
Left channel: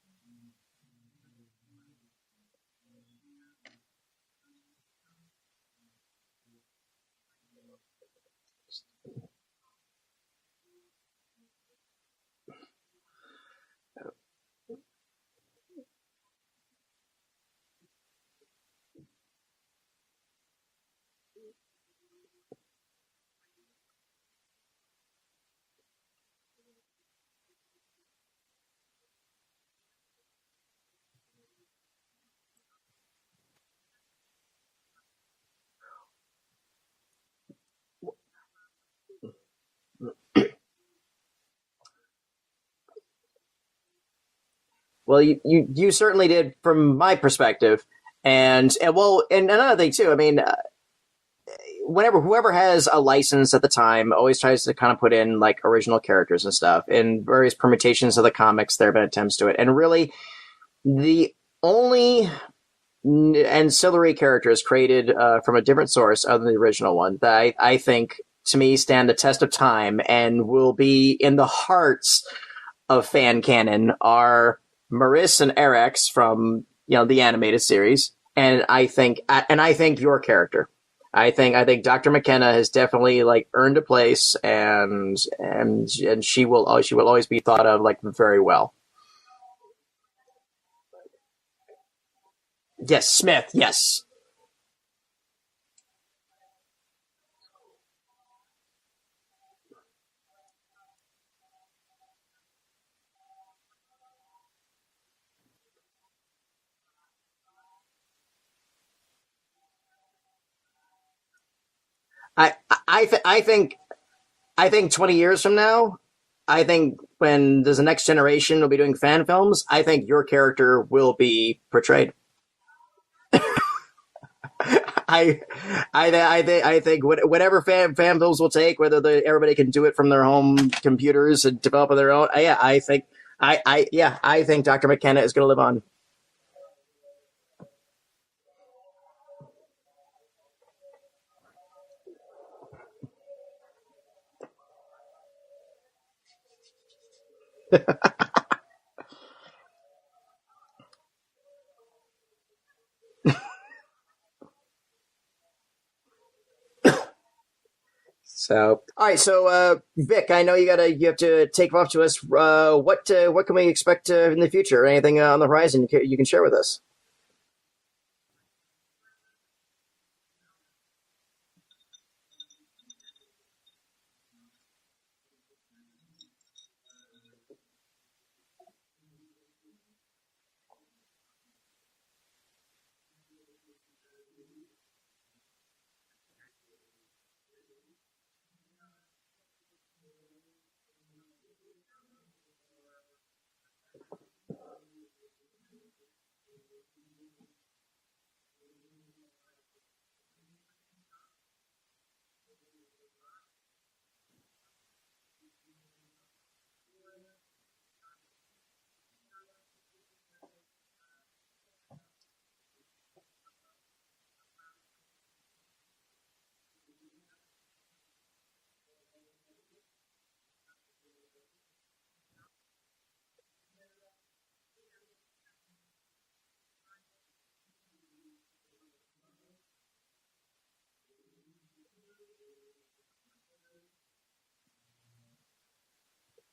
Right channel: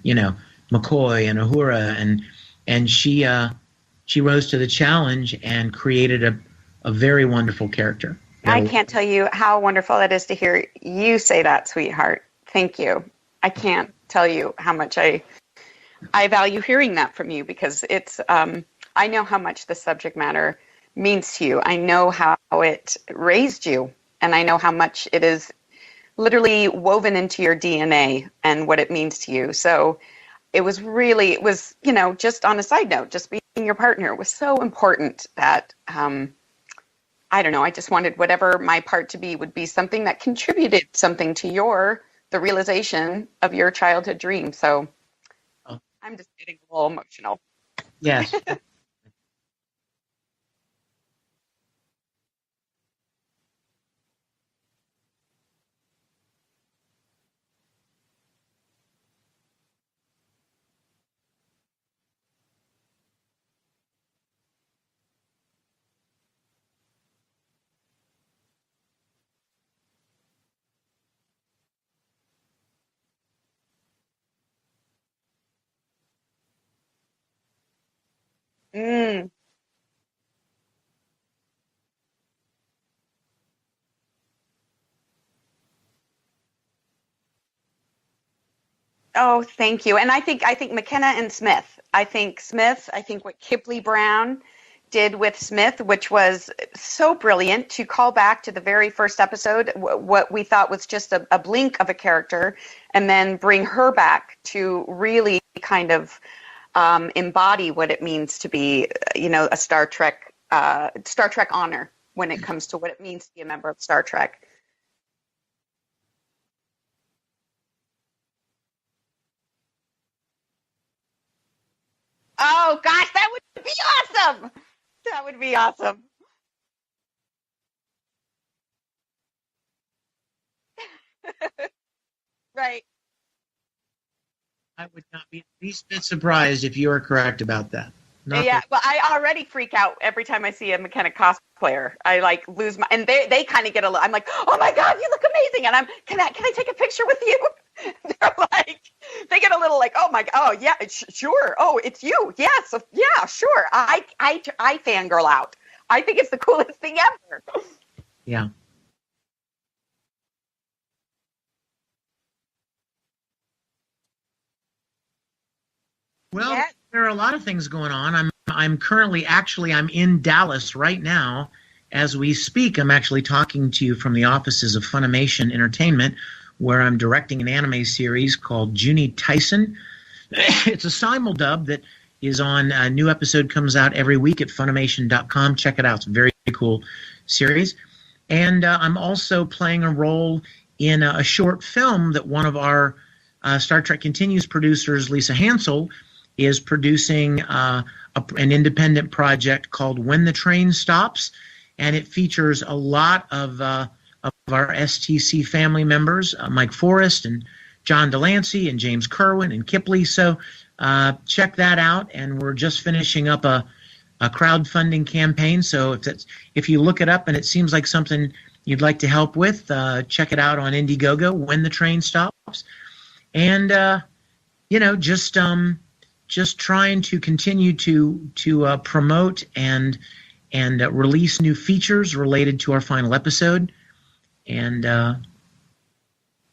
McCoy and Uhura, and she rose to the challenge and created a very wonderful character. I can't tell you how wonderful it is to hear you say that, sweetheart. Thank you. I can't tell you how much I value hearing that from you, because it's I know how much the subject matter means to you. I know how it raised you, and I know how much it is literally woven into your DNA and what it means to you. So it was just on a side note, just being your partner was so important that I don't know, I just wanted whatever my part to be would be something that contributed something to the realization of your childhood dream. So well, you certainly did from my perspective. Yeah. And another thing too, I mean, whoever has a license at the time always tries to kind of put in like original characters and stuff in various permutations of the comics. There have been attempts to it, and really the only ancillary characters created from a different source other than the original one that I think, to me, stand the test of time and will be in the hearts of fan canon are Maris and Erex from the animated series, and I think your character. I think Dr. McKenna has definitely earned a place, and she will always be thought of very well. Oh, thank you. And I think McKenna and Smith. I think Smith. Yes, Smith. Kipley Brown did with Smith, which was so brilliant, to call back to the very first episode, what we thought was just a blink of a character, and then bring her back to really kind of embody what it means to be, a Star Trek honor. when it comes to what it means to be a member of Star Trek. I think 20 years from now, I think when there's a next generation will be doing fan films, I think your character will be portrayed. Oh gosh, that would be awesome! That would be awesome. I think whatever fan films will take, whether everybody can do it from their home computers and develop their own. I think Dr. McKenna is going to live on. I'm a bit surprised if you are correct about that. Well, I already freak out every time I see a McKenna cosplayer. I like lose my, and they kind of get a little. I'm like, oh my god, you look amazing, and can I take a picture with you? They're like, they get a little like, oh my, oh yeah, sure, oh it's you, yes, yeah, sure. I fangirl out. I think it's the coolest thing ever. Yeah. So, all right. So, Vic, I know you have to take off to us. What can we expect in the future? Anything on the horizon you can share with us? There are a lot of things going on. I'm currently I'm in Dallas right now as we speak. I'm actually talking to you from the offices of Funimation Entertainment, where I'm directing an anime series called Junie Tyson. It's a simuldub that is on. A new episode comes out every week at Funimation.com. Check it out. It's a very cool series. And I'm also playing a role in a short film that one of our Star Trek Continues producers, Lisa Hansel, is producing an independent project called When the Train Stops. And it features a lot of our STC family members, Mike Forrest and John Delancey and James Kerwin and Kipley. So check that out. And we're just finishing up a crowdfunding campaign. So if you look it up and it seems like something you'd like to help with, check it out on Indiegogo, When the Train Stops. And, just trying to continue to promote and release new features related to our final episode. And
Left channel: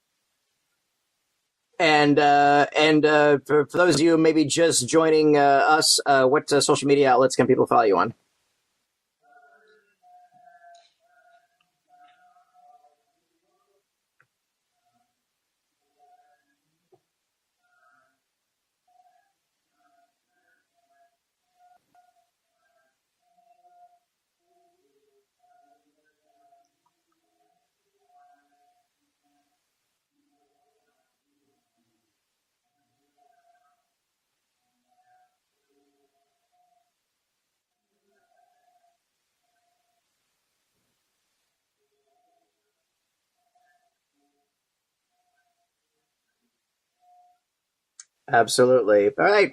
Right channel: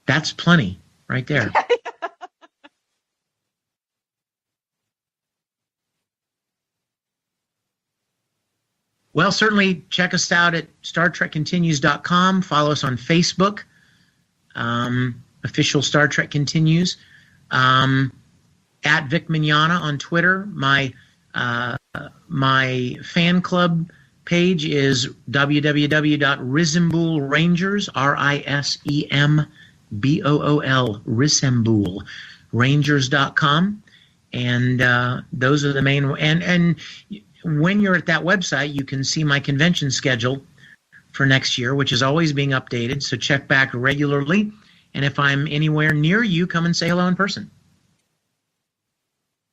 that's plenty right there. And for those of you maybe just joining us, what social media outlets can people follow you on? Well, certainly check us out at StarTrekContinues.com. Follow us on Facebook, official Star Trek Continues. At Vic Mignogna on Twitter. My fan club page is www.Risembool Rangers, Rangers.com. And those are the main, and when you're at that website, you can see my convention schedule for next year, which is always being updated. So check back regularly. And if I'm anywhere near you, come and say hello in person. Absolutely. All right.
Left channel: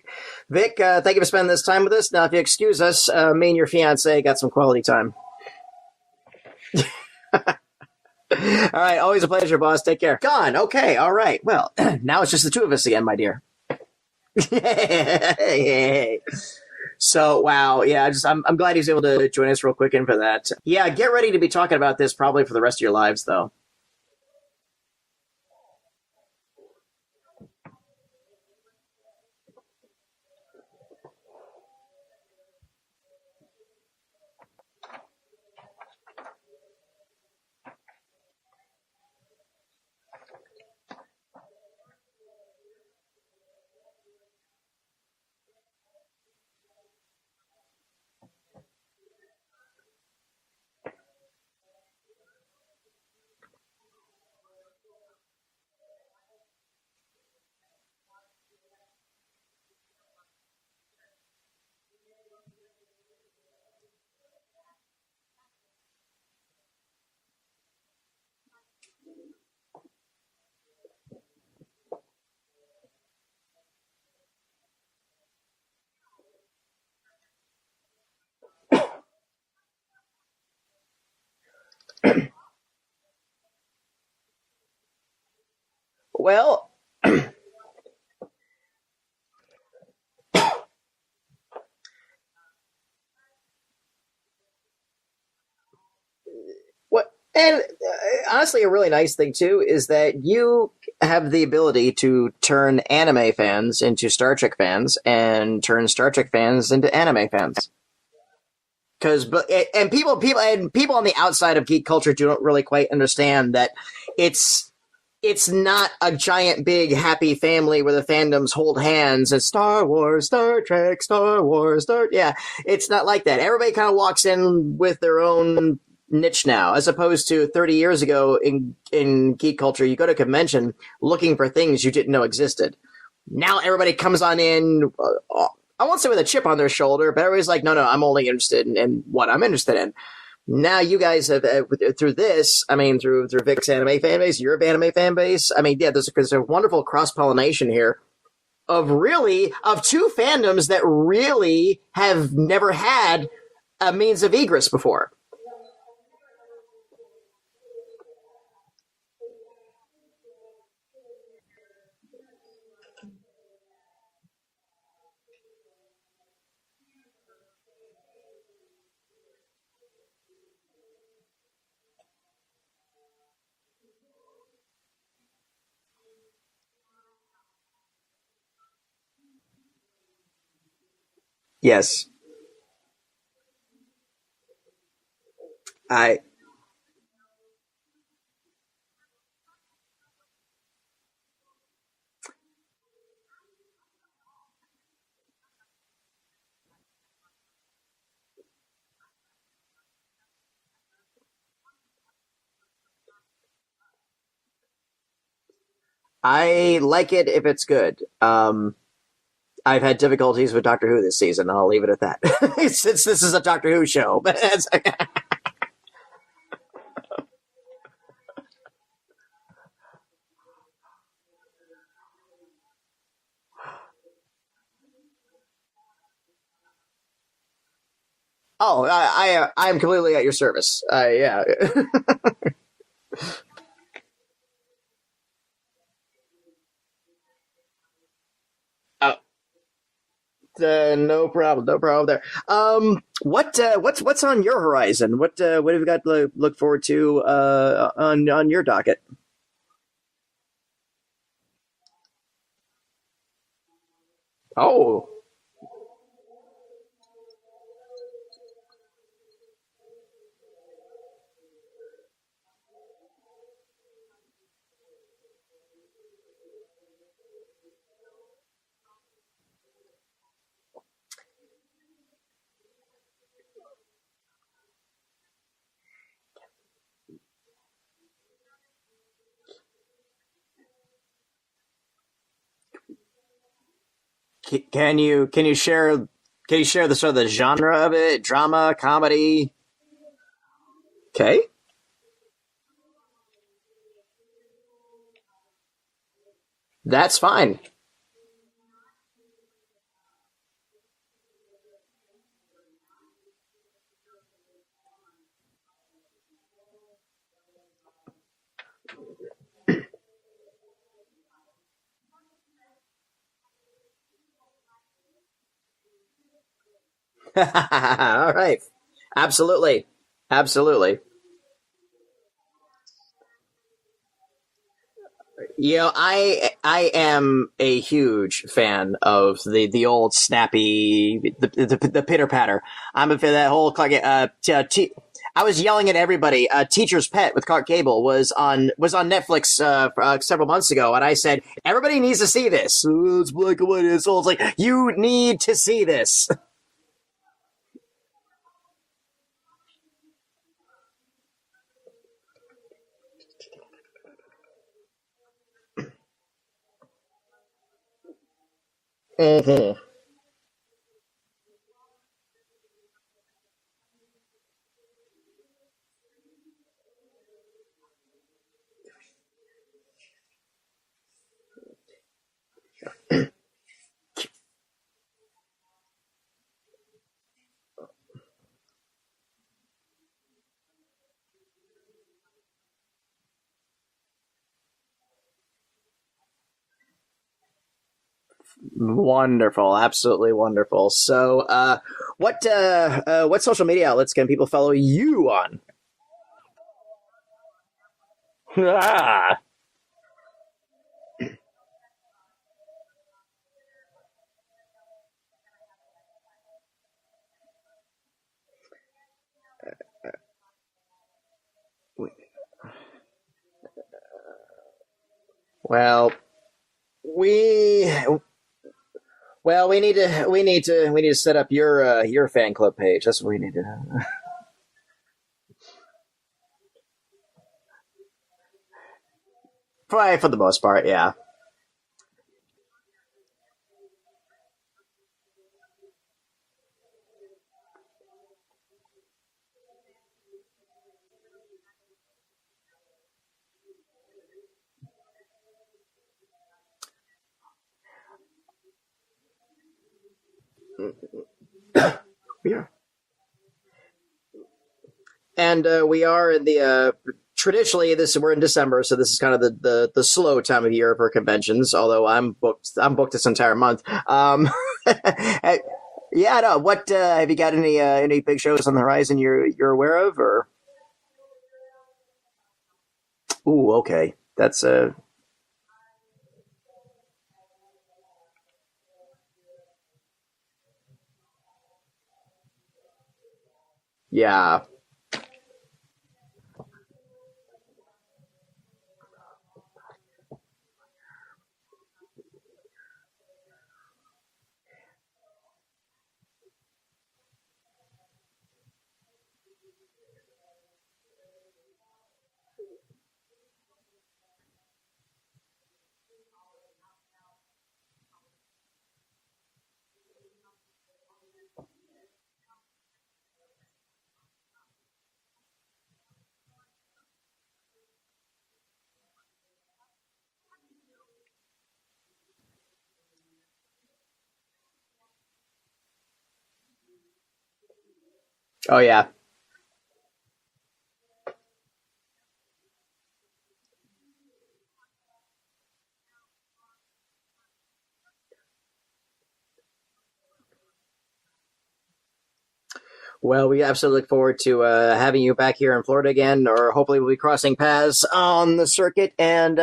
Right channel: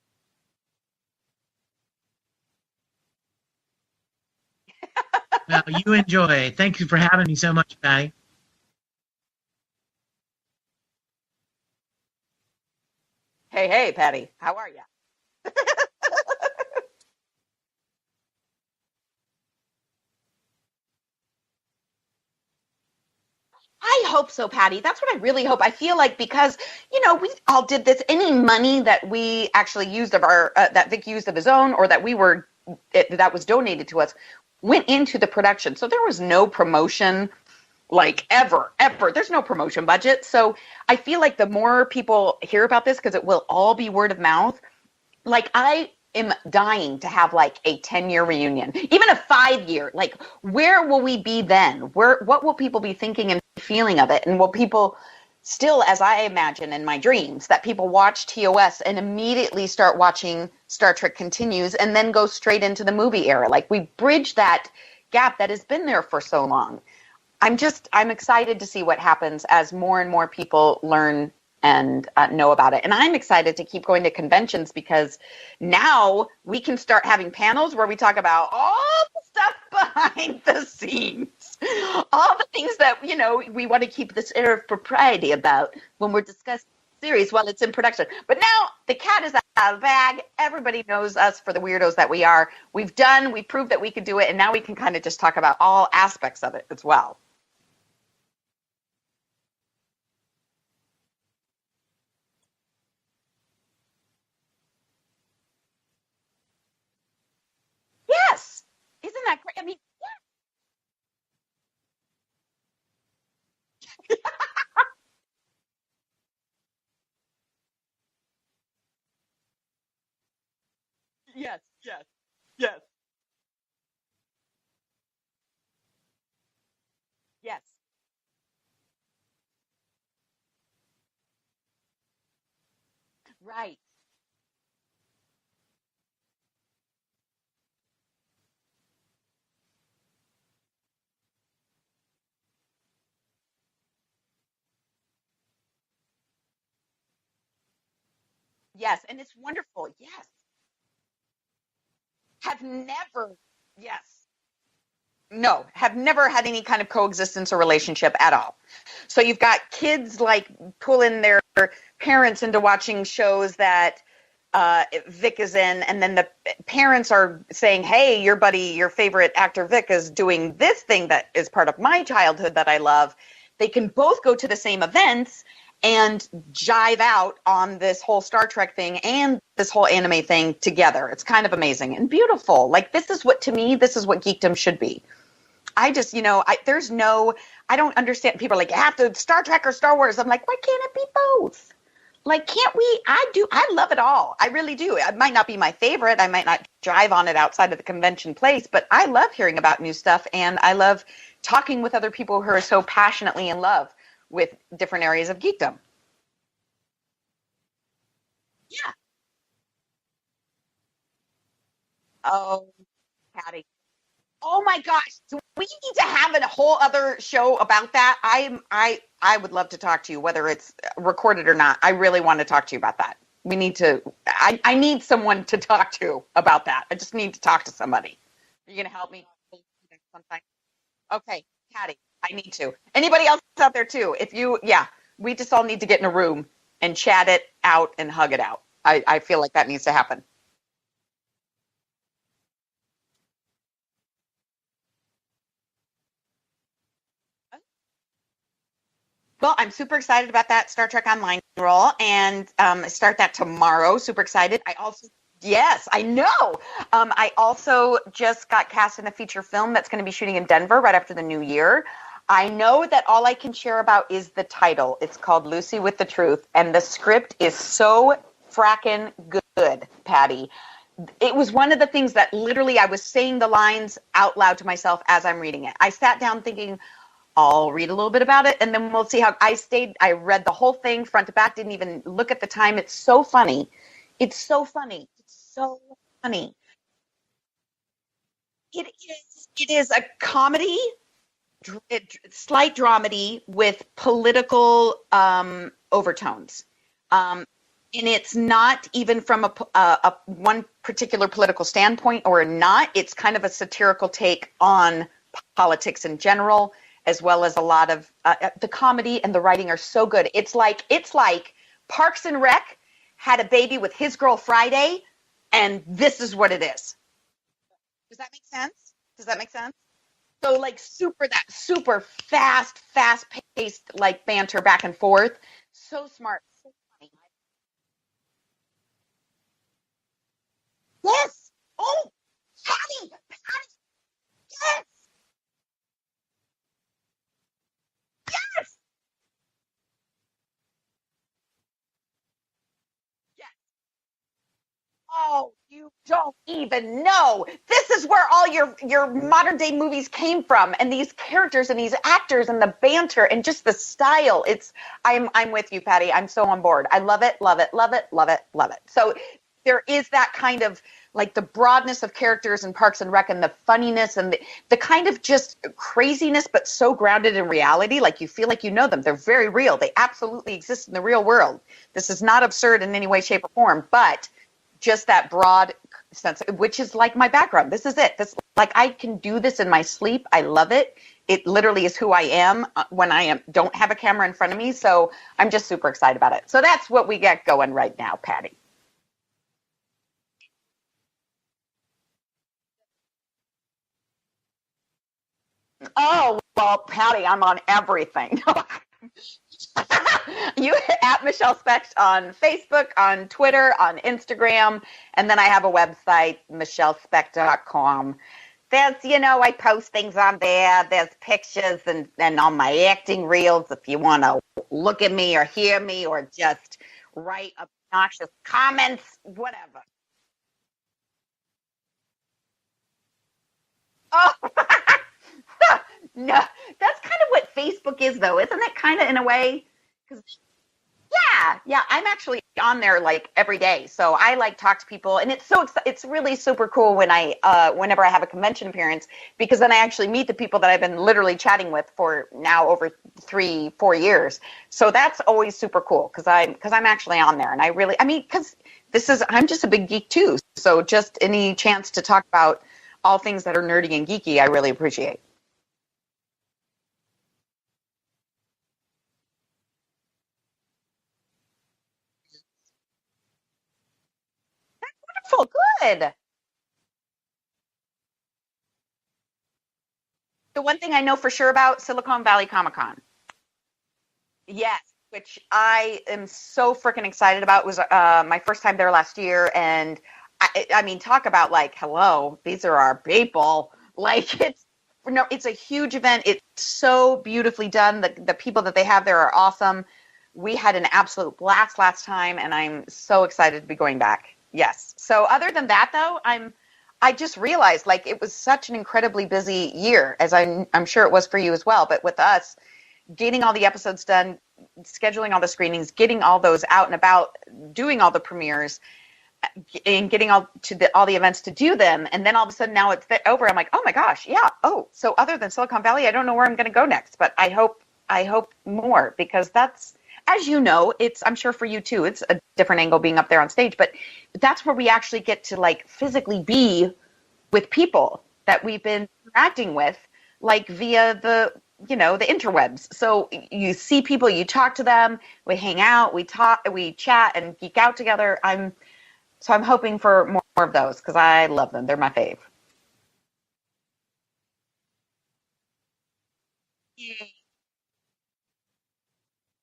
Vic, thank you for spending this time with us. Now, if you excuse us, me and your fiance got some quality time. Well, you enjoy. Thank you for having me so much, Patty. All right. Always a pleasure, boss. Take care. Gone. Okay. All right. Well, now it's just the two of us again, my dear. Hey, Patty. How are you? Hey. So, wow. Yeah, I'm glad he was able to join us real quick in for that. Yeah, get ready to be talking about this probably for the rest of your lives, though. I hope so, Patty. That's what I really hope. I feel like because, we all did this, any money that we actually used of our, that Vic used of his own, or that that was donated to us, went into the production. So there was no promotion, like ever. There's no promotion budget. So I feel like the more people hear about this, because it will all be word of mouth, like I am dying to have like a 10-year reunion, even a 5-year. Like, where will we be then? What will people be thinking and feeling of it? And will people still, as I imagine in my dreams, that people watch TOS and immediately start watching Star Trek Continues and then go straight into the movie era? Like, we bridge that gap that has been there for so long. I'm excited to see what happens as more and more people learn and know about it. And I'm excited to keep going to conventions, because now we can start having panels where we talk about all the stuff behind the scenes, all the things that, we want to keep this air of propriety about when we're doing this series while it's in production. But now the cat is out of the bag. Everybody knows us for the weirdos that we are. We proved that we could do it, and now we can kind of just talk about all aspects of it as well. And honestly, a really nice thing, too, is that you have the ability to turn anime fans into Star Trek fans and turn Star Trek fans into anime fans. Yes. Because people on the outside of geek culture don't really quite understand that it's not a giant, big, happy family where the fandoms hold hands and Star Wars, Star Trek, Star Wars, Star... Yeah, it's not like that. Everybody kind of walks in with their own niche now, as opposed to 30 years ago in geek culture. You go to a convention looking for things you didn't know existed. Now everybody comes on in, I won't say with a chip on their shoulder, but everybody's like, no, I'm only interested in what I'm interested in. Now you guys have, through this, I mean, through Vic's anime fan base, your anime fan base, I mean, yeah, there's a wonderful cross-pollination here of of two fandoms that really have never had a means of egress before. No, have never had any kind of coexistence or relationship at all. So you've got kids like pulling their parents into watching shows that Vic is in, and then the parents are saying, hey, your buddy, your favorite actor Vic is doing this thing that is part of my childhood that I love. They can both go to the same events and jive out on this whole Star Trek thing and this whole anime thing together. It's kind of amazing and beautiful. Like, this is what geekdom should be. I don't understand. People are like, you have to Star Trek or Star Wars. I'm like, why can't it be both? Like, can't we? I love it all. I really do. It might not be my favorite. I might not drive on it outside of the convention place, but I love hearing about new stuff, and I love talking with other people who are so passionately in love with different areas of geekdom. I like it if it's good. I've had difficulties with Doctor Who this season. I'll leave it at that. Since this is a Doctor Who show. Oh my gosh. We need to have a whole other show about that. I would love to talk to you, whether it's recorded or not. I really want to talk to you about that. We need to, I need someone to talk to about that. I just need to talk to somebody. Oh, I am completely at your service. Yeah. I need to. Anybody else out there too? We just all need to get in a room and chat it out and hug it out. I feel like that needs to happen. No problem there. What's on your horizon? What have you got to look forward to on your docket? Well, I'm super excited about that Star Trek Online roll, and start that tomorrow. Super excited. Oh. Yes, I know. I also just got cast in a feature film that's going to be shooting in Denver right after the new year. I know that all I can share about is the title. It's called Lucy with the Truth, and the script is so fracking good, Patty. It was one of the things that literally I was saying the lines out loud to myself as I'm reading it. I sat down thinking, I'll read a little bit about it, and then we'll see how I read the whole thing front to back, didn't even look at the time. It's so funny. It's so funny. Can you share the sort of the genre of it? Drama, comedy? It is a comedy. Okay. Slight dramedy with political overtones. That's fine. And it's not even from a one particular political standpoint or not. It's kind of a satirical take on politics in general, as well as a lot of the comedy and the writing are so good. It's like Parks and Rec had a baby with His Girl Friday, and this is what it is. All right. Absolutely. Absolutely. So like super fast-paced like banter back and forth. You know, I am a huge fan of the old snappy, the pitter patter. I'm a fan of that whole I was yelling at everybody. Teacher's Pet with Clark Gable was on Netflix several months ago, and I said everybody needs to see this. It's black and white. It's like you need to see this. Don't even know. This is where all your modern day movies came from, and these characters and these actors and the banter and just the style. I'm with you, Patty. I'm so on board. I love it. So there is that kind of like the broadness of characters in Parks and Rec and the funniness and the kind of just craziness, but so grounded in reality. Like you feel like you know them. They're very real. They absolutely exist in the real world. This is not absurd in any way, shape, or form, but just that broad sense, which is like my background. This is it. Like I can do this in my sleep. I love it. It literally is who I am when don't have a camera in front of me. So I'm just super excited about it. So that's what we got going right now, Patty. Wonderful. Absolutely wonderful. So what social media outlets can people follow you on? Oh, well, Patty, I'm on everything. You at Michele Specht on Facebook, on Twitter, on Instagram. And then I have a website, michellespecht.com. There's, I post things on there. There's pictures and on my acting reels if you want to look at me or hear me or just write obnoxious comments. Well, we need to set up your fan club page. That's what we need to. Oh, No, that's kind of what Facebook is, though, isn't it? Kind of in a way. Probably for the most part, yeah. Yeah. I'm actually on there like every day, so I like talk to people, and it's really super cool when whenever I have a convention appearance, because then I actually meet the people that I've been literally chatting with for now over 3-4 years. So that's always super cool because I'm actually on there, and because I'm just a big geek too. So just any chance to talk about all things that are nerdy and geeky, I really appreciate. And we are in the traditionally we're in December, so this is kind of the slow time of year for conventions. Although I'm booked this entire month. Good. Yeah, no. What have you got any big shows on the horizon you're aware of, or? The one thing I know for sure about Silicon Valley Comic Con. Ooh, okay. That's which I am so freaking excited about. It was my first time there last year, and I mean, talk about like, hello, these are our people. Like, it's a huge event. It's so beautifully done. The people that they have there are awesome. We had an absolute blast last time, and I'm so excited to be going back. Yes. So other than that, though, I just realized like it was such an incredibly busy year, as I'm sure it was for you as well. But with us, getting all the episodes done, scheduling all the screenings, getting all those out and about, doing all the premieres, and getting all the events to do them, and then all of a sudden now it's over. I'm like, oh my gosh, yeah. Oh, so other than Silicon Valley, I don't know where I'm going to go next, but I hope more, because that's, as you know, I'm sure for you too, it's a different angle being up there on stage, but that's where we actually get to like physically be with people that we've been interacting with, like via the interwebs. So you see people, you talk to them, we hang out, we talk, we chat and geek out together. So I'm hoping for more of those because I love them. They're my fave. Well, we absolutely look forward to having you back here in Florida again, or hopefully we'll be crossing paths on the circuit. And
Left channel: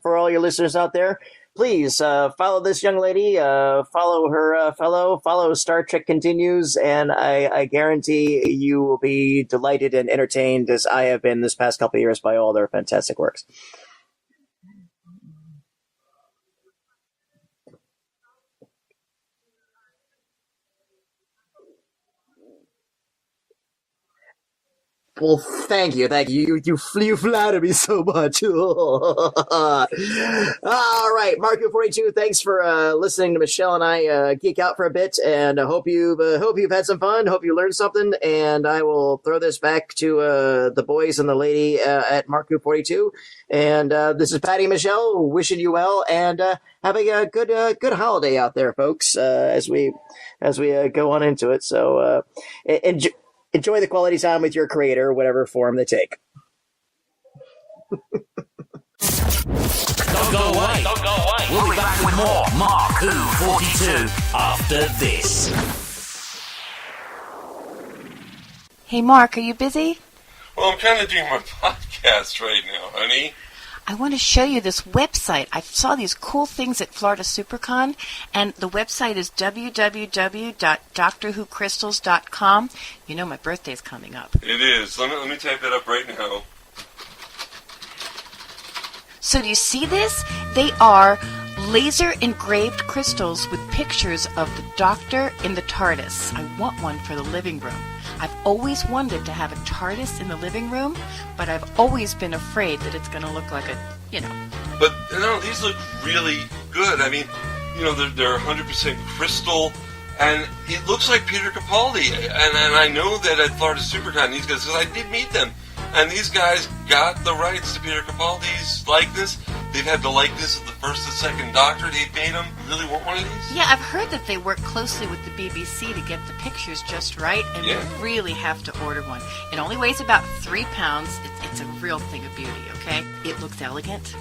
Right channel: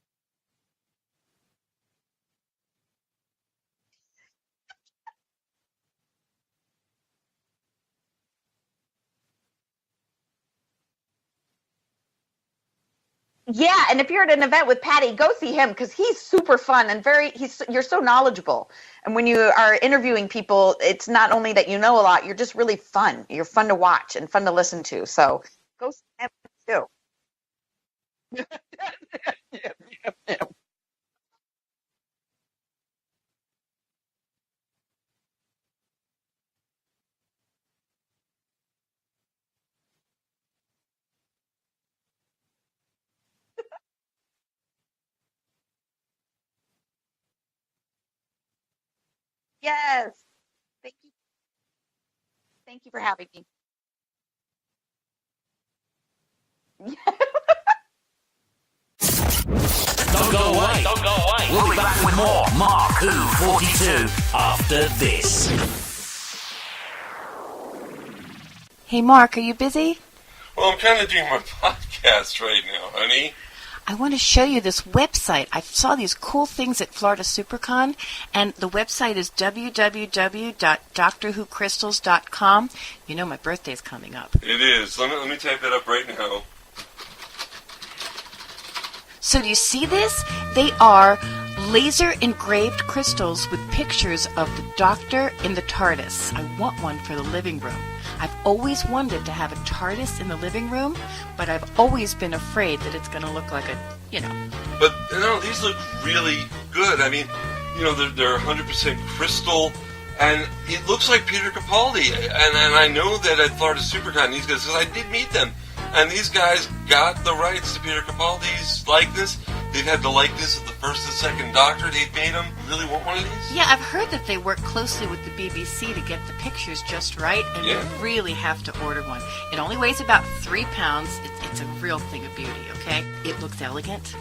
for all your listeners out there, please follow this young lady, follow her follow Star Trek Continues, and I guarantee you will be delighted and entertained as I have been this past couple of years by all their fantastic works. Yeah, and if you're at an event with Patty, go see him because he's super fun and you're so knowledgeable. And when you are interviewing people, it's not only that you know a lot, you're just really fun. You're fun to watch and fun to listen to. So, well, thank you. You flatter me so much. All right, MarkWHO42. Thanks for listening to Michele and I geek out for a bit, and I hope you've had some fun. Hope you learned something, and I will throw this back to the boys and the lady at MarkWHO42. And this is Patty and Michele wishing you well, and having a good holiday out there, folks, as we go on into it. So enjoy the quality time with your creator, whatever form they take. Don't go away. We'll be back with more MarkWHO42 after this. Hey, Mark, are you busy? Well, I'm kind of doing my podcast right now, honey. I want to show you this website. I saw these cool things at Florida SuperCon, and the website is www.drwhocrystals.com. You know my birthday's coming up. It is. Let me type it up right now. So do you see this? They are laser engraved crystals with pictures of the Doctor in the TARDIS. I want one for the living room. I've always wanted to have a TARDIS in the living room, but I've always been afraid that it's going to look like But, these look really good. I mean, they're 100% crystal, and it looks like Peter Capaldi. And I know that at Florida SuperCon, these guys, because I did meet them, and these guys got the rights to Peter Capaldi's likeness. They've had the likeness of the first and second Doctor. They've made them. Really want one of these? Yeah, I've heard that they work closely with the BBC to get the pictures just right, and we really have to order one. It only weighs about 3 pounds. It's a real thing of beauty, okay? It looks elegant,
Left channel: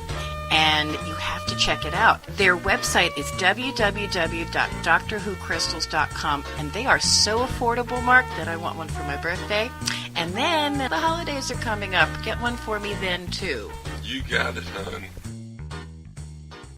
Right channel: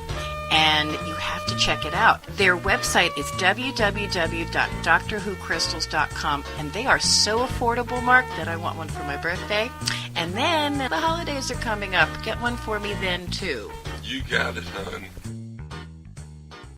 and you have to check it out. Their website is www.drwhocrystals.com, and they are so affordable, Mark, that I want one for my birthday. And then the holidays are coming up. Get one for me then, too. You got it, hon.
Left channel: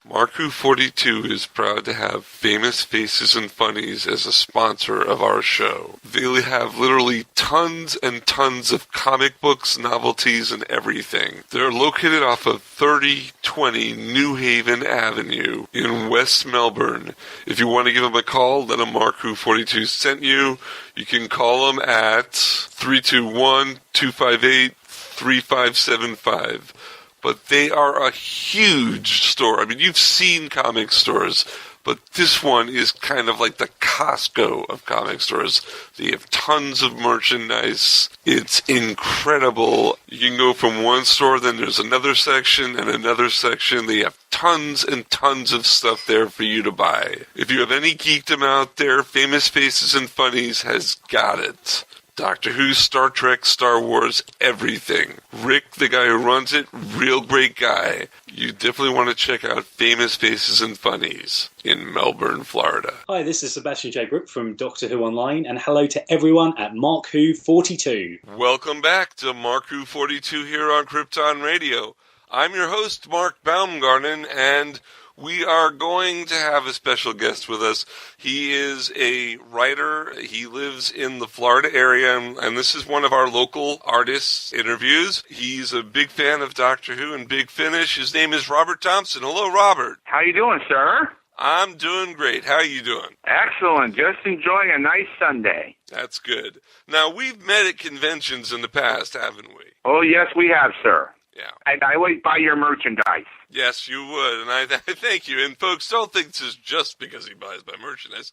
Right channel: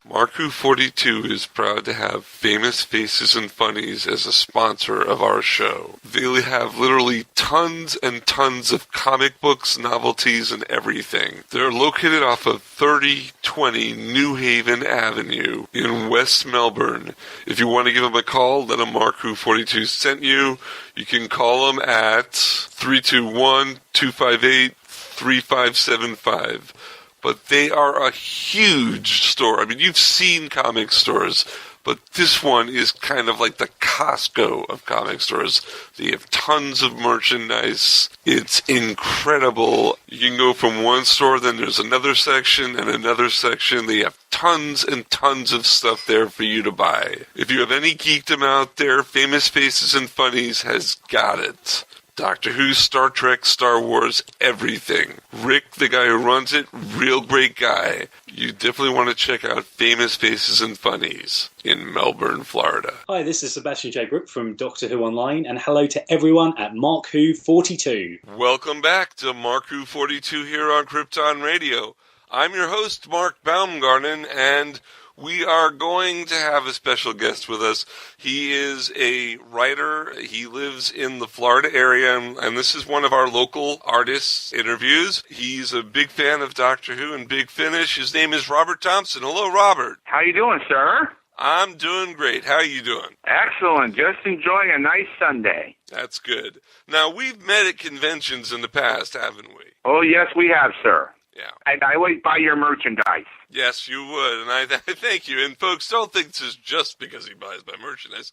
MarkWHO42 is proud to have Famous Faces and Funnies as a sponsor of our show. They have literally tons and tons of comic books, novelties, and everything. They're located off of 3020 New Haven Avenue in West Melbourne. If you want to give them a call, let them MarkWHO42 sent you. You can call them at 321-258 3575. But they are a huge store. I mean, you've seen comic stores, but this one is kind of like the Costco of comic stores. They have tons of merchandise. It's incredible. You can go from one store, then there's another section and another section. They have tons and tons of stuff there for you to buy. If you have any geekdom out there, Famous Faces and Funnies has got it. Doctor Who, Star Trek, Star Wars, everything. Rick, the guy who runs it, real great guy. You definitely want to check out Famous Faces and Funnies in Melbourne, Florida. Hi, this is Sebastian J. Brook from Doctor Who Online, and hello to everyone at MarkWHO42. Welcome back to MarkWHO42 here on Krypton Radio. I'm your host, Mark Baumgarten, and we are going to have a special guest with us. He is a writer. He lives in the Florida area, and this is one of our local artists' interviews. He's a big fan of Doctor Who and Big Finish. His name is Robert Thompson. Hello, Robert. How you doing, sir? I'm doing great. How are you doing? Excellent. Just enjoying a nice Sunday. That's good. Now, we've met at conventions in the past, haven't we? Oh, yes, we have, sir. Yeah. And I always buy your merchandise. Yes, you would, and I thank you. And folks, don't think this is just because he buys my merchandise.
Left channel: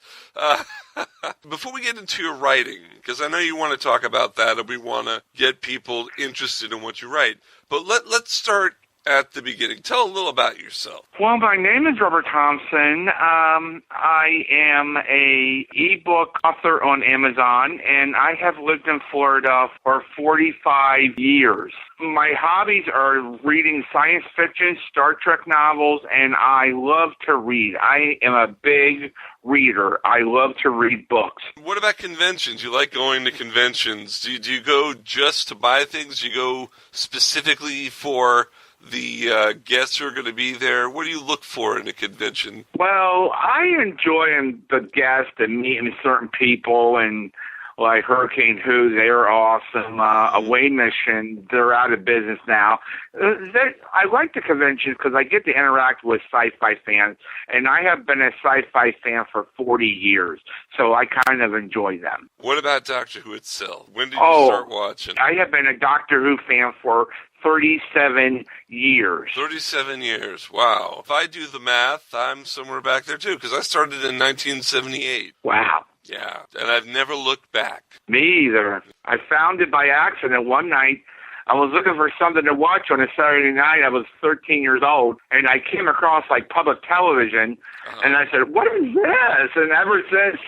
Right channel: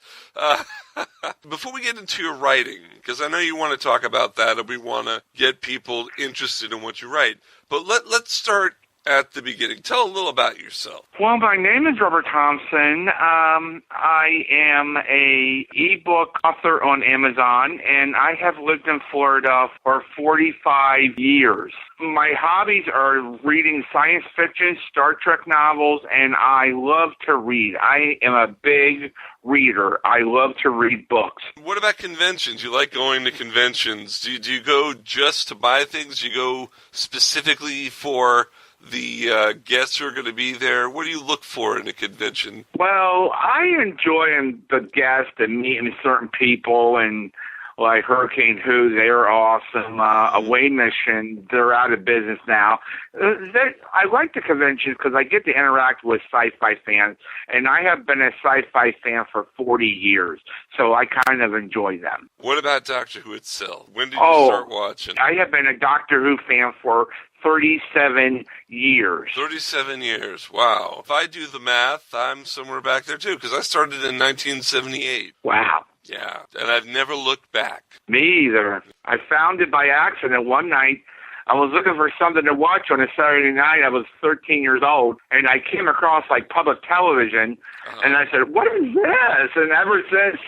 Before we get into your writing, because I know you want to talk about that, and we want to get people interested in what you write, but let's start at the beginning. Tell a little about yourself. Well, my name is Robert Thompson. I am a ebook author on Amazon, and I have lived in Florida for 45 years. My hobbies are reading science fiction, Star Trek novels, and I love to read. I am a big reader. I love to read books. What about conventions? You like going to conventions. Do you go just to buy things? Do you go specifically for the guests who are going to be there? What do you look for in a convention? Well, I enjoy the guests and meeting certain people, and like Hurricane Who, they're awesome. Away Mission, they're out of business now. I like the conventions because I get to interact with sci-fi fans, and I have been a sci-fi fan for 40 years, so I kind of enjoy them. What about Doctor Who itself? When did you start watching? I have been a Doctor Who fan for 37 years. 37 years. Wow. If I do the math, I'm somewhere back there, too, because I started in 1978. Wow. Yeah, and I've never looked back. Me either. I found it by accident one night. I was looking for something to watch on a Saturday night. I was 13 years old, and I came across, like, public television, and I said, what is this? And ever since,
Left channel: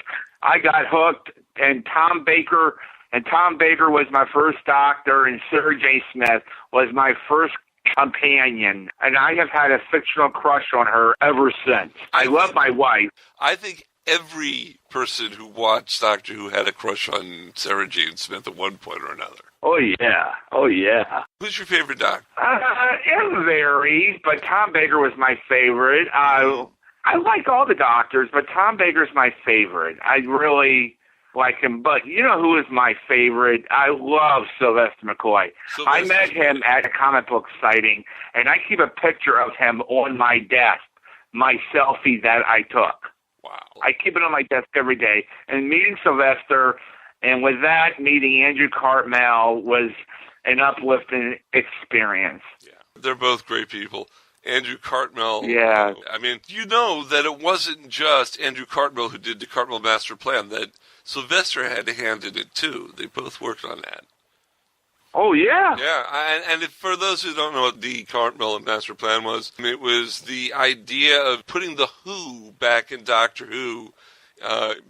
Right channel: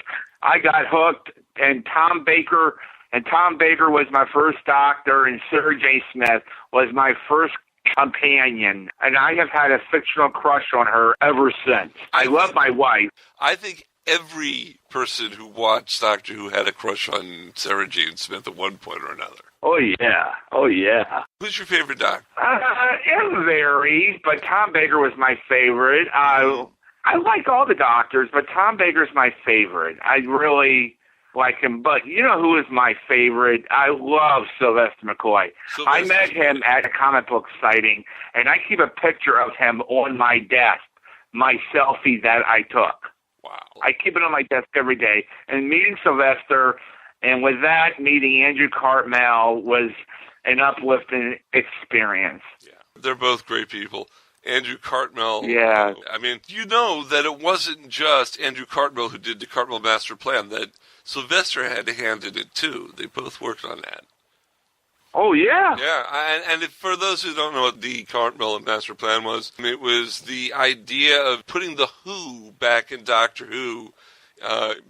I got hooked, and Tom Baker was my first Doctor, and Sarah J. Smith was my first companion, and I have had a fictional crush on her ever since. I love my wife. I think every person who watched Doctor Who had a crush on Sarah Jane Smith at one point or another. Oh, yeah. Oh, yeah. Who's your favorite Doctor? It varies, but Tom Baker was my favorite. I like all the Doctors, but Tom Baker's my favorite. I really like him. But you know who is my favorite? I love Sylvester McCoy. I met him at a comic book sighting, and I keep a picture of him on my desk, my selfie that I took. Wow. I keep it on my desk every day. And meeting Sylvester, and with that, meeting Andrew Cartmel was an uplifting experience. Yeah, they're both great people. Andrew Cartmel. Yeah. I mean, you know that it wasn't just Andrew Cartmel who did the Cartmel Master Plan, that Sylvester had a hand in it, too. They both worked on that. Oh, yeah. Yeah, and for those who don't know what the Cartmel Master Plan was, it was the idea of putting the Who back in Doctor Who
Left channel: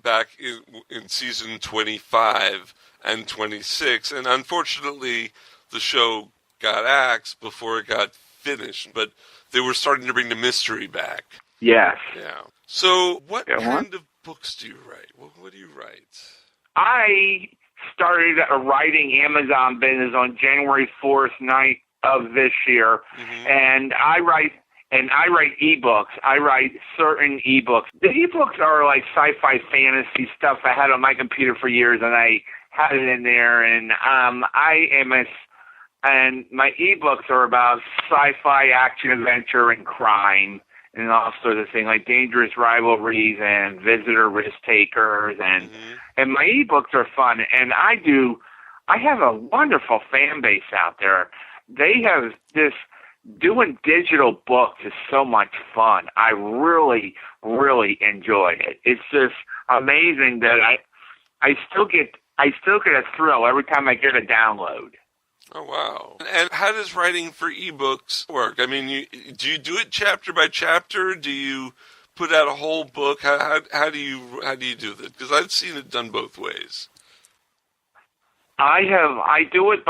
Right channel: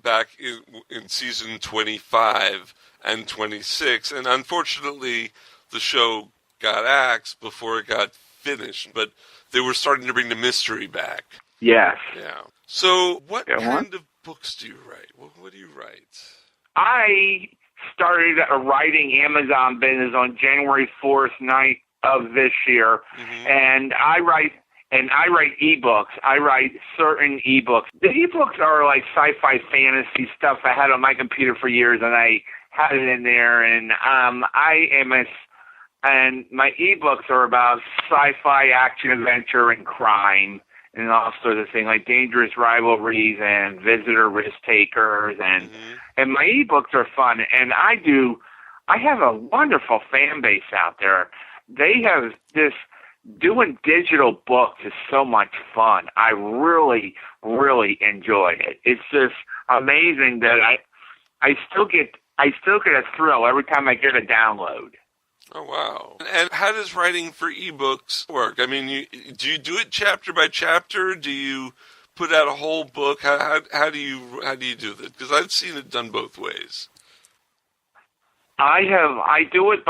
back in season 25 and 26. And unfortunately, the show got axed before it got finished, but they were starting to bring the mystery back. Yes. Yeah. So what kind of books do you write? What do you write? I started a writing Amazon business on January 4th night of this year, and I write ebooks. I write certain ebooks. The ebooks are like sci-fi fantasy stuff I had on my computer for years, and I had it in there, and and my ebooks are about sci-fi action adventure and crime and all sorts of things like Dangerous Rivalries and Visitor Risk Takers, and my ebooks are fun, and I do I have a wonderful fan base out there. They have this, doing digital books is so much fun. I really, really enjoy it. It's just amazing that I still get a thrill every time I get a download. Oh, wow. And how does writing for ebooks work? I mean, do you do it chapter by chapter? Do you put out a whole book? How do you do that? Because I've seen it done both ways. Sometimes I do it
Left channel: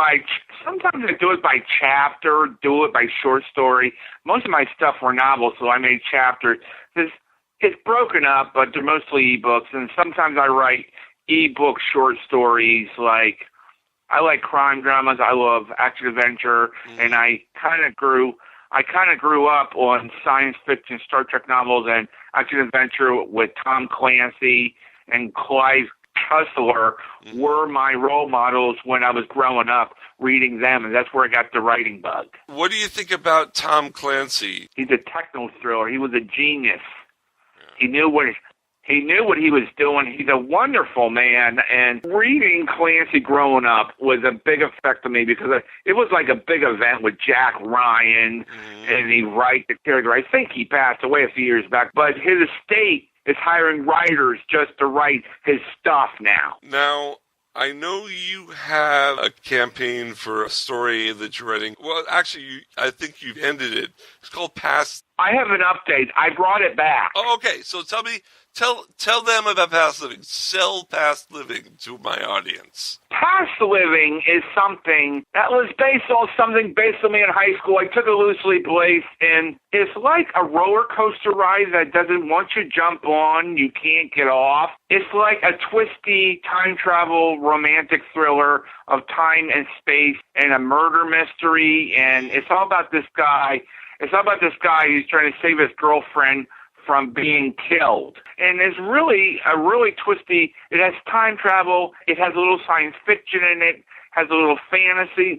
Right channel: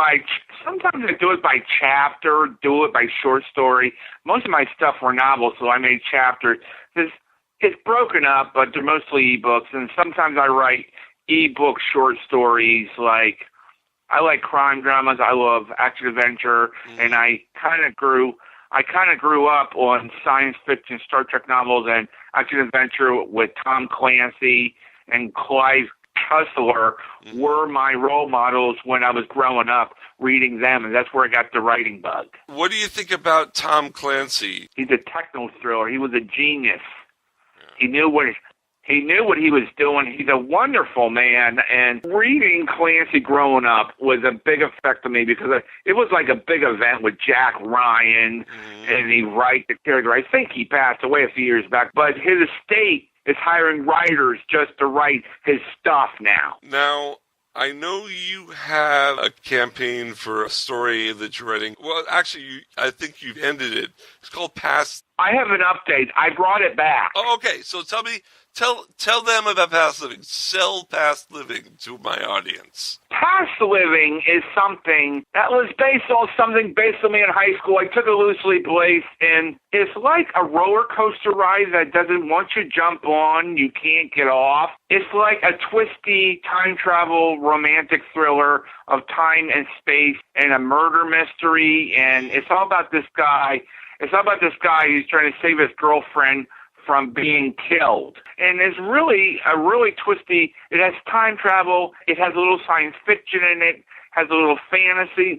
by chapter, do it by short story. Most of my stuff were novels, so I made chapters. It's broken up, but they're mostly ebooks, and sometimes I write ebook short stories. Like, I like crime dramas, I love action adventure, and I kind of grew up on science fiction, Star Trek novels, and action adventure with Tom Clancy and Clive Cussler were my role models when I was growing up, reading them, and that's where I got the writing bug. What do you think about Tom Clancy? He's a techno thriller. He was a genius. He knew what he was doing. He's a wonderful man, and reading Clancy growing up was a big effect on me because it was like a big event with Jack Ryan, and he write the character. I think he passed away a few years back, but his estate is hiring writers just to write his stuff now. Now, I know you have a campaign for a story that you're writing. Well, actually, I think you've ended it. It's called Past. I have an update. I brought it back. Oh, okay. So tell them about Past Living. Sell Past Living to my audience. Past Living is something that was based on me in high school. I took it loosely based, and it's like a roller coaster ride that doesn't want you to jump on, you can't get off. It's like a twisty time travel romantic thriller of time and space and a murder mystery, and it's all about this guy. It's all about this guy who's trying to save his girlfriend from being killed. And it's really twisty. It has time travel. It has a little science fiction in it. Has a little fantasy.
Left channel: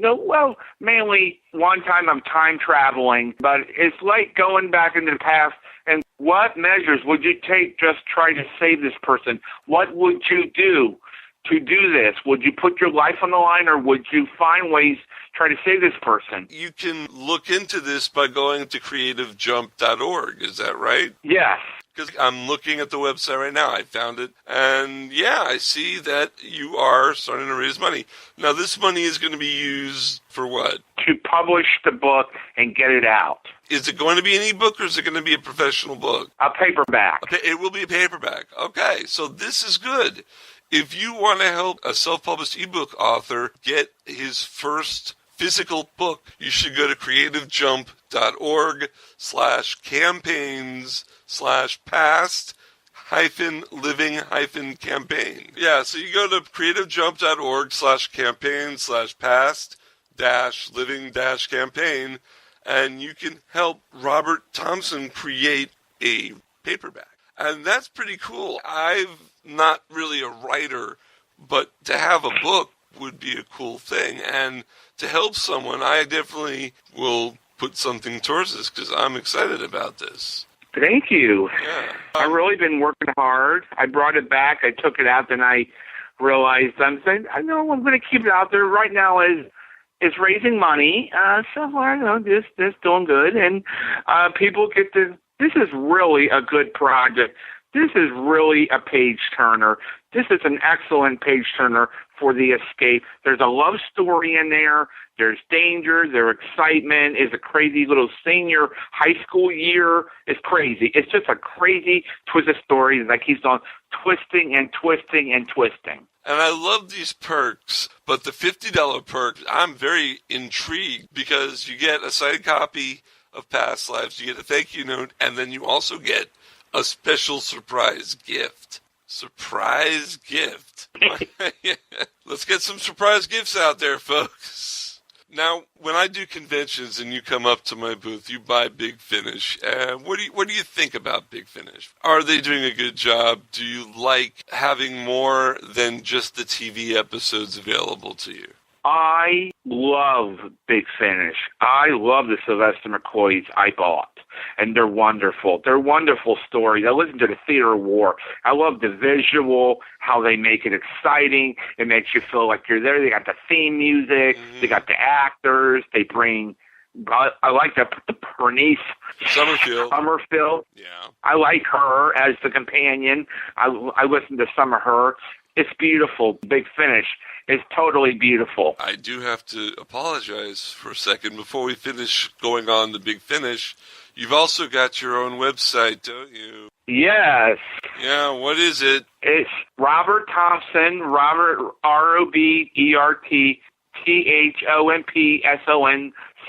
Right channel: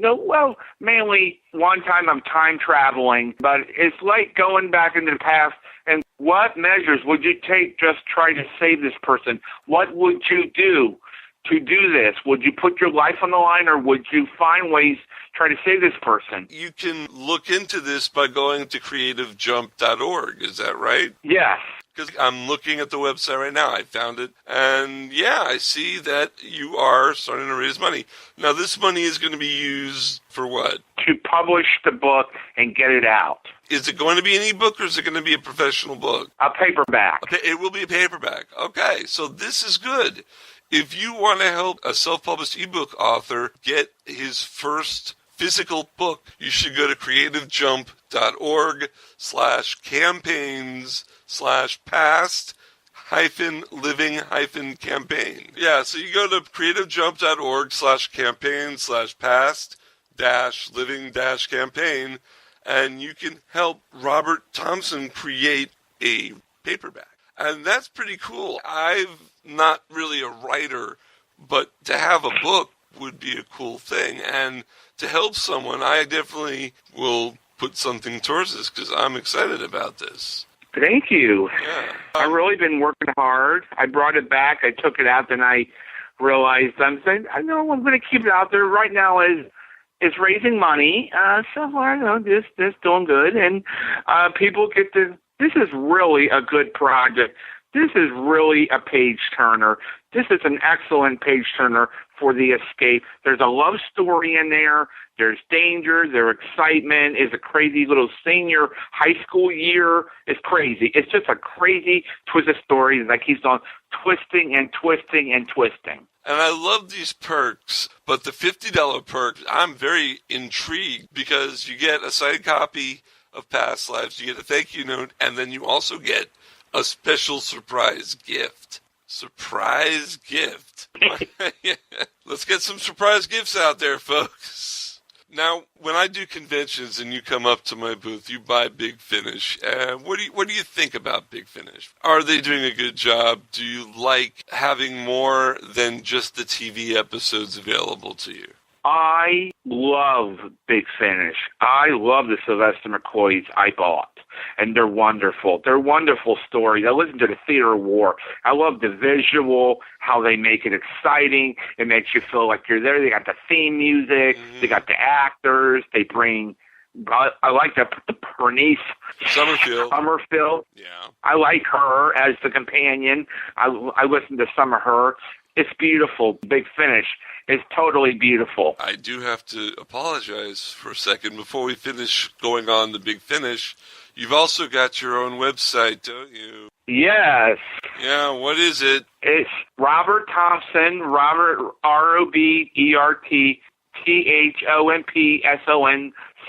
Mainly one time I'm time traveling, but it's like going back into the past. And what measures would you take just try to save this person? What would you do to do this? Would you put your life on the line, or would you find ways try to save this person? You can look into this by going to creativejump.org. Is that right? Yes. Because I'm looking at the website right now. I found it. And yeah, I see that you are starting to raise money. Now, this money is going to be used for what? To publish the book and get it out. Is it going to be an ebook, or is it going to be a professional book? A paperback. It will be a paperback. Okay, so this is good. If you want to help a self-published ebook author get his first physical book, you should go to creativejump.org/campaigns/past-living-campaign. Yeah, so you go to creativejump.org/campaign/living-campaign, and you can help Robert Thompson create a paperback. And that's pretty cool. I'm not really a writer, but to have a book would be a cool thing. And to help someone, I definitely will put something towards this because I'm excited about this. Thank you. Yeah. I've really been working hard. I brought it back. I took it out, then I realized I'm going to keep it out there. Right now is raising money. So far, this doing good. And people get to... This is really a good project. This is really a page-turner. This is an excellent page-turner for The Escape. There's a love story in there. There's danger. There's excitement. It's a crazy little senior high school year. It's crazy. It's just a crazy, twisted story that keeps on twisting and twisting and twisting. And I love these perks, but the $50 perk, I'm very intrigued because you get a signed copy of Past Lives, you get a thank you note, and then you also get a special surprise gift. Surprise gift. Yeah. Let's get some surprise gifts out there, folks. Now, when I do conventions and you come up to my booth, you buy Big Finish. What do you think about Big Finish? Are they doing a good job? Do you like having more than just the TV episodes available to you? I love Big Finish. I love the Sylvester McCoys I bought, and they're wonderful. They're wonderful stories. I listen to the Theater of War. I love the visual, how they make it exciting. It makes you feel like you're there. They got the theme music. They got the actors. They bring... I like the Bernice Summerfield. Yeah. I like her as the companion. I listen to some of her. It's beautiful. Big Finish is totally beautiful. I do have to apologize for a second before we finish going on the Big Finish. You've also got your own website, don't you? Yes. Yeah, what is it? It's Robert Thompson, Robert, RobertThompson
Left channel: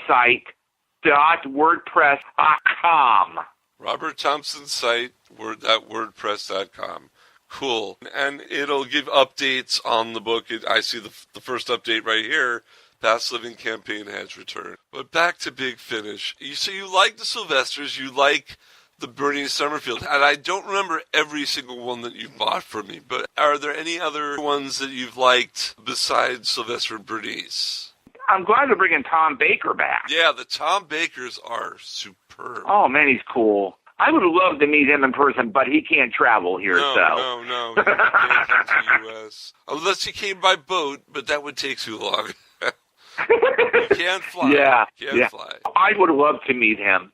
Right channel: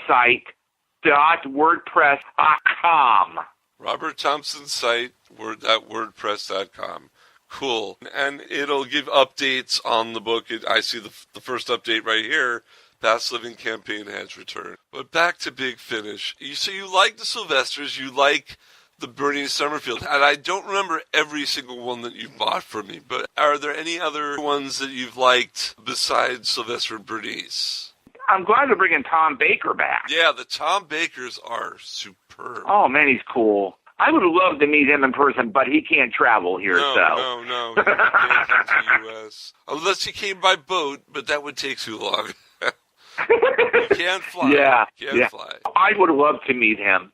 site.wordpress.com. Robert Thompson site, wordpress.com. Cool. And it'll give updates on the book. I see the first update right here. Past Living Campaign has returned. But back to Big Finish. So you like the Sylvesters, you like the Bernie Summerfield, and I don't remember every single one that you've bought for me, but are there any other ones that you've liked besides Sylvester and Bernice? I'm glad they're bringing Tom Baker back. Yeah, the Tom Bakers are superb. Oh, man, he's cool. I would love to meet him in person, but he can't travel here, No. He can't come to the U.S. Unless he came by boat, but that would take too long. You can't fly. Yeah. Fly. I would love to meet him.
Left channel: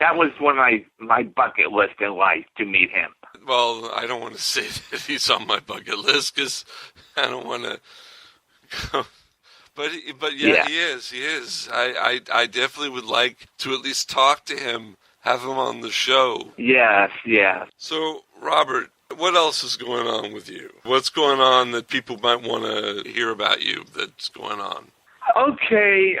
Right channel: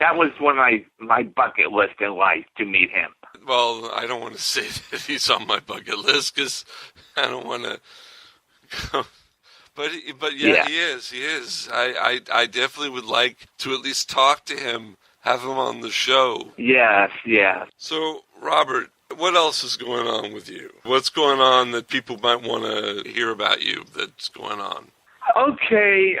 That was one of my bucket list in life, to meet him. Well, I don't want to say that he's on my bucket list, because I don't want to... But yeah, he is. I definitely would like to at least talk to him, have him on the show. Yes. So, Robert, what else is going on with you? What's going on that people might want to hear about you that's going on? Okay,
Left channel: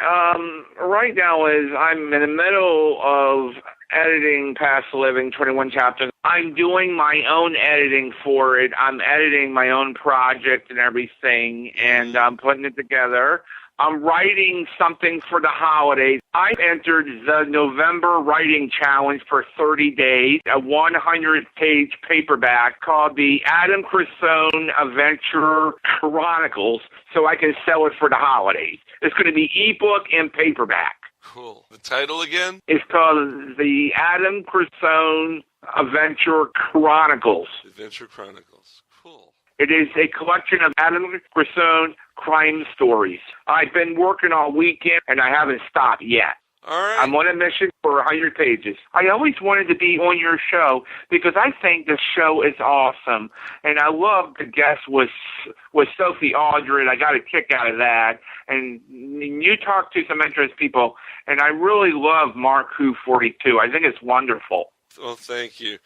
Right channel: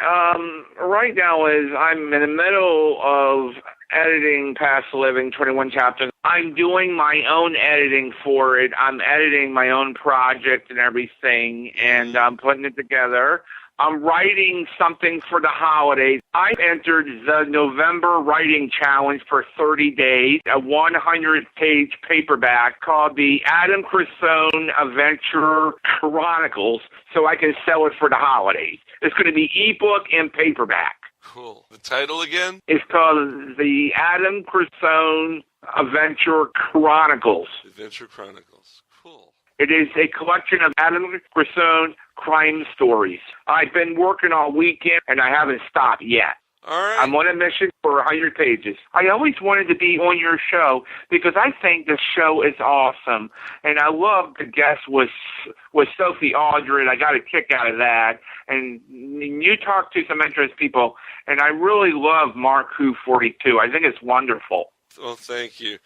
right now I'm in the middle of editing Past Living, 21 chapters. I'm doing my own editing for it. I'm editing my own project and everything, and I'm putting it together. I'm writing something for the holidays. I entered the November Writing Challenge for 30 days, a 100-page paperback called the Adam Cresone Adventure Chronicles, so I can sell it for the holidays. It's going to be ebook and paperback. Cool. The title again? It's called the Adam Cresone Adventure Chronicles. Adventure Chronicles. Cool. It is a collection of Adam Cresone crime stories. I've been working all weekend, and I haven't stopped yet. All right. I'm on a mission for 100 pages. I always wanted to be on your show because I think the show is awesome, and I love the guest with Sophie Aldred. I got a kick out of that, and you talk to some interesting people, and I really love MarkWHO42. I think it's wonderful. Well, thank you.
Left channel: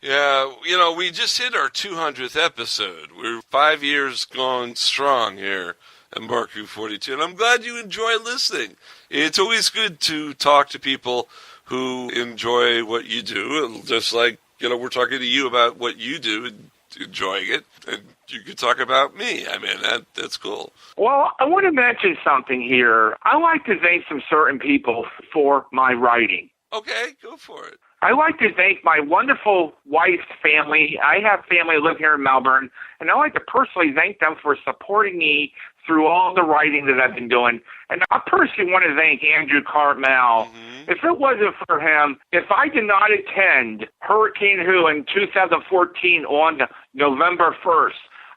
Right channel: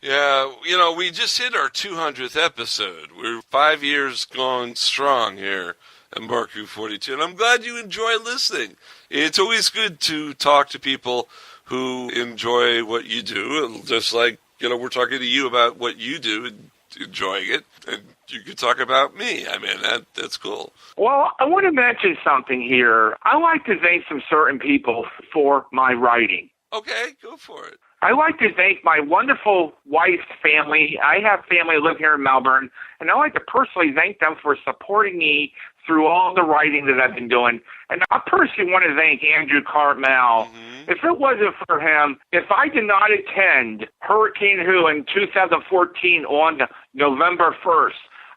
Yeah, we just hit our 200th episode. We're 5 years going strong here at MarkWHO42, and I'm glad you enjoy listening. It's always good to talk to people who enjoy what you do, just like, we're talking to you about what you do and enjoying it, and you can talk about me. I mean, that's cool. Well, I want to mention something here. I like to thank some certain people for my writing. Okay, go for it. I like to thank my wonderful wife's family. I have family who live here in Melbourne, and I like to personally thank them for supporting me through all the writing that I've been doing. And I personally want to thank Andrew Cartmel. Mm-hmm. If it wasn't for him, if I did not attend Hurricane Who in 2014 on November 1st,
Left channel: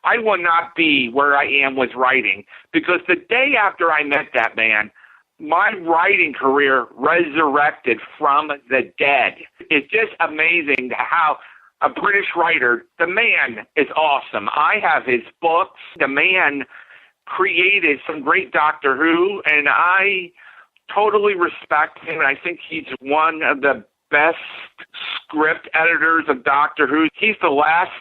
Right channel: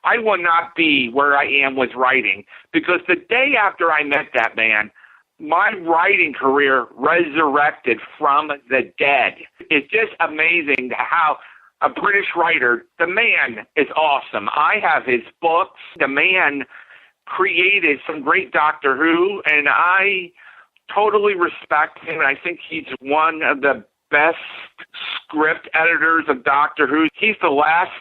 I would not be where I am with writing, because the day after I met that man, my writing career resurrected from the dead. It's just amazing how a British writer, the man is awesome. I have his books. The man created some great Doctor Who, and I totally respect him. I think he's one of the best script editors of Doctor Who. He's the last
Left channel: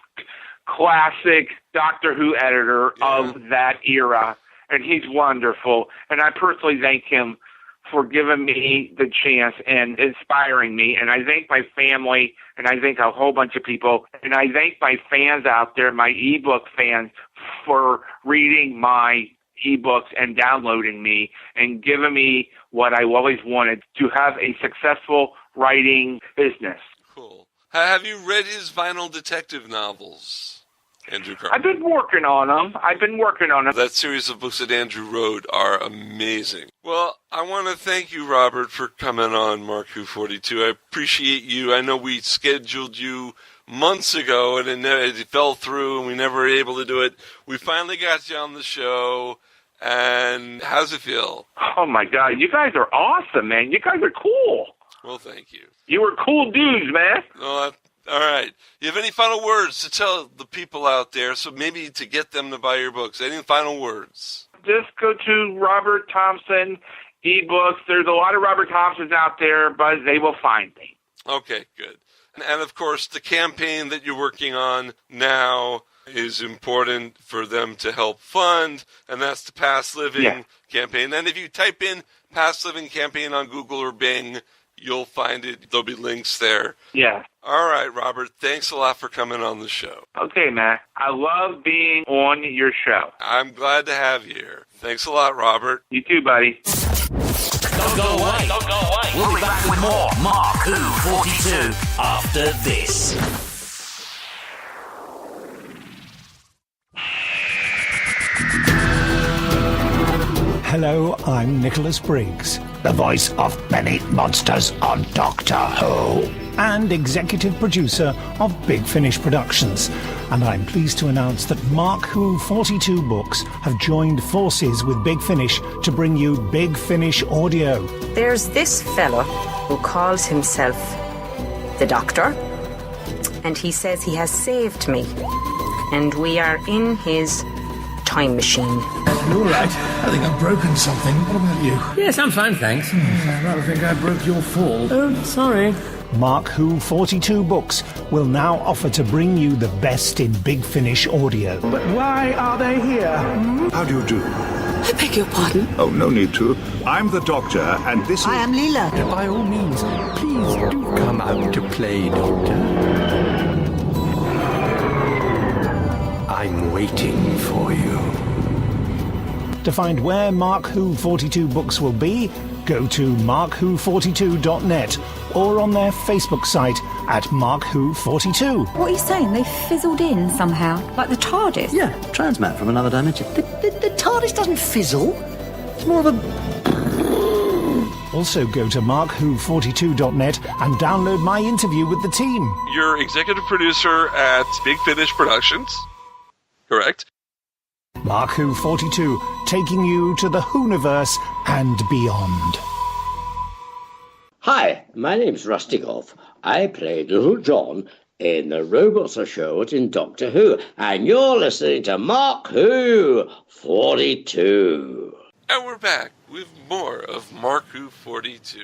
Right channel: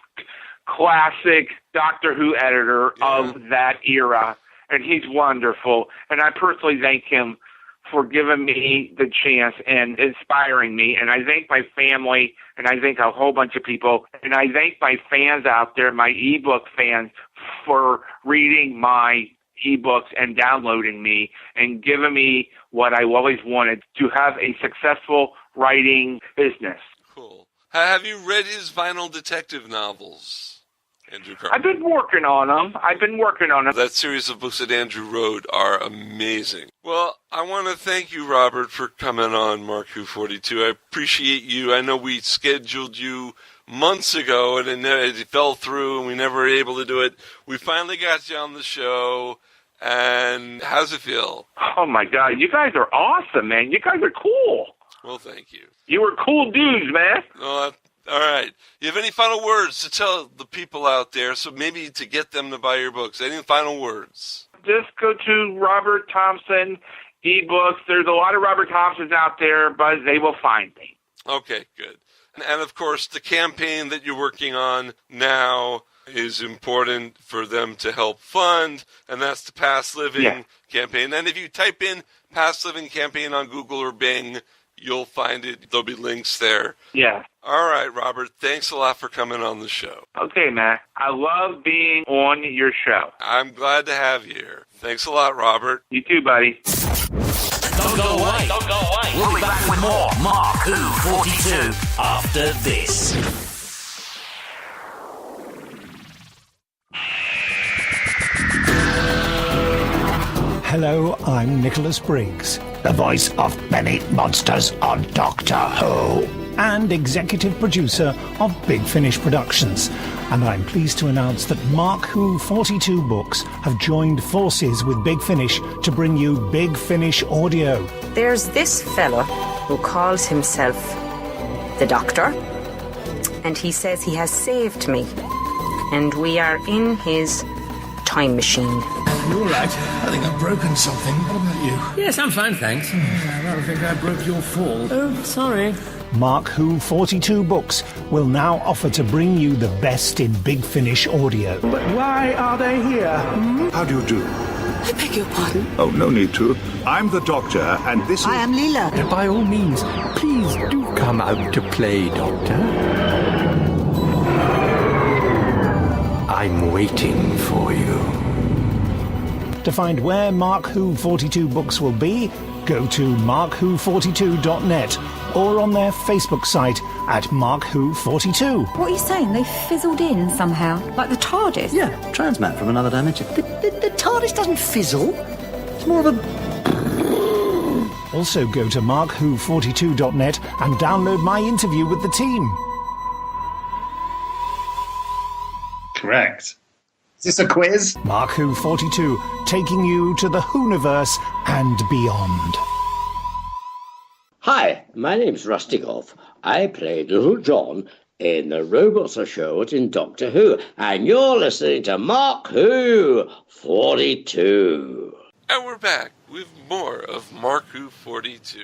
classic Doctor Who editor of that era. And he's wonderful. And I personally thank him for giving me the chance and inspiring me. And I thank my family, and I thank a whole bunch of people. And I thank my fans out there, my ebook fans, for reading my ebooks and downloading me and giving me what I always wanted, to have a successful writing business. Cool. Have you read his Vinyl Detective novels? Andrew Carr. I've been working on them. That series of books that Andrew wrote are amazing. Well, I want to thank you, Robert, for coming on MarkWHO42. I appreciate you. I know we scheduled you months ago, and it fell through, and we never were able to do it. We finally got you on the show, and how's it feel? Oh, my God. You guys are awesome, man. You guys are cool. Well, thank you. You were cool dudes, man. Well, all right. You have any final words to tell the people out there, so maybe to get them to buy your books? Any final words? Just go to Robert Thompson eBooks. There's a lot of Robert Thompsons out there, but they will find me. Okay, good. And, of course, the campaign that you're working on now is important for them to help fund, and that's the Past Living campaign. And if you type in Past Living campaign on Google or Bing, you'll find it. There'll be links there. Yeah. All right, Robert. Thanks a lot for coming on the show. Okay, man. I love being on your show. I'm glad to have you here. Thanks a lot, Robert. You too, buddy. Don't go away. Don't go away. We'll be back with more MarkWHO42 after this. Hello, I'm Nicholas Briggs, the voice of many monsters on Doctor Who, and executive producer of Big Finish Productions. And I'm pleased to announce that MarkWHO42 Books have joined forces with Big Finish to bring you Big Finish Audio. There's this fella who calls himself the Doctor, and he says he has saved me, and we are in his time machine. You're right. I think I've broken something. What about you? Yes, I'm fine, thanks. I rather think I broke your fall. Oh, sorry. MarkWHO42 Books will now offer to bring you the best in Big Finish audio. But why are they here? How do you do? I beg your pardon? Oh, no need to. I'm the Doctor, and this is... I am Leela. By all means, please do come out to play, Doctor. I'm waiting for you. To find where MarkWHO42 Books will be, go to MarkWHO42.net or on their Facebook site at MarkWHO42. What are you saying? They fizzled in somehow? Like the TARDIS? Yeah, transmat from another dimension. The TARDIS doesn't fizzle. It's more of a... Also go to MarkWHO42.net and download my interview with the team. You're executive producer at Big Finish Productions. Correct. Correct. Is this a quiz? MarkWHO42, taking you to the Whoniverse and beyond. Hi, my name's Rusty Goff. I played Little John in the Robots Are Short in Doctor Who, and you're listening to MarkWHO42. And we're back with more of MarkWHO42.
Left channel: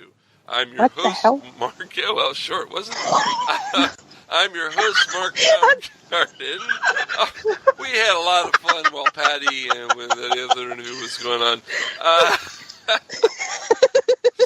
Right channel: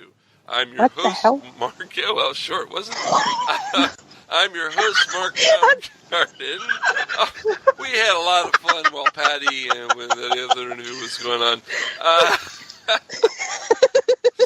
I'm your host, Mark. Yeah, well, short, wasn't it? I'm your host, Mark Garden. We had a lot of fun while Patty and when the other interview was going on.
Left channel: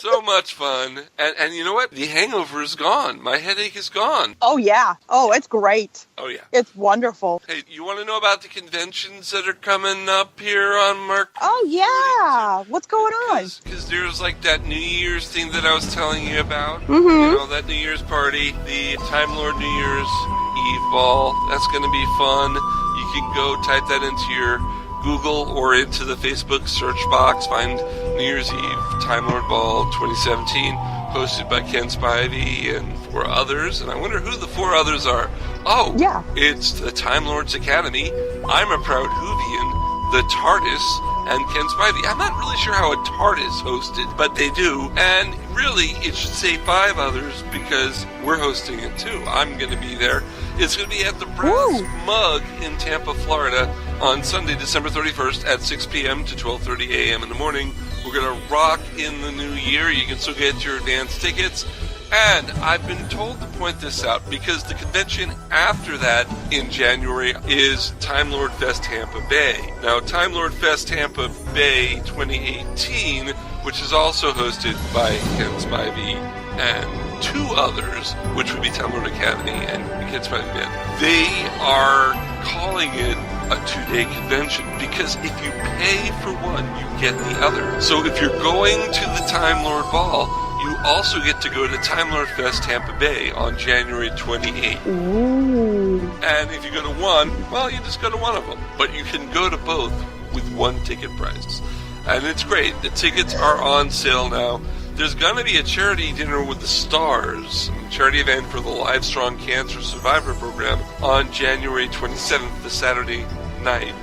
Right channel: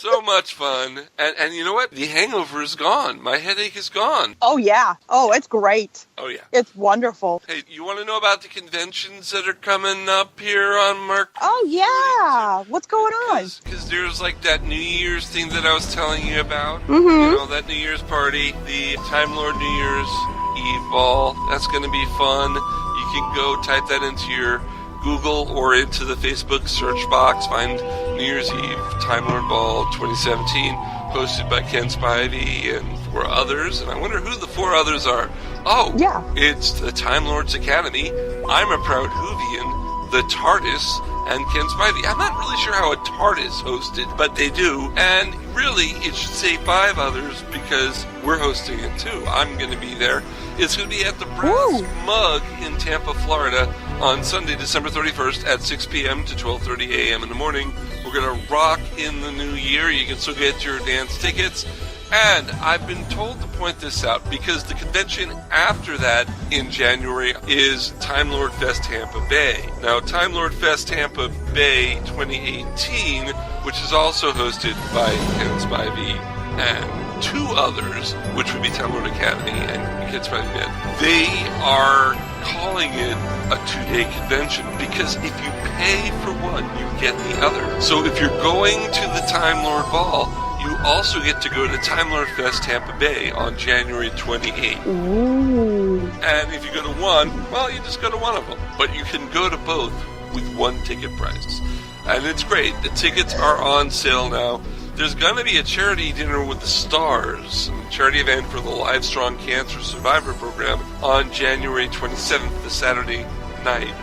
So much fun. And you know what? The hangover is gone. My headache is gone. Oh, yeah. Oh, it's great. Oh, yeah. It's wonderful. Hey, you want to know about the conventions that are coming up here on Mark? Oh, yeah. What's going on? Because there's like that New Year's thing that I was telling you about. Mm-hmm. You know, that New Year's party. The Time Lord New Year's Eve ball. That's going to be fun. You can go type that into your Google or into the Facebook search box. Find New Year's Eve Time Lord Ball 2017, hosted by Ken Spivey and 4 others. And I wonder who the 4 others are. Oh, yeah. It's the Time Lords Academy, I'm a Proud Whovian, the TARDIS, and Ken Spivey. I'm not really sure how a TARDIS hosted, but they do. And really, it should say 5 others because we're hosting it too. I'm going to be there. It's going to be at the Brass Mug in Tampa, Florida on Sunday, December 31st at 6 p.m. to 12:30 a.m. in the morning. We're going to rock in the new year. You can still get your advance tickets. And I've been told to point this out because the convention after that in January is Time Lord Fest Tampa Bay. Now, Time Lord Fest Tampa Bay 2018, which is also hosted by Ken Spivey and 2 others, which would be Time Lord Academy and Ken Spivey Band, they are calling it a 2-day convention because if you pay for one, you get the other. So if you're going to the Time Lord Ball, you You also get to go to Time Lord Fest Tampa Bay on January 28th. Ooh. And if you go to one, well, you just go to one of them. But you can go to both with one ticket price. And it's great. The tickets are on sale now. There's going to be a charity dinner with the stars, a charity event for the Livestrong Cancer Survivor Program on January 27th, the Saturday night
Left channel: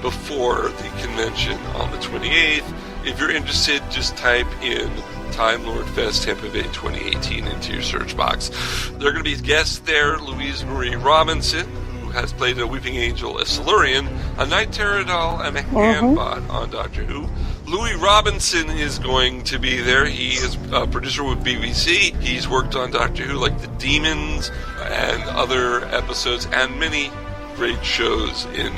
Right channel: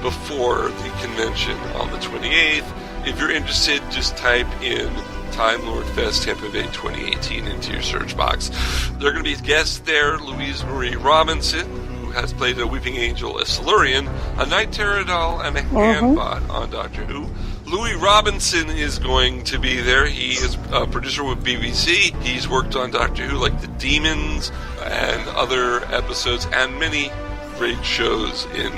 before the convention on the 28th. If you're interested, just type in Time Lord Fest Tampa Bay 2018 into your search box. There are going to be guests there, Louise Marie Robinson, who has played a Weeping Angel, a Silurian, a Night Terror doll, and a Handbot on Doctor Who. Louis Robinson is going to be there. He is a producer with BBC. He's worked on Doctor Who, like The Demons and other episodes, and many great shows in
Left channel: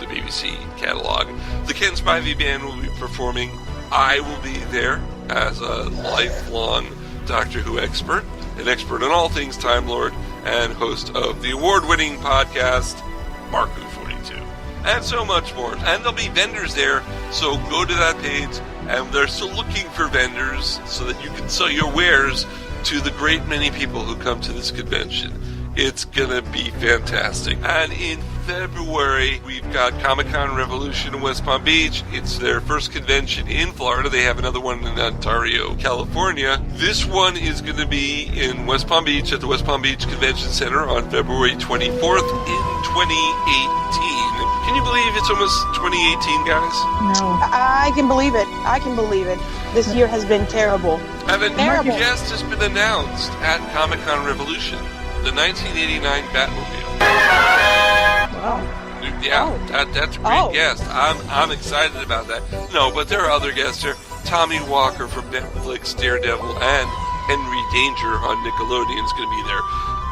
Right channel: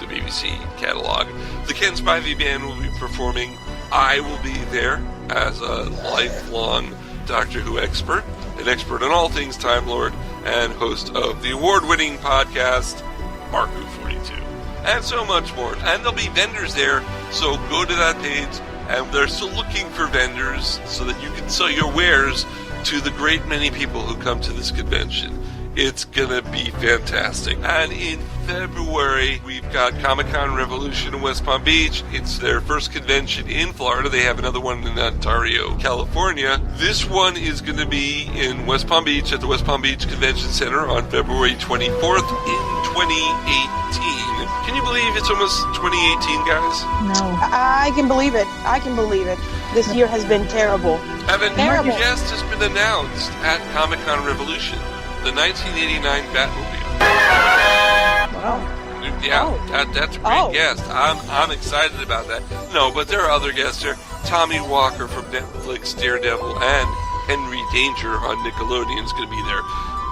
the BBC catalog. The Ken Spivey Band will be performing. I will be there as a lifelong Doctor Who expert, an expert on all things Time Lord, and host of the award-winning podcast, MarkWHO42. And so much more. And there'll be vendors there, so go to that page, and they're still looking for vendors so that you can sell your wares to the great many people who come to this convention. It's gonna be fantastic. And in February, we've got Comic-Con Revolution in West Palm Beach. It's their first convention in Florida. They have another one in Ontario, California. This one is going to be in West Palm Beach at the West Palm Beach Convention Center on February 24th in 2018. Can you believe it's almost 2018, guys? No. I can believe it. I can believe it. This year has been terrible. And a new guest has been announced at Comic-Con Revolution, the 1989 Batmobile. Wow. Yeah, that's a great guest. I'm excited about that. No, but there are other guests here. Tommy Walker from Netflix, Daredevil, and Henry Danger on Nickelodeon is going to be there.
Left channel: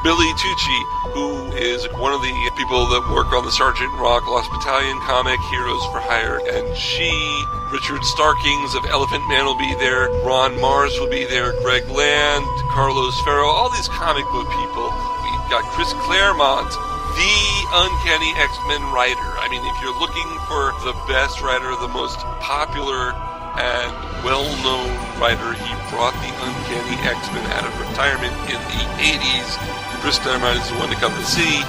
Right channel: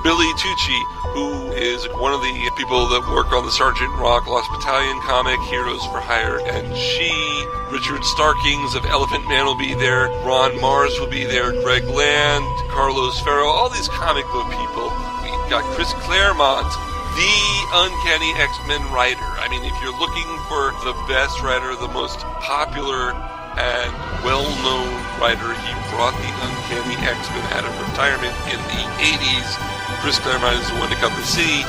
Billy Tucci, who is one of the people that work on the Sergeant Rock Lost Battalion comic, Heroes for Hire, and She. Richard Starkings of Elephant Man will be there. Ron Mars will be there. Greg Land, Carlos Ferro, all these comic book people. We've got Chris Claremont, the Uncanny X-Men writer. I mean, if you're looking for the best writer, the most popular and well-known writer, he brought the Uncanny X-Men out of retirement in the 80s. Chris Claremont is the one to come to see.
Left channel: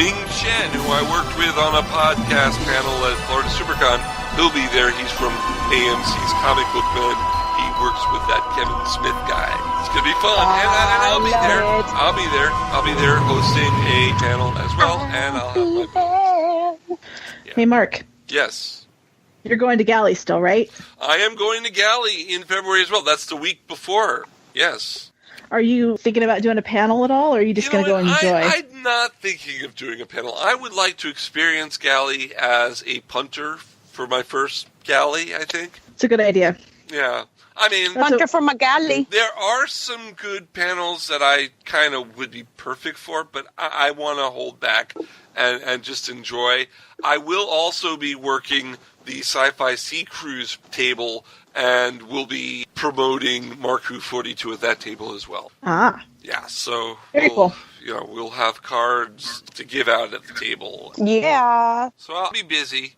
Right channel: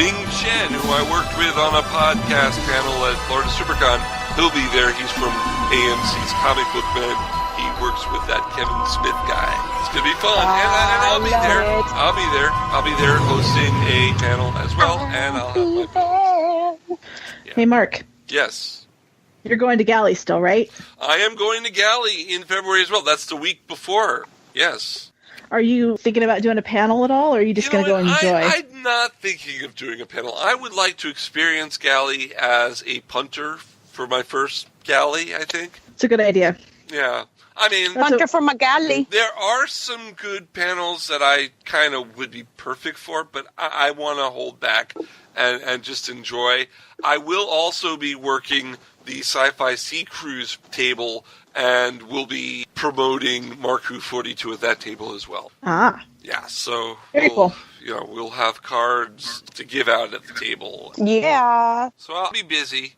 Ming Chen, who I worked with on a podcast panel at Florida SuperCon, he'll be there. He's from AMC's Comic Book Men. He works with that Kevin Smith guy. It's going to be fun. And I'll be there. I'll be there. I'll be there hosting a panel as well. And I'll have my booth. Yeah. Hey, Mark. Yes. You're going to Galley still, right? I am going to Galley in February as well. That's the week before. Yes. Are you thinking about doing a panel at all, or are you just going to go and enjoy? I'm not thinking of doing a panel. I would like to experience Galley as a punter for my first Galley, I think. It's a good idea. Yeah. I mean, punter from a galley. There are some good panels that I kind of would be perfect for, but I want to hold back and just enjoy. I will also be working the Sci-Fi Sea Cruise table, and we'll be promoting MarkWHO42 at that table as well. Ah. Yeah, so very cool. You know, we'll have cards to give out at the table. Yeah. So I'll be busy,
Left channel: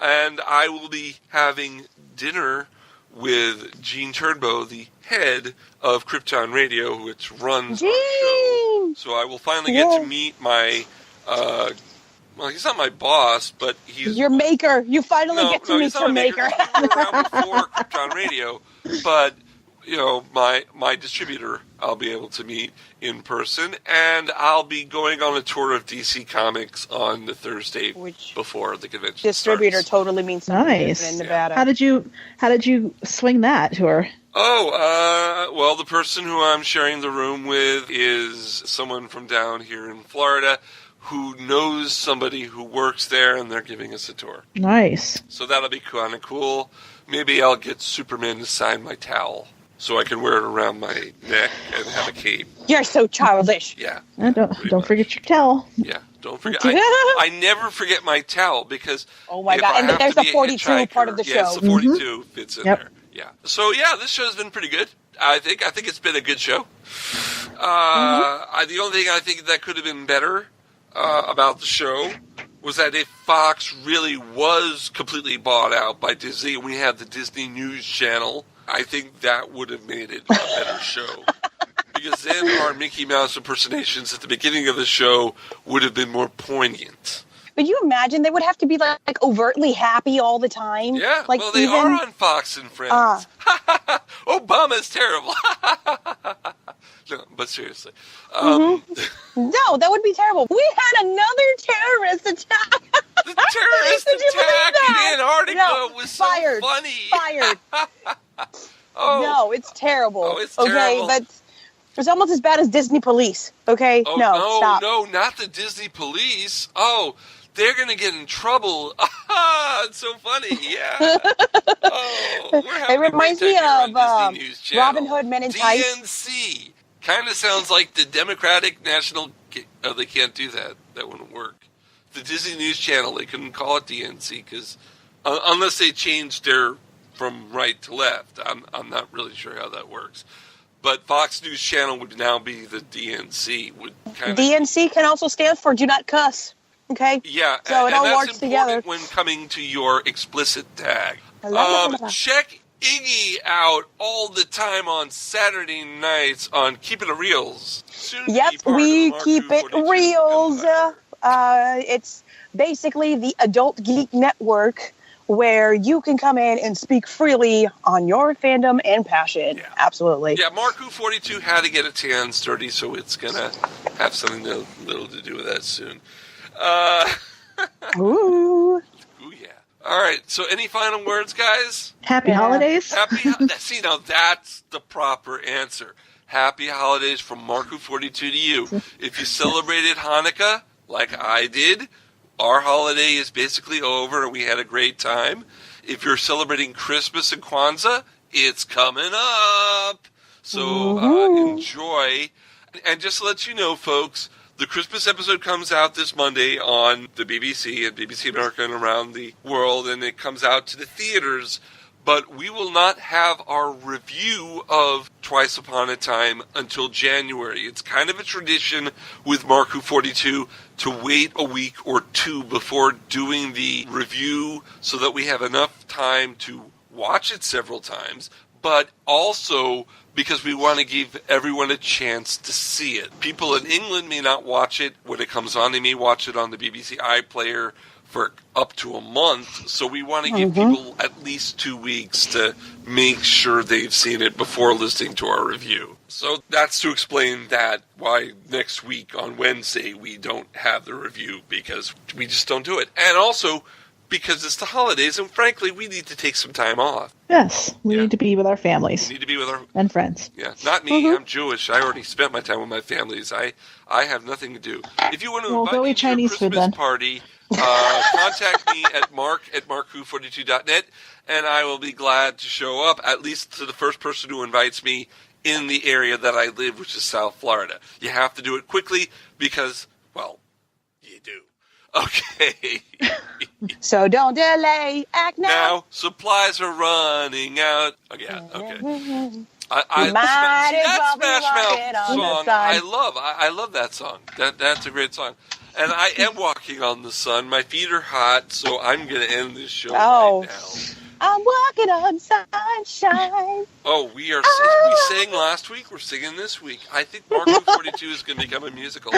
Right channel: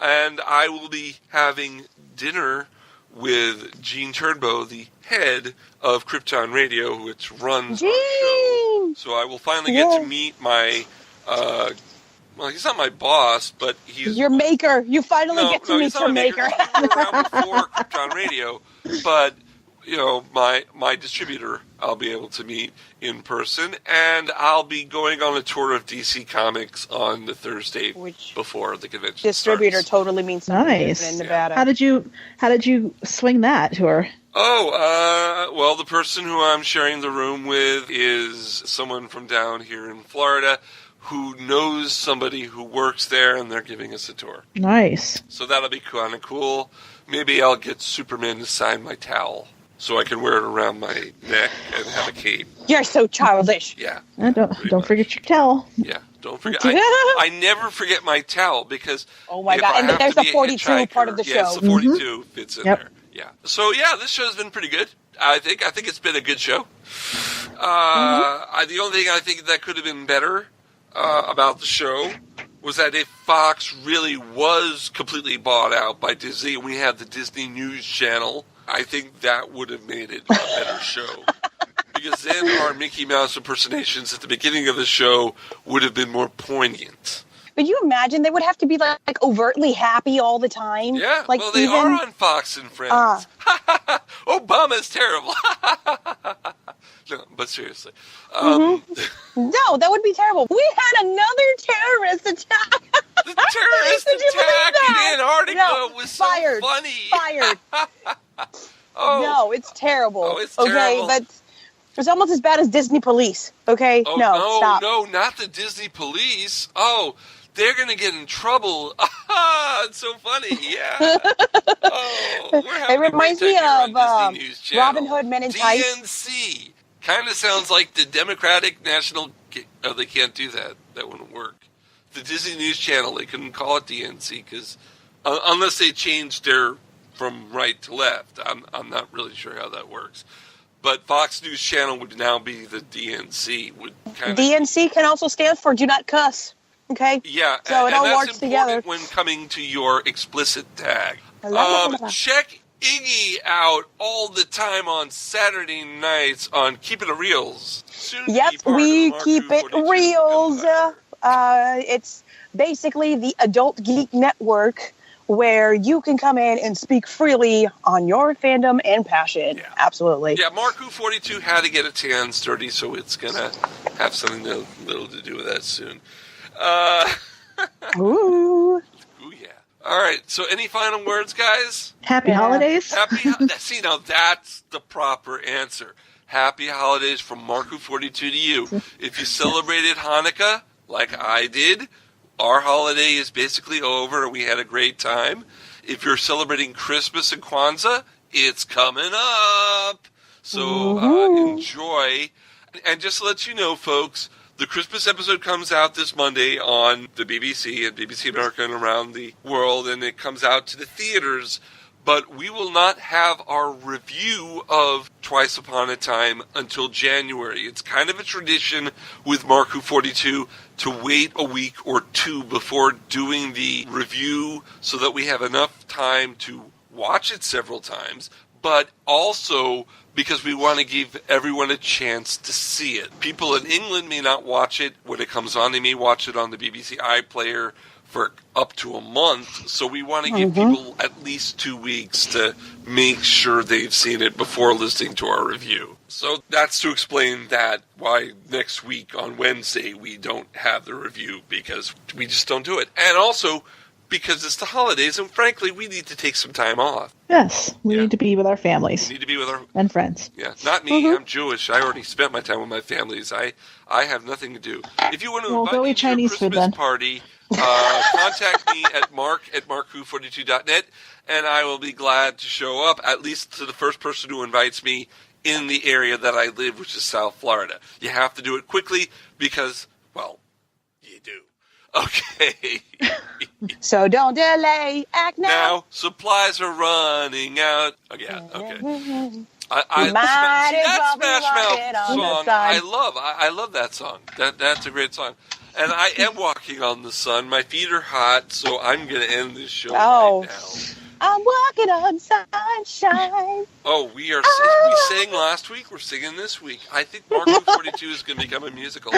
and I will be having dinner with Gene Turnbow, the head of Krypton Radio, which runs our show. So I will finally get to meet my, well, he's not my boss, but he's... Your maker. You finally get to meet your maker. He's been around before Krypton Radio, but, you know, my distributor I'll be able to meet in person, and I'll be going on a tour of DC Comics on the Thursday before the convention distributor starts. totally means something Nice. in Nevada. How did you swing that tour? Oh, well, the person who I'm sharing the room with is someone from down here in Florida who knows somebody who works there, and they're giving us a tour. Nice. So that'll be kind of cool. Maybe I'll get Superman to sign my towel so I can wear it around my neck and have a cape. You're so childish. Yeah. Don't forget your towel. Yeah, don't forget. I never forget my towel because oh my God, and there's the 42 part of the show. Yes, the 42 fits in there. Yeah. So yeah, this show's been pretty good. I think it's been a good show. The only thing I think that could have been better about the show was that if Fox really was completely bought out by Disney, we had the Disney News Channel I think that would have made it a better show. Because then our Mickey Mouse impersonations at the beginning of the show would have been more poignant. But you imagine they would have to be like overtly happy all the time. Yeah, like well, they are on Fox and Friends. Obama's terrible. No, but seriously. No, that would be terrible. We had another terrorist attack. The terrorist attack in Antarctica was so funny. Fired. No, it's terrible. Oh, it's terrible. Okay, it's almost as bad as Disney Police. Okay, stop. No, not the Disney Police. Oh, they're going to get in trouble. It's so funny. Yeah. It reminds me of Robin Hood Men in Tights. DNC. Kind of sounds like the Democratic National... Oh, they can't do that. That wouldn't work. The Disney News Channel, they couldn't call it DNC because... unless they changed their from right to left. I'm not really sure how that works. But Fox News Channel would now be the DNC. DNC can also stand for Do Not Cuss. Okay? Yeah, so it all that's works together. when coming to your explicit tag. I Check Iggy out all the time on Saturday nights on Keeping It Reels. Yep, we keep it reals. It's basically the Adult Geek Network where you can come in and speak freely on your fandom and passion. Yeah. Absolutely. Yeah, MarkWHO42 had to get its hands dirty, so it's going to have something little to do with that soon. Ooh, yeah. All right, so any final words, guys? Happy holidays. See, now that's the proper answer. Happy holidays from MarkWHO42 to you. If you celebrated Hanukkah, like I did, our holiday is basically over and we had a great time. If you're celebrating Christmas and Kwanzaa, it's coming up. So enjoy. And just to let you know, folks, the Christmas episode comes out this Monday on the BBC and BBC America and around the world, and it comes out to the theaters. But we will not have our review of Twice Upon a Time until January. It's kind of a tradition with MarkWHO42 to wait a week or two before doing the review so that we have enough time to watch it several times, but also because we want to give everyone a chance to see it. People in England may not watch it when it comes on. They may watch it on the BBC iPlayer for up to a month, so we want to give people at least 2 weeks to make sure they've seen it before listening to our review. So that's to explain that why next week on Wednesday we don't have the review, because we just don't do it. And also because it's the holidays, and frankly, we need to take some time off. Yes, we need to be with our families. We need to be with our and friends. Yeah, not me. I'm Jewish. I already spent my time with my families. I have nothing to do. If you want to invite me to your Christmas party, contact me at mark@markwho42.net, and I will be glad to show up, at least to the first person who invites me in the area that I live, which is South Florida. You have to do it quickly because, well, you do. Okay. So don't delay. Act now. Now, supplies are running out. Oh, yeah, okay. Might as well be walking on the sun. I love that song. That's a great song. And I am walking on the sun. My feet are hot, so I'm going to end this show right now. I'm walking on sunshine. Oh, we sang last week. We're singing this week. I think MarkWHO42 is going to become a musical.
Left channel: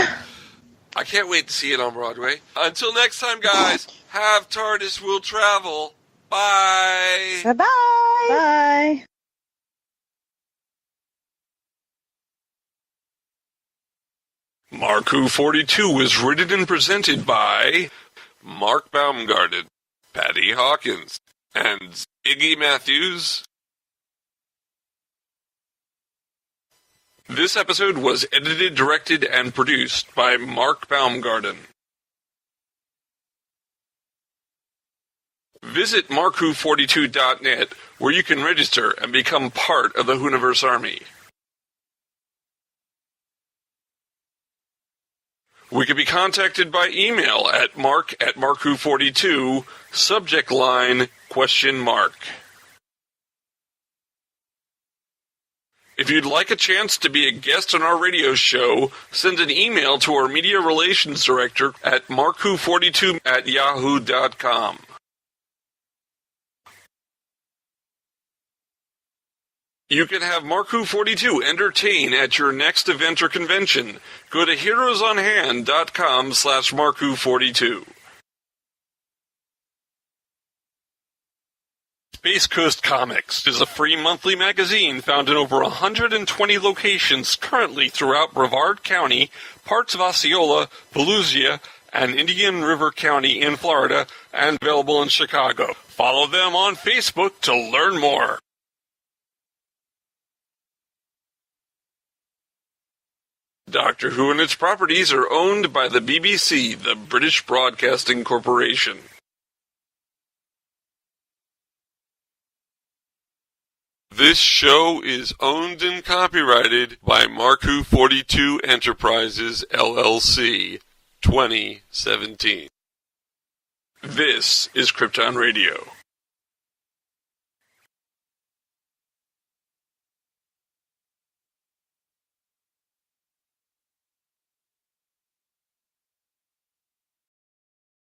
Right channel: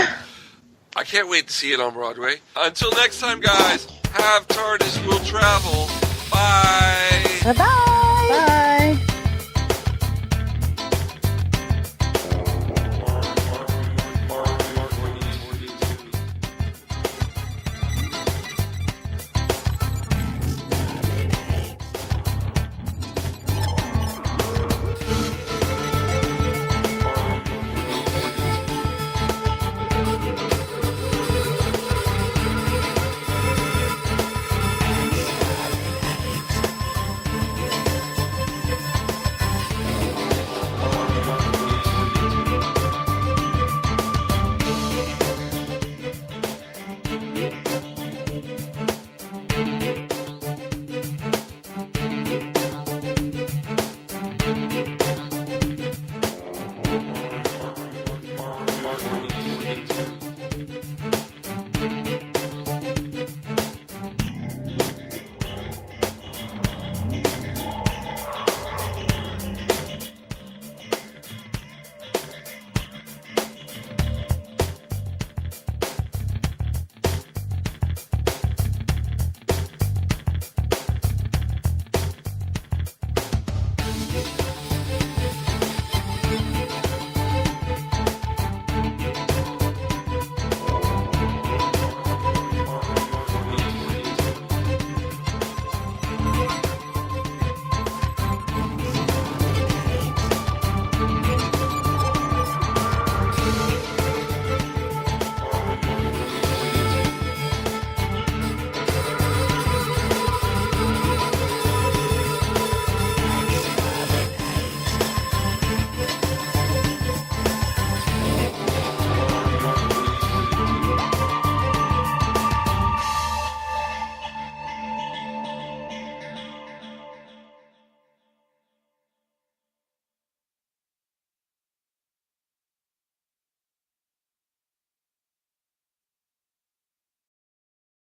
I can't wait to see it on Broadway. Until next time, guys, have TARDIS will travel. Bye. Bye-bye. Bye. MarkWHO42 is written and presented by Mark Baumgarten, Patty Hawkins, and Iggy Matthews. This episode was edited, directed, and produced by Mark Baumgarten. Visit MarkWHO42.net, where you can register and become part of the Hooniverse Army. We can be contacted by email at mark@markwho42, subject line, $? If you'd like a chance to be a guest on our radio show, send an email to our media relations director at markwho42@yahoo.com. You can have MarkWHO42 entertain at your next event or convention. Go to heroesonhand.com/MarkWHO42. Space Coast Comics is a free monthly magazine found in over 120 locations currently throughout Brevard County, parts of Osceola, Volusia, and Indian River County in Florida, and available in Chicago. Follow them on Facebook to learn more. Doctor Who and its properties are owned by the BBC, the British Broadcasting Corporation. This show is owned and copyrighted by MarkWHO42 Enterprises, LLC, 2017. This is Krypton Radio.